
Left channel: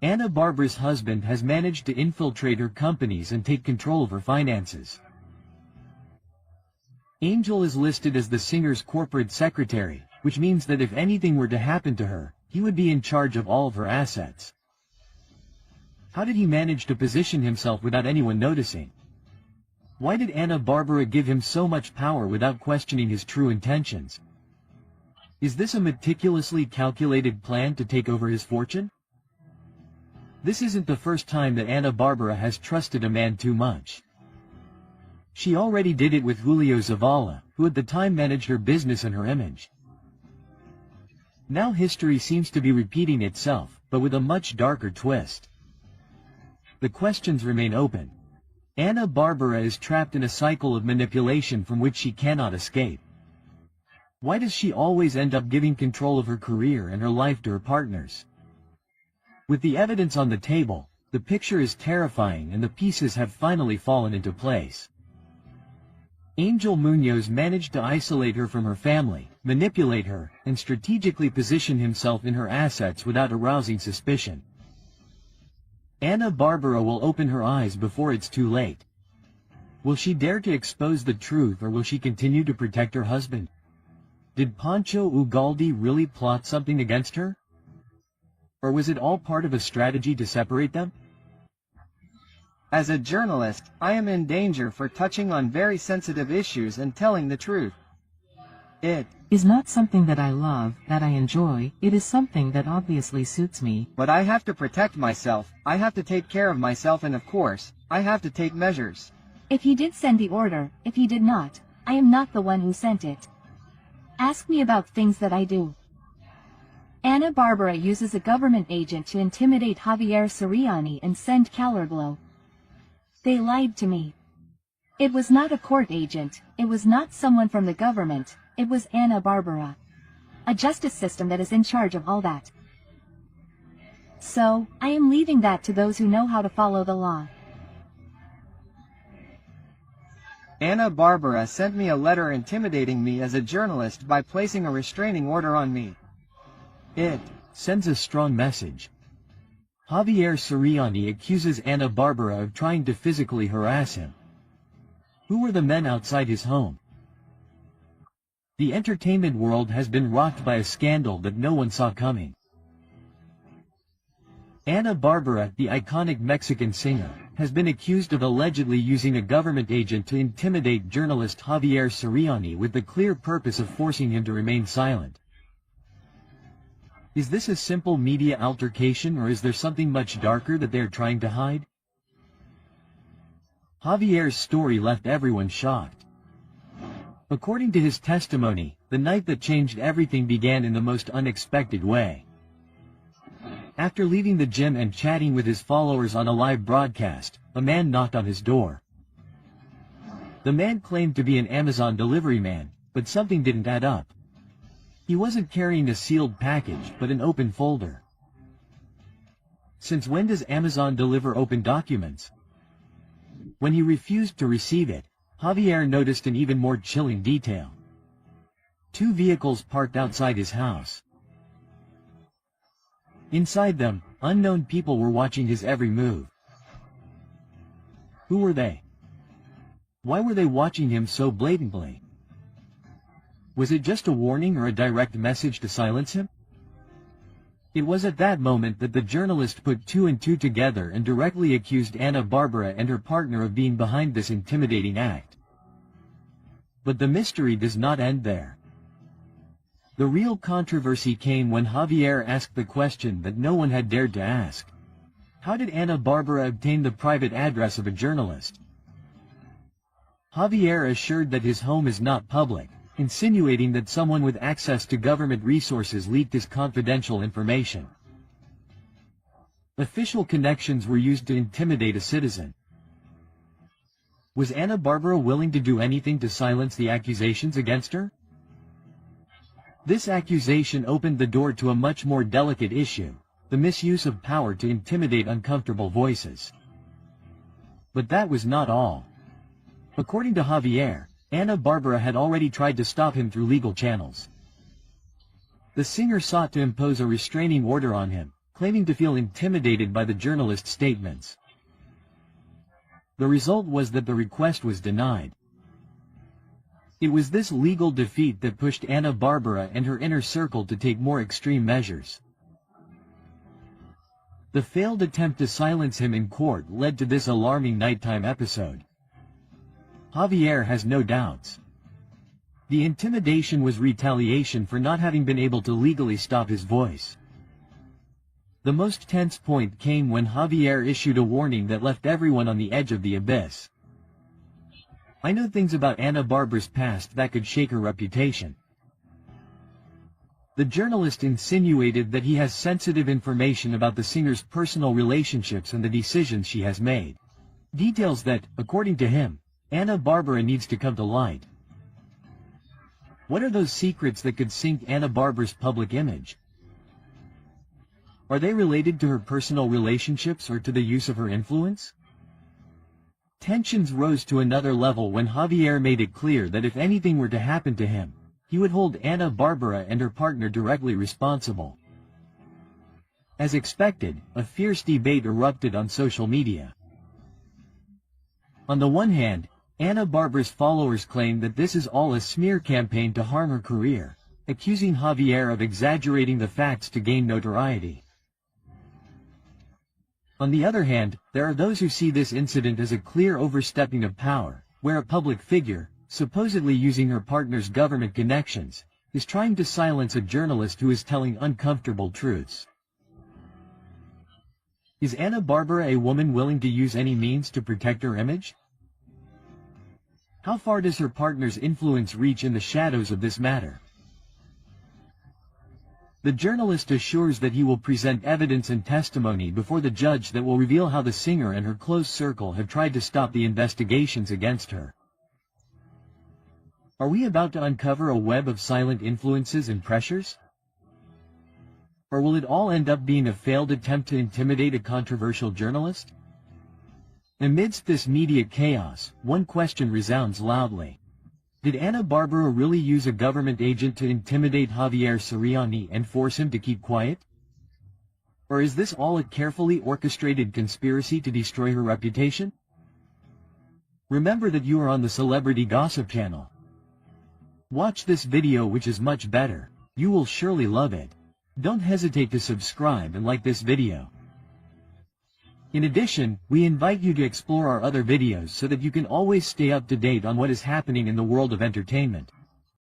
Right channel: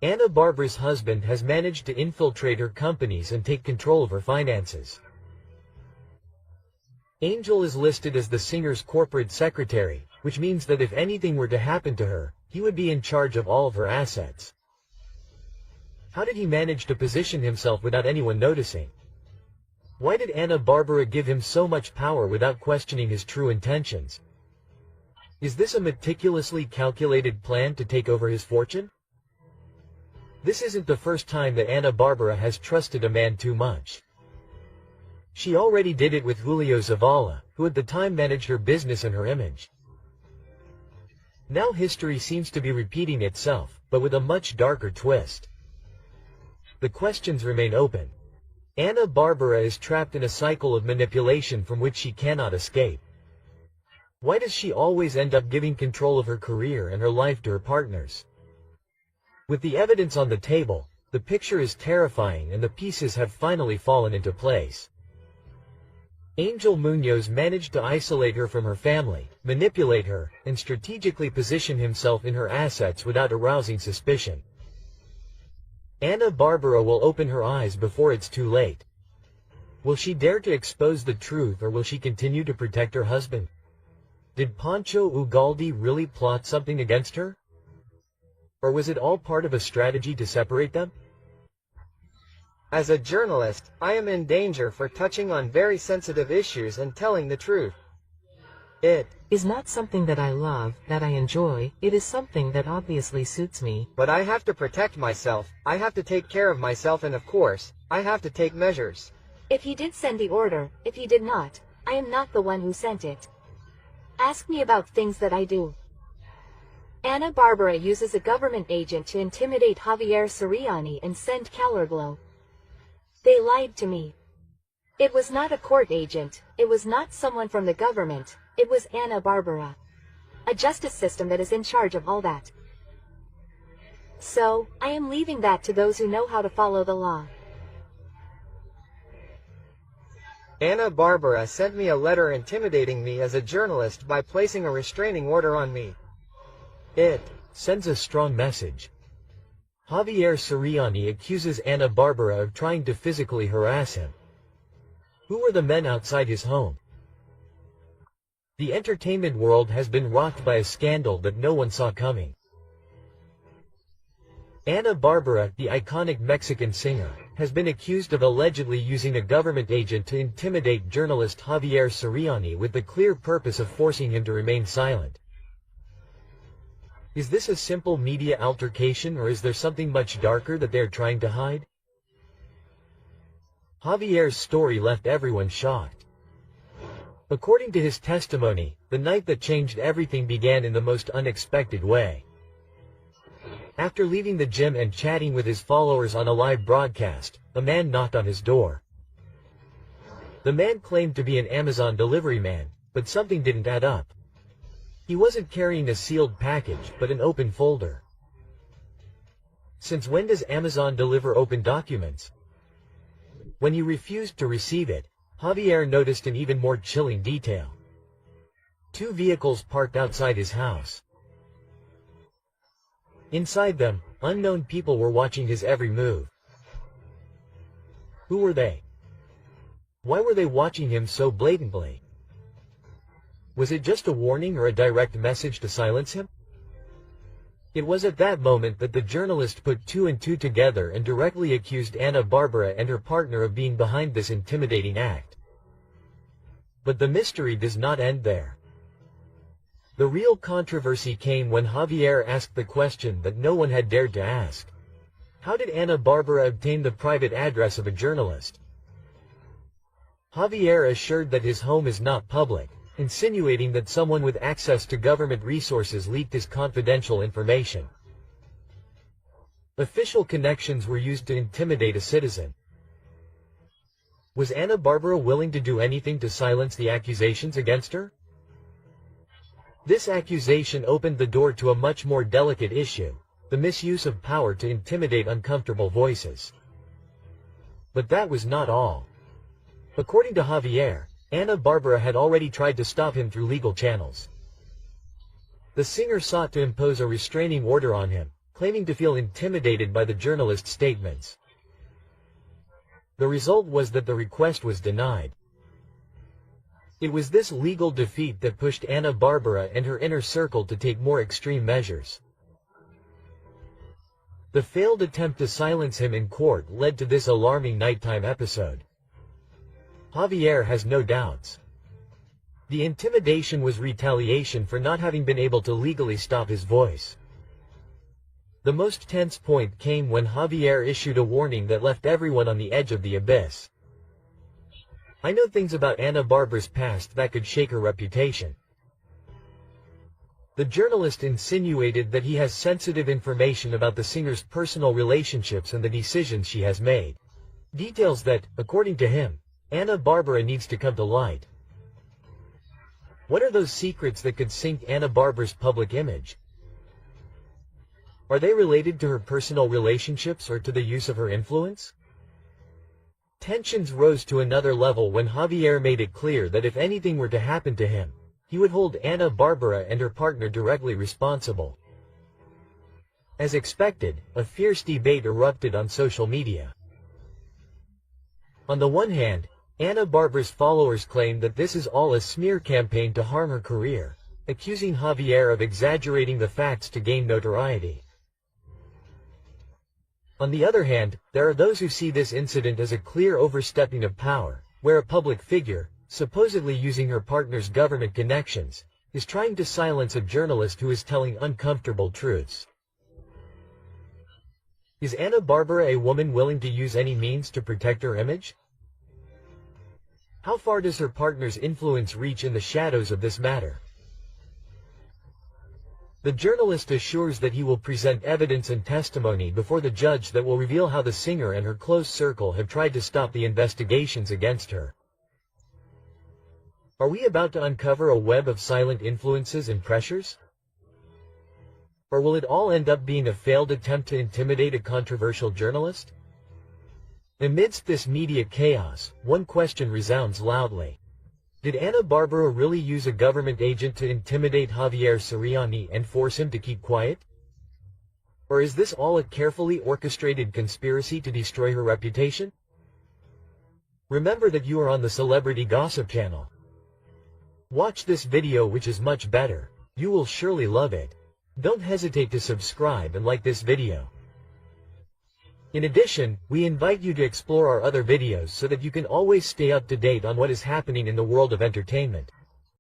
Ana Bárbara's husband has managed to infiltrate her companies and take control of her finances. Angel is listed as the singer's corporate secretary, which means that if anything were to happen to her, he would be in charge of all of her assets. How did he manage to position himself without anyone noticing? Why did Ana Bárbara give him so much power without questioning his true intentions? Is this a meticulously calculated plan to take over his fortune? This isn't the first time that Ana Bárbara has trusted a man too much. She already did it with Julio Zavala, who at the time managed her business and her image. Now history seems to be repeating itself, but with a much darker twist. The questions remain open. Ana Bárbara is trapped in a cycle of manipulation from which she cannot escape. Why does she always end up giving control of her career and her life to her partners? With the evidence on the table, the picture is terrifying and the pieces have finally fallen into place. Angel Muñoz managed to isolate her from her family, manipulate her, and strategically position himself in her assets without arousing suspicion. Ana Bárbara will open her eyes before it's too late. Will she dare to expose the truth, or will she continue to protect her husband? Did Pancho Ugalde really plot something against her? Or was it all part of a strategy to separate them? As a journalist, I am in danger for touching on very sensitive issues and telling the truth. It is not something that I love, that I enjoy, it is something that obviously suits me. But I have to protect myself, I have to take care of myself, and of course, I have to take measures. If he did send the order, if he did not, I am not the one who sent it. Ask me about things that I do. Ana Bárbara uses a government agent to intimidate Javier Soriani and send Calorglo. They lied to me. It was not a court agent, it was not someone from the government, it was Ana Bárbara. A justice system that is in charge of all that. So, I am leaving that to those who know how to follow the law. Ana Bárbara sent me a letter intimidating me as a journalist by placing a restraining order on me. It sends a strong message. Javier Soriani accuses Ana Bárbara of trying to physically harass him. Who were the men outside his home? The entertainment world has been rocked by a scandal that no one saw coming. Ana Bárbara, the iconic Mexican singer, has been accused of allegedly using a government agent to intimidate journalist Javier Soriani with the clear purpose of forcing him to remain silent. Is this a simple media altercation, or is there something much darker that they are trying to hide? Javier's story left everyone shocked. According to his testimony, the night that changed everything began in the most unexpected way. After leaving the gym and chatting with his followers on a live broadcast, a man knocked on his door. The man claimed to be an Amazon delivery man, but something didn't add up. He wasn't carrying a sealed package, but an open folder. Since when does Amazon deliver open documents? When he refused to receive it, Javier noticed an even more chilling detail. 2 vehicles parked outside his house. Inside them, unknown people were watching his every move. Who were they? Why were they watching him so blatantly? Was it just a warning or a direct message to silence him? It was at that moment that the journalist put two and two together and directly accused Ana Bárbara and her partner of being behind this intimidating act. But the mystery does not end there. The real controversy came when Javier asked the question that no one had dared to ask. How did Ana Bárbara obtain the private address of a journalist? Javier assured that his home is not public, insinuating that someone with access to government resources leaked his confidential information. Official connections were used to intimidate a citizen. Was Ana Bárbara willing to do anything to silence the accusations against her? This accusation opened the door to a much more delicate issue, the misuse of power to intimidate uncomfortable voices. But that was not all. According to Javier, Ana Bárbara had already tried to stop him through legal channels. The singer sought to impose a restraining order on him, claiming to feel intimidated by the journalist's statements. The result was that the request was denied. It was this legal defeat that pushed Ana Bárbara and her inner circle to take more extreme measures. The failed attempt to silence him in court led to this alarming nighttime episode. Javier has no doubts. The intimidation was retaliation for not having been able to legally stop his voice. The most tense point came when Javier issued a warning that left everyone on the edge of the abyss. I know things about Ana Bárbara's past that could shake her reputation. The journalist insinuated that he has sensitive information about the singer's personal relationships and the decisions she has made. Details that, according to him, Ana Bárbara needs to come to light. What are those secrets that could sink Ana Bárbara's public image? Are they related to her personal relationships or to the use of her influence? Tensions rose to another level when Javier made it clear that if anything were to happen to him, he would hold Ana Bárbara and her partner directly responsible. As expected, a fierce debate erupted on social media. On the one hand, Ana Bárbara's followers claim that this is all a smear campaign to harm her career, accusing Javier of exaggerating the facts to gain notoriety. On the other hand, there are those who see this incident as a clear overstepping of power, where a public figure, supposedly using her partner's government connections, is trying to silence a journalist who is telling uncomfortable truths. Is Ana Bárbara a woman willing to use any means to protect her image? How far does her partner's influence reach in the shadows of this matter? The journalist assures that he will present evidence and testimony before the judge that will reveal how the singer and her close circle have tried to stop the investigations against her. Are we about to uncover a web of silent influences and pressures? Or will it all end up being a failed attempt to intimidate a controversial journalist? Amidst this media chaos, one question resounds loudly. Did Ana Bárbara really use a government agent to intimidate Javier Soriani and force him to keep quiet? Or is this all a carefully orchestrated conspiracy to destroy her reputation? Remember that you are on the Celebrity Gossip channel. Watch this video, which is much better. You will surely love it. Don't hesitate to subscribe and like this video. In addition, we invite you to explore our other videos so that you can always stay up to date on what is happening in the world of entertainment.